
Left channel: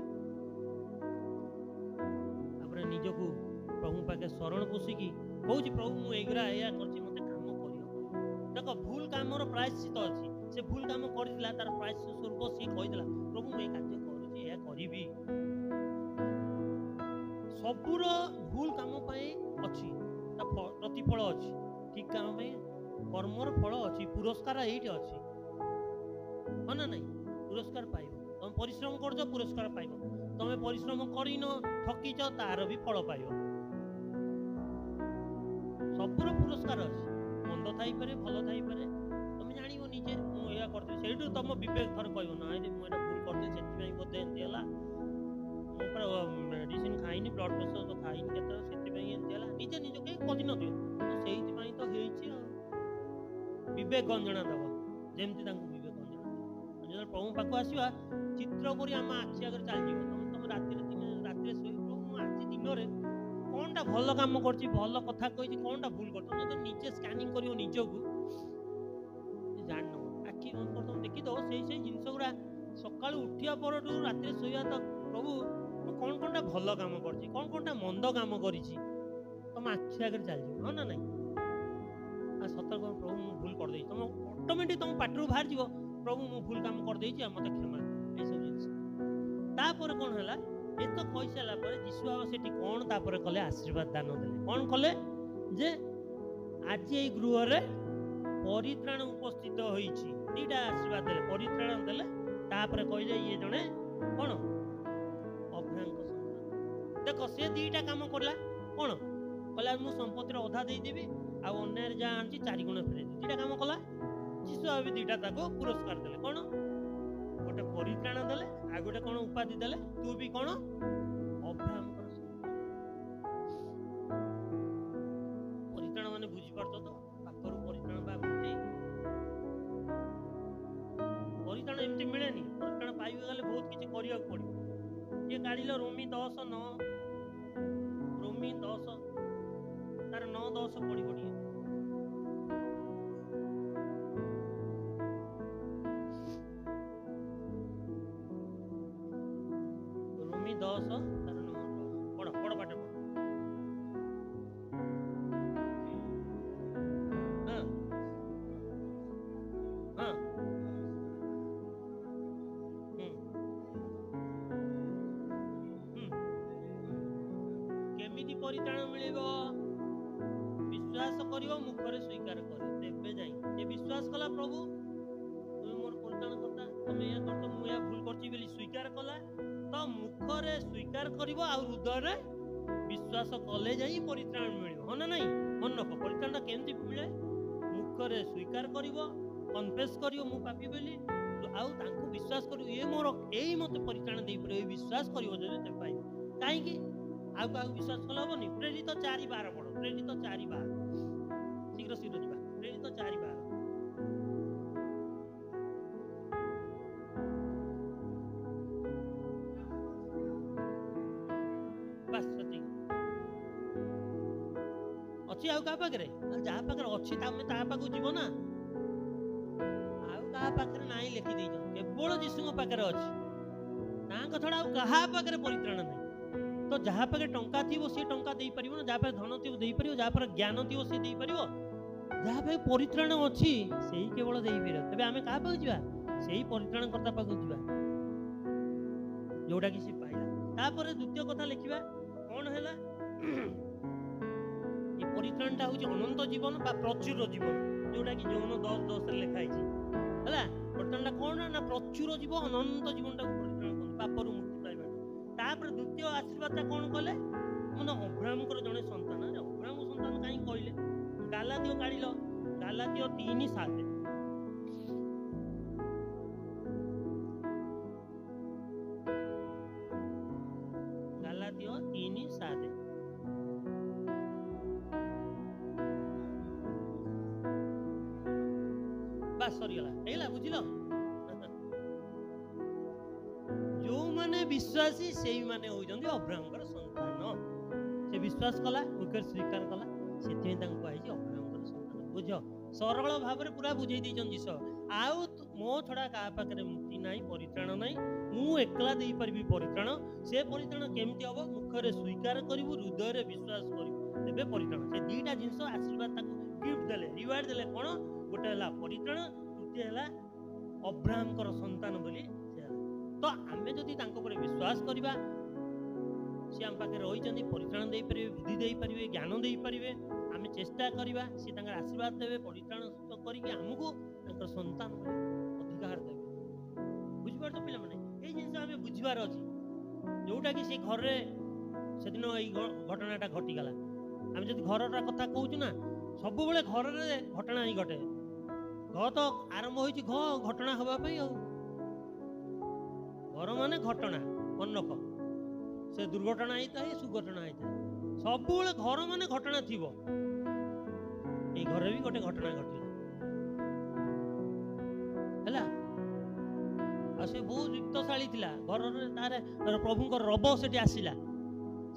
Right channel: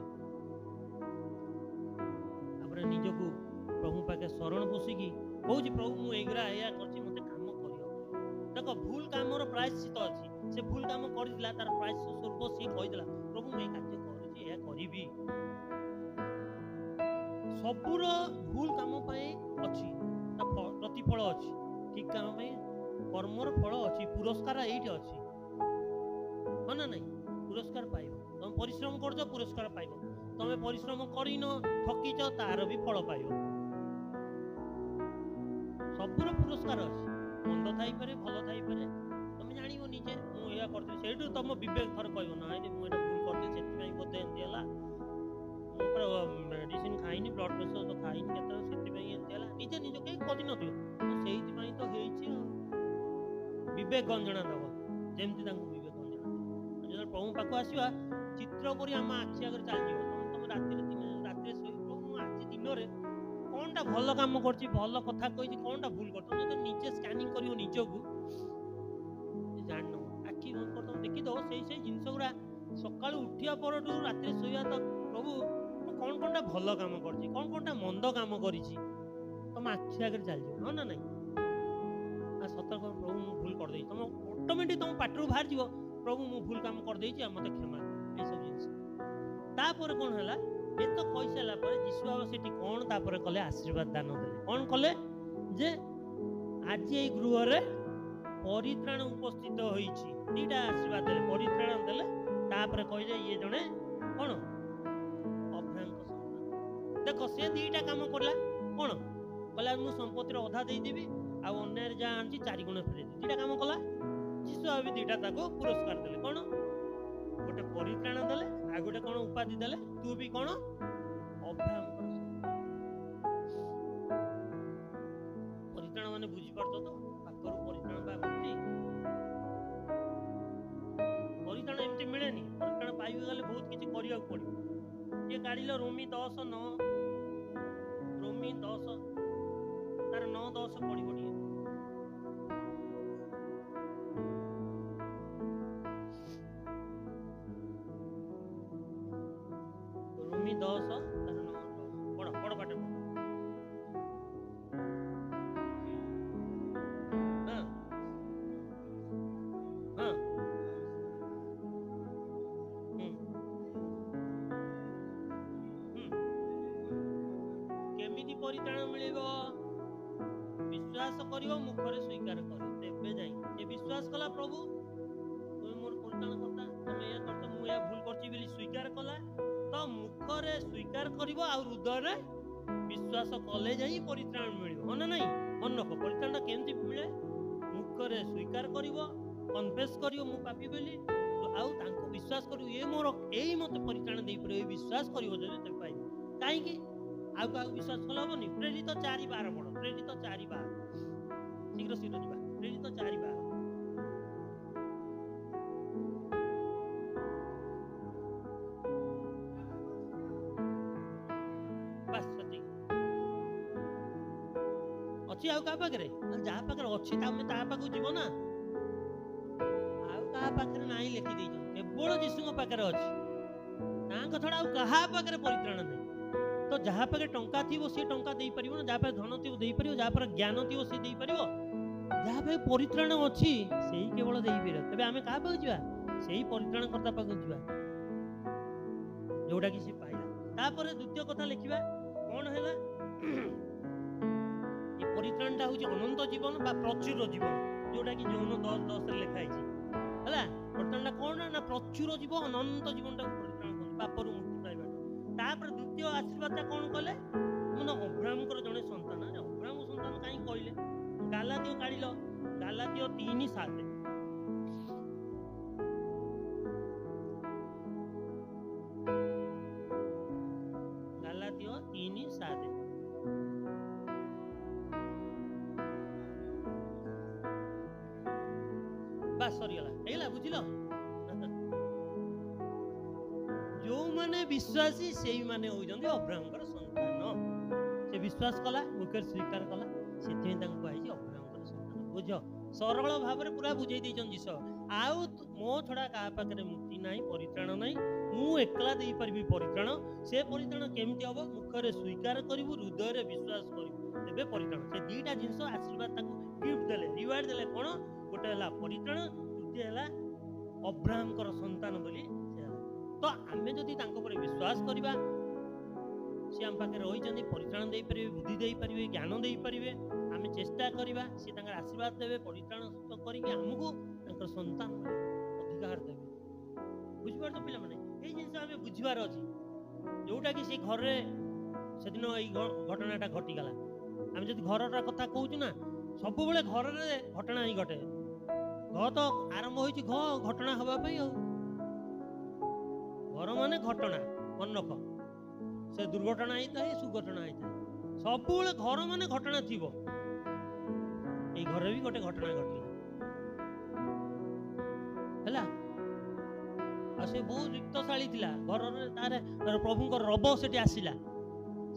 ତାପରେ ନିଜକୁ ପ୍ରଭୁ ପାଖେ ଶରଣ ପୋଷିକି କହୁଛି, ପ୍ରଭୁ ମୁଁ ଏଇଗୁରା ଏଇଆ କରିଛି, ମତେ କାମ କରିବାକୁ। ଦେଖ, ଭୁଲ କାମର ପ୍ରାୟଶ୍ଚିତ ଅଛି। ସେ ଭୁଲ କାମ କରିଥିଲା, ତାର ପ୍ରାୟଶ୍ଚିତ ସ୍ୱରୂପ ସିଏ କହିଥିଲା, ପ୍ରଭୁ ମୁଁ ଏଇ କାର୍ଯ୍ୟ କରୁଛି, ଏହା କରିବି। ସବୁର ଭୁଲ କାମ ପାଇଁ ଅଛି ତା ପ୍ରତିଫଳ ଅଛି, ଠିକ କାମ ପାଇଁ କର୍ମର ଫଳ ଅଛି, ପୁରସ୍କାର ଏଇଠି ଅଛି, ହଁ ନା ନାଇଁ? ପୁରସ୍କାର ପାଇବ। ତମେ ପରିଶ୍ରମ କରୁଛ, ପୁରସ୍କାର ପାଇବ। ତମେ ପରିଶ୍ରମ କରିନ, ଠକିଛ, ତାର ବି ଫଳ ପାଇବ। ସବୁର ପୁରସ୍କାର ଅଛି। ମନ୍ଦ ଥାଇପାରେ, ଭଲ ଥାଇପାରେ, ତମେ ଜାଣିବ ନିଜେ, ମୁଁ ଏଇଆ କରିଥିଲି। ସେଇଠୁ ତମ ବିବେକ ଥରେ କହିବ, ନା ମୁଁ ଏଇଟା ଭୁଲ କରିଥିଲି, ସେଥିପାଇଁ ବୋଧେ ଏମିତି ହେଲା, ମୁଁ ପୁରା ମେଡିସିନ ଖାଇନି, ବ୍ଲଡ ପ୍ରେସର ଖାଇନି କେତେବେଳେ, ସେଥିପାଇଁ ଏମିତି ହେଲା। ନିଜେ ନିଜ କେହି କହିନଥିବ, ସେଇଥିପାଇଁ ତ ହେଇଛି ଆଉ। ବିବେକ ଗଞ୍ଜଣା ଦବ, ଯେମିତି ତାଙ୍କୁ ବିବେକ ଗଞ୍ଜଣା ଦବ। ଯେତେବେଳେ ପ୍ରଭୁ ପାଖକୁ ଆସିବା, ଚିତ୍ର ପରି ଆମ ଆଖି ଆଗରେ ଚାଲିଯିବ। ତମେ ରାତିରେ ଶୋଇ, ପ୍ରଭୁ ମୁଁ ଆଜି ଦିନରେ କଣଟା ଭଲ କାମ କରିଛି, ଭଲ କଥା କହିଛି, କଣଟା ଭୁଲ କରିଛି, ତମେ ଯଦି ନିଜେ ସ୍କାନିଂ କରିବ ନିଜକୁ, ଜାଣିନବ। ଆଖି ବନ୍ଦ କରି ତମେ ଦେଖିଦବ, ସେଇ ଜିନିଷ ଗୁଡା ସକାଳୁ ଉଠିବା ପରଠୁ ରାତିରେ ଶୋଇବା ତକ, ପ୍ରଭୁ ମୁଁ କଣଟା ଭଲ କାମ କରିଛି, କଣଟା ମନ୍ଦ କାମ କରିଛି, ତମ ଆଖି ଆଗରେ ଚାଲିଯିବ, ହଁ ନା ନାଇଁ? ଆଉ ସତର୍କ, ପ୍ରଭୁ ମୁଁ ଭୁଲ କରିଦେଇଛି। ତମ ଅଟୋମେଟିକ ତମ ପାଟିରୁ ବାହାରିଯିବ, ପ୍ରଭୁ ମୁଁ ଭୁଲ କାମ କରିଦେଇଛି, ଆଉ ମତେ କ୍ଷମା କର, ଏଇସବୁ ଜିନିଷ। ତାପରେ କଣ ହେଲା, ଏତ କହିସାରିଲା ପରେ ଯୀଶୁ ବାବା ସେଠି କଣ ତାପରେ କଲେ, ଆଶୀର୍ବାଦ ଦାନ ଦେଲେ। କଣ କଲେ? ଯେ ଆଜି ଏଇ ଗୃହରେ ପରିତ୍ରାଣ ଉପସ୍ଥିତ ହୋଇଛି। ଦିଟା ଆଶୀର୍ବାଦ ଦେଲେ, ପରିତ୍ରାଣ ଦେଲେ, ତାପରେ କହିଲେ ଇଏ ଜଣେ କଣ? ଅବ୍ରାହ୍ମଙ୍କ ସନ୍ତାନ। ଦେଖ, ସେ ଦିଟା କାମ କଲା। କଣ କହିଲା? ମୁଁ ସମ୍ପତ୍ତିର ଅଧା ଦେଇଦେବି, ଆଉ ଅନ୍ୟାୟରେ ଯାହା ଆଣିଛି 4 ଗୁଣ ଫେରେଇଦେବି। ଦିଟା କାମ କଲା। ଯୀଶୁ ବାବା ଦିଟା ତାକୁ ପୁରସ୍କାର ଦେଲେ। କଣ? ଗୋଟେ ପରିତ୍ରାଣ ଦେଲେ, ଆଉ ଗୋଟେ କଣ ଉପାଧି ଦେଲେ, ତୁ ବି କଣ? ଅବ୍ରାହ୍ମଙ୍କର ସନ୍ତାନ। ମାନେ ବୁଝିପାରୁଛ ତ? ପାପରୁ ପରିତ୍ରାଣ ବା ମୁକ୍ତି। ପରିତ୍ରାଣ ଏମିତି ମିଳେନି। ପରିତ୍ରାଣ ପାଇବାକୁ ଗଲେ ବହୁତ କିଛି କରିବାକୁ ପଡ଼ିବ। କିଏ କାଢ଼ିଲ ରୋମୀ 10:9, ରୋମୀ 10 ତାର 9-10 ପଡ଼ିବ ଟିକେ। ରୋମୀ 10 ତାର 9-10 ପଢ଼ ପାଠ ପଢ଼। ହଁ ହଁ କେମିତି ପରିତ୍ରାଣ ମିଳିବ? ବିଶ୍ୱାସ କରିବ, ମୁଖରେ ସ୍ୱୀକାର କରିବ, ତେବେ ଯାଇ। ସେ ବିଶ୍ୱାସ କଲା ପ୍ରଭୁ ତୁମେ ମୋର ପରିତ୍ରାଣ କର୍ତ୍ତା, ତମେ ଏହା କରୁଛ, ମୁଁ ଏହା ଭୁଲ କରିଛି ବୋଲି ସ୍ୱୀକାର କଲା, ତ ମୁଖରେ ସ୍ୱୀକାର କରିବ ଆଉ ହୃଦୟରେ ବିଶ୍ୱାସ କଲେ ଯାଇ ପରିତ୍ରାଣ ମିଳିବ। ହଁ ନା ନାଇଁ? ମନେ ରଖ, ପରିତ୍ରାଣଟା କେମିତି ମିଳେ? ମୁଖରେ ସ୍ୱୀକାର କରିବ, କନଫେସ୍ କରିବ ମୁଁ ପାପୀ ବୋଲି, ଆଉ ତାଙ୍କୁ ବିଶ୍ୱାସ କରିବ ଇଏ ମୋର ଏଇ ମତେ ପରିତ୍ରାଣ ଦେଇପାରିବ, ଏଇ ବିଶ୍ୱାସ କରିବ ଯଦି ତେବେ ପାଇବ। କାହିଁକି? ଆଉ କାହାକୁ ବିଶ୍ୱାସ କଲେ ହବନି? ପ୍ରେରିତ 4:12 ପଢ଼। ପ୍ରେରିତ 4:12 ଶୀଘ୍ର ଶୀଘ୍ର ଯିବା। ପ୍ରେରିତ 4:12 ବାସ୍ ସେତିକି ଅଛି। ଆଉ କାହା ପାଖରେ? ଯାହା ପାଖରେ ଅଛି ତମେ ତା ପାଖକୁ ଯିବ ନା। ଆଉ କାହା ପାଖରେ ନାହିଁ ଲେଖି ଦେଇଛନ୍ତି, କେବଳ ଯୀଶୁଙ୍କ ପାଖରେ ଅଛି। ତାଙ୍କ ଛଡ଼ା ଆଉ କାହା ପାଖରେ ପରିତ୍ରାଣ ନାହିଁ। ତ ଯାହା ପାଖରେ ଟଙ୍କା ଥିବ ସିଏ ଟଙ୍କା ଦେଇପାରିବ ନା, ଯାହା ପାଖରେ ଧନ ଥିବ ଦେଇପାରିବ, ଯାହା ପାଖରେ ଜ୍ଞାନ ଥିବ ସିଏ ଦେଇପାରିବ, ଯାହା ପାଖରେ ପରିତ୍ରାଣ ଅଛି ସେଇ କେବଳ ଦେଇପାରିବ। ତେବେ ଆମେ କାହା ପାଖକୁ ଯିବା? ସେଇ ପରିତ୍ରାଣ କର୍ତ୍ତା ପାଖକୁ ଯିବା, ଯୋଉଟା କି ସେ ପାଇଲା। ତାପରେ ଦ୍ୱିତୀୟ କଥା ଲେଖିବା କ'ଣ ହେଲା? ଏ ପରିତ୍ରାଣଟା ହେଉଛି ଅନନ୍ତ ଜୀବନ ବା ପ୍ରଚୁର ଜୀବନ, ଯୋଉଟା କି ଯୌନ 10:10 ଲେଖା ହେଇଛି ହେଲା। ପରିତ୍ରାଣଟା କ'ଣ ନା ପ୍ରଚୁର ଜୀବନ, ଅନନ୍ତ ଜୀବନଟାକୁ ପରିତ୍ରାଣ କଲେ, ପାପରୁ ମୁକ୍ତି ପାଇବାଟା। ତାପରେ ଦ୍ୱିତୀୟ ଆଶୀର୍ବାଦଟା କ'ଣ କଲେ? ମାନେ ଅବ୍ରାହ୍ମଙ୍କର ଜଣେ ସନ୍ତାନ। ଆରେ ଅବ୍ରାହ୍ମ ସନ୍ତାନ କାହିଁକି କହିଲେ? ଗାଲାତୀୟ କାଢ଼ିଲ, ଗାଲାତୀୟ 3:7 ଗାଲାତୀୟ 3:7 ବାସ୍ ସରିଗଲା, ହେଇଗଲା, ବୁଝିଲ? ଯୋଉମାନେ ବିଶ୍ୱାସୀ ସେଇମାନେ ହଉଛନ୍ତି ଅବ୍ରାହ୍ମଙ୍କର ସନ୍ତାନ। ସେ ବିଶ୍ୱାସ କଲା, ମୁଖରେ ସ୍ୱୀକାର କଲା, ସେଥିପାଇଁ ତାଙ୍କୁ କୁହାଯାଇଛି ଅବ୍ରାହ୍ମଙ୍କର ସନ୍ତାନ। ବୁଝ, ସରଳ ଭାବରେ ପୁରା ବୁଝେଇ ଦେଇଛନ୍ତି ଯୀଶୁ। ଆଉ ମୋ ଛଡ଼ା କାହା ପାଖରେ ମୁକ୍ତି ନାହିଁ, ପରିତ୍ରାଣ ନାହିଁ, ମୁଁ ଏକଲା ଦେଇପାରିବି ପରିତ୍ରାଣ। ସେ ପରିତ୍ରାଣ କେମିତି ହବ? ମୁଖରେ ସ୍ୱୀକାର କରିବୁ, ହୃଦୟରେ ବିଶ୍ୱାସ କରିବୁ, ତେବେ ପରିତ୍ରାଣ। ସେ ଦିଟା ଜିନିଷ ଆଶୀର୍ବାଦ ତାକୁ ଗିଫ୍ଟ ଦେଲେ, ରିୱାର୍ଡ ଦେଲେ। କ'ଣ? ଗୋଟେ ହେଲା ପରିତ୍ରାଣ, ତୃତୀୟ ହେଲା ଅବ୍ରାହ୍ମଙ୍କର ସନ୍ତାନ ବୋଲି ସେ ହେଲା। ତ ଆମେ ଯଦି ତାଙ୍କ ଉପରେ ବିଶ୍ୱାସ କରିବା, ସେ ଆମ ପାଖରେ ରହିଛନ୍ତି, ପରିତ୍ରାଣ ଦେଇପାରିବେ, ବୁଦ୍ଧି ଦେଇପାରିବେ, ଜ୍ଞାନ ଦେଇପାରିବେ। ଆମେ ଚେଷ୍ଟା କରିବା, ସେ ତାଙ୍କର ଆଶୀର୍ବାଦ ଦେବେ, ପରିତ୍ରାଣ କରିକି ଆମକୁ ତାଙ୍କର ସନ୍ତାନ ବୋଲି ଅଧିକାର ଦେବେ। ବୁଝିପାରୁଛ ପିଲାମାନେ? ଏଇ ଜିନିଷ ଆମେ ବୁଝିବାର ଅଛି, ଯୋଉଟାକି ସେ ଘରେ ସେଦିନ ଏଇ ଘଟଣାଟା ଘଟିଗଲା। ଆମେ ଯଦି ଘରଟା କଥା କହୁଛୁ ନା, ସବୁବେଳେ ଘରରେ ଘଟଣା ହିଁ ଘଟେ। ଘ ତ ଆରମ୍ଭ ହୋଇଛି ଘଟଣା ହେବା ପାଇଁ। ଆଉ ଘର ମାନେ ଘଟଣା, ମନେ ରଖ। ସେ ଦୁର୍ଘଟଣା ହେଇଥାଏ, ସୁଘଟଣା ହେଇଥାଏ, ସବୁବେଳେ ଘର ମାନେ ଘଟଣା ଥିବ। ଏଇ ଘରେ ବି ଗୋଟେ ଘଟଣା ଘଟିଲା ହେଲା। ଆଉ ସେ ବହୁତ ରିକ୍ତଶାଳୀ ଥିଲା। ଘରରେ ତାର ପ୍ରଭୁଙ୍କ ରବ ସେଠି ଆସିଲା,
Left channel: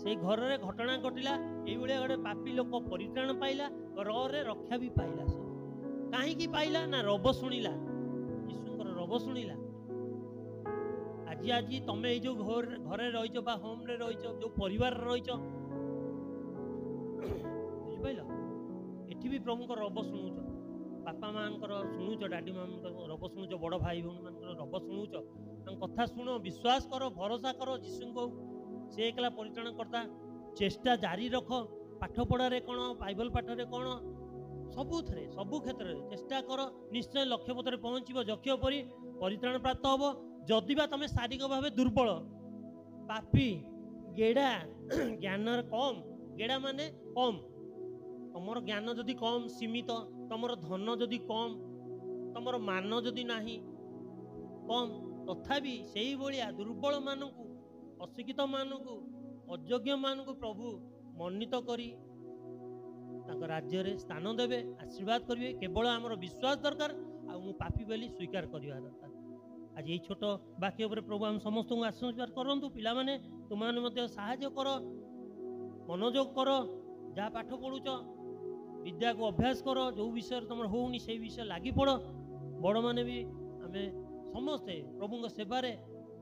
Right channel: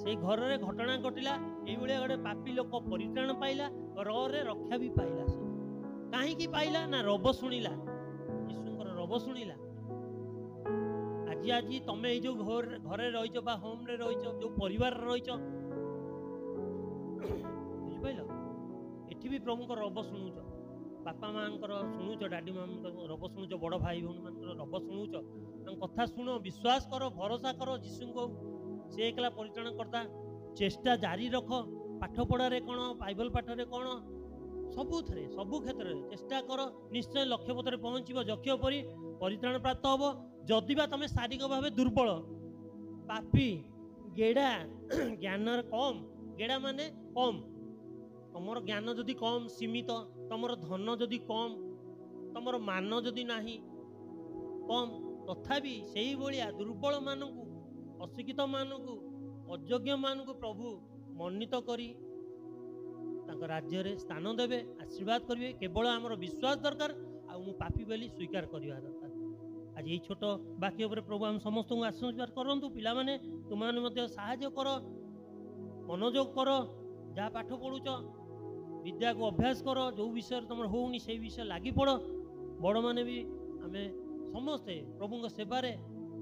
ସେଇ ଘରରେ ଘଟଣା ଘଟିଲା। ଏଇଭଳିଆ ଗୋଟେ ପାପୀ ଲୋକ ପରିତ୍ରାଣ ପାଇଲା, ରରେ ରକ୍ଷା ବି ପାଇଲା। ସେ କାହିଁକି ପାଇଲା ନା ରବ ଶୁଣିଲା, ଯୀଶୁଙ୍କର ରବ ଶୁଣିଲା। ଆଜି ତମେ ଏଇ ଯୋଉ ଘରେ ରହିଛ ବା ହୋମରେ ରହିଛ, ଯୋଉ ପରିବାରରେ ରହିଛ, ବୁଝିପାରିଲ? ଏଠି ବି ପ୍ରଭୁଙ୍କ ରବ ଶୁଣୁଛ, ବାପା ମାଙ୍କର ଶୁଣୁଛ, ଡାଡି ମାମାଙ୍କର ରବ ଶୁଣୁଛ, ବଡ ଭାଇ ଭଉଣୀ ମାନଙ୍କର ରବ ଶୁଣୁଛ। ତାଙ୍କ କଥା ଶୁଣ, ବିଶ୍ୱାସ କର, ଭରସା କର ଯୀଶୁଙ୍କୁ। ସେ ଏକଲା ପରିତ୍ରାଣ କର୍ତ୍ତା। ଚେଷ୍ଟା ଜାରି ରଖ, ପାଠ ପଢାରେ କ'ଣ, ବାଇବଲ ପାଠରେ କ'ଣ, ସବୁଥିରେ, ସବୁ କ୍ଷେତ୍ରରେ ଚେଷ୍ଟା କର। ନିଶ୍ଚୟ ଲକ୍ଷ୍ୟ ପଥରେ ପହଞ୍ଚିବ, ଯକ୍ଷ ପରି ପରିତ୍ରାଣ ପ୍ରାପ୍ତ ହବ। ଯଦିବା ତମେ ଶାରୀରିକ ଭାବେ ଦୁର୍ବଳ, ପାପୀ, ଗେଡା, ଜ୍ଞାନର କମ୍, ଗେଡା ମାନେ କମ୍, ତମର ଜ୍ଞାନ ଯଦି କମ୍, ସୀମିତ, ତମର ଧନ ଯଦି କମ୍, ତମର ମାନ ଯଦି ନାହିଁ, କମ୍, ତଥାପି ସେଇଭଳିଆ ଦୁର୍ବଳ ମାନଙ୍କୁ, ଅଶିକ୍ଷିତ ମାନଙ୍କୁ, ଅଯୋଗ୍ୟ ମାନଙ୍କୁ ପ୍ରଭୁ ମନୋନୀତ କରି ତାଙ୍କ ରାଜ୍ୟରେ ସ୍ଥାନ ଦେବେ, ଆଶୀର୍ବାଦ କରିବେ। କେବଳ ଆମର ବିଶ୍ୱାସ ଦରକାର, ଆଉ ମୁଁ ପାପୀ ବୋଲି ସ୍ୱୀକାର କରିବା ଦରକାର। ଆଜି ଏଇ ଛୋଟ ବାକ୍ୟ ଉପରେ ପ୍ରଭୁ ଆମେ ସମସ୍ତଙ୍କୁ ଆଶୀର୍ବାଦ କରନ୍ତୁ। ପିଲାମାନେ ତୁମମାନେ ମଧ୍ୟ ସାହାଯ୍ୟ କର, ମନୋଯୋଗ କର, ଯାହା ପାଠ ପଢୁଛ ବିଦ୍ୟାକୁ ଅଭ୍ୟାସ କର, ଯେଉଁ ବିଷୟରେ ତୁମର ହେଉନି ସେଇ ବିଷୟ ଲାଗି ପଡ଼। ବଡ଼ମାନେ ବି ଆମେ ସମସ୍ତେ ପ୍ରଭୁଙ୍କ ସେବାରେ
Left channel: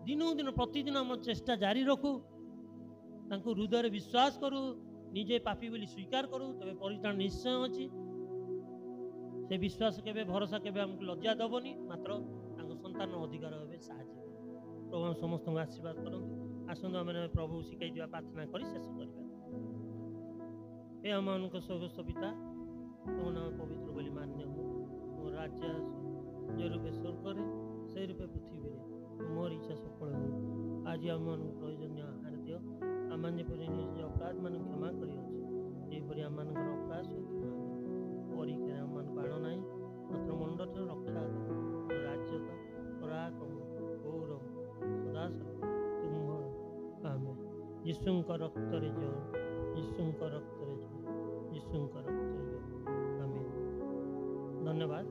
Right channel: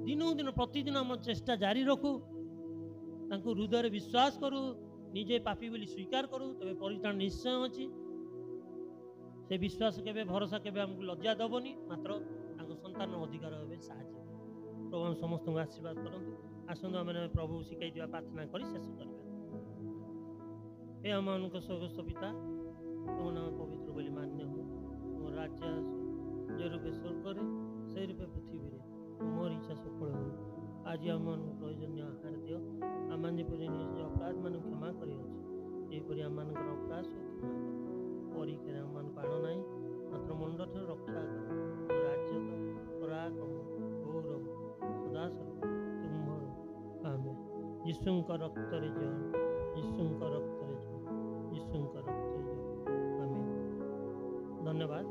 ଦିନକୁ ଦିନ ପ୍ରତିଦିନ ଆମ ଚେଷ୍ଟା ଜାରି ରଖୁ, ତାଙ୍କୁ ହୃଦୟରେ ବିଶ୍ୱାସ କରୁ, ନିଜେ ପାପୀ ବୋଲି ସ୍ୱୀକାର କରୁ, ତେବେ ପରିତ୍ରାଣ ନିଶ୍ଚୟ ଅଛି। ସେ ବିଶ୍ୱାସ କେବେ ଭରସା କେବେ ଆମକୁ ଲଜ୍ଜା ଦେବନି, ମାତ୍ର ତାଙ୍କ ସନ୍ତାନ ଅଧିକାର ହେବେ ସାହାଯ୍ୟ କରିବେ। ପ୍ରଭୁ ଆମେ ସମସ୍ତଙ୍କୁ ଆଶୀର୍ବାଦ କରନ୍ତୁ। ଆସନ୍ତୁ ଆମେ ପ୍ରଭୁ ଶିଖାଇଥିବା ପ୍ରାର୍ଥନା କରି ଶେଷ କରିବା। हे ଆମମାନଙ୍କ ସ୍ୱର୍ଗସ୍ଥ ପିତା, ତୁମ ନାମ ପବିତ୍ର ବୋଲି ମାନ୍ୟ ହଉ, ତୁମ ରାଜ୍ୟ ଆସୁ, ଯେ ରୂପେ ସ୍ୱର୍ଗରେ ସେହି ରୂପେ ପୃଥିବୀରେ ତୁମର ଇଚ୍ଛା ସଫଳ ହଉ। ଆଜି ଆମମାନଙ୍କୁ ପ୍ରয়োଜନୀୟ ଆହାର ଦିଅ, ଆମମାନେ ଯେପରି ନିଜ ଅପରାଧମାନଙ୍କୁ କ୍ଷମା କରିଅଛୁ, ସେହିପରି ଆମମାନଙ୍କର ଅପରାଧକୁ କ୍ଷମା କର। ପରୀକ୍ଷାରେ ଆମମାନଙ୍କୁ ଆଣ ନାହିଁ, ମାତ୍ର ମଣ୍ଡଠାରୁ ରକ୍ଷା କର। ରାଜ୍ୟ ତ ପରାକ୍ରମ ଗୌରବ ସଦାସର୍ବଦା ତୁମର। ଆମେ ଯୀଶୁଙ୍କ ରକ୍ତରେ ଜୟ, ଯୀଶୁଙ୍କ ରକ୍ତରେ ଜୟ, ଯୀଶୁଙ୍କ ରକ୍ତରେ ଜୟ। ଆମେନ୍। ଧନ୍ୟବାଦ।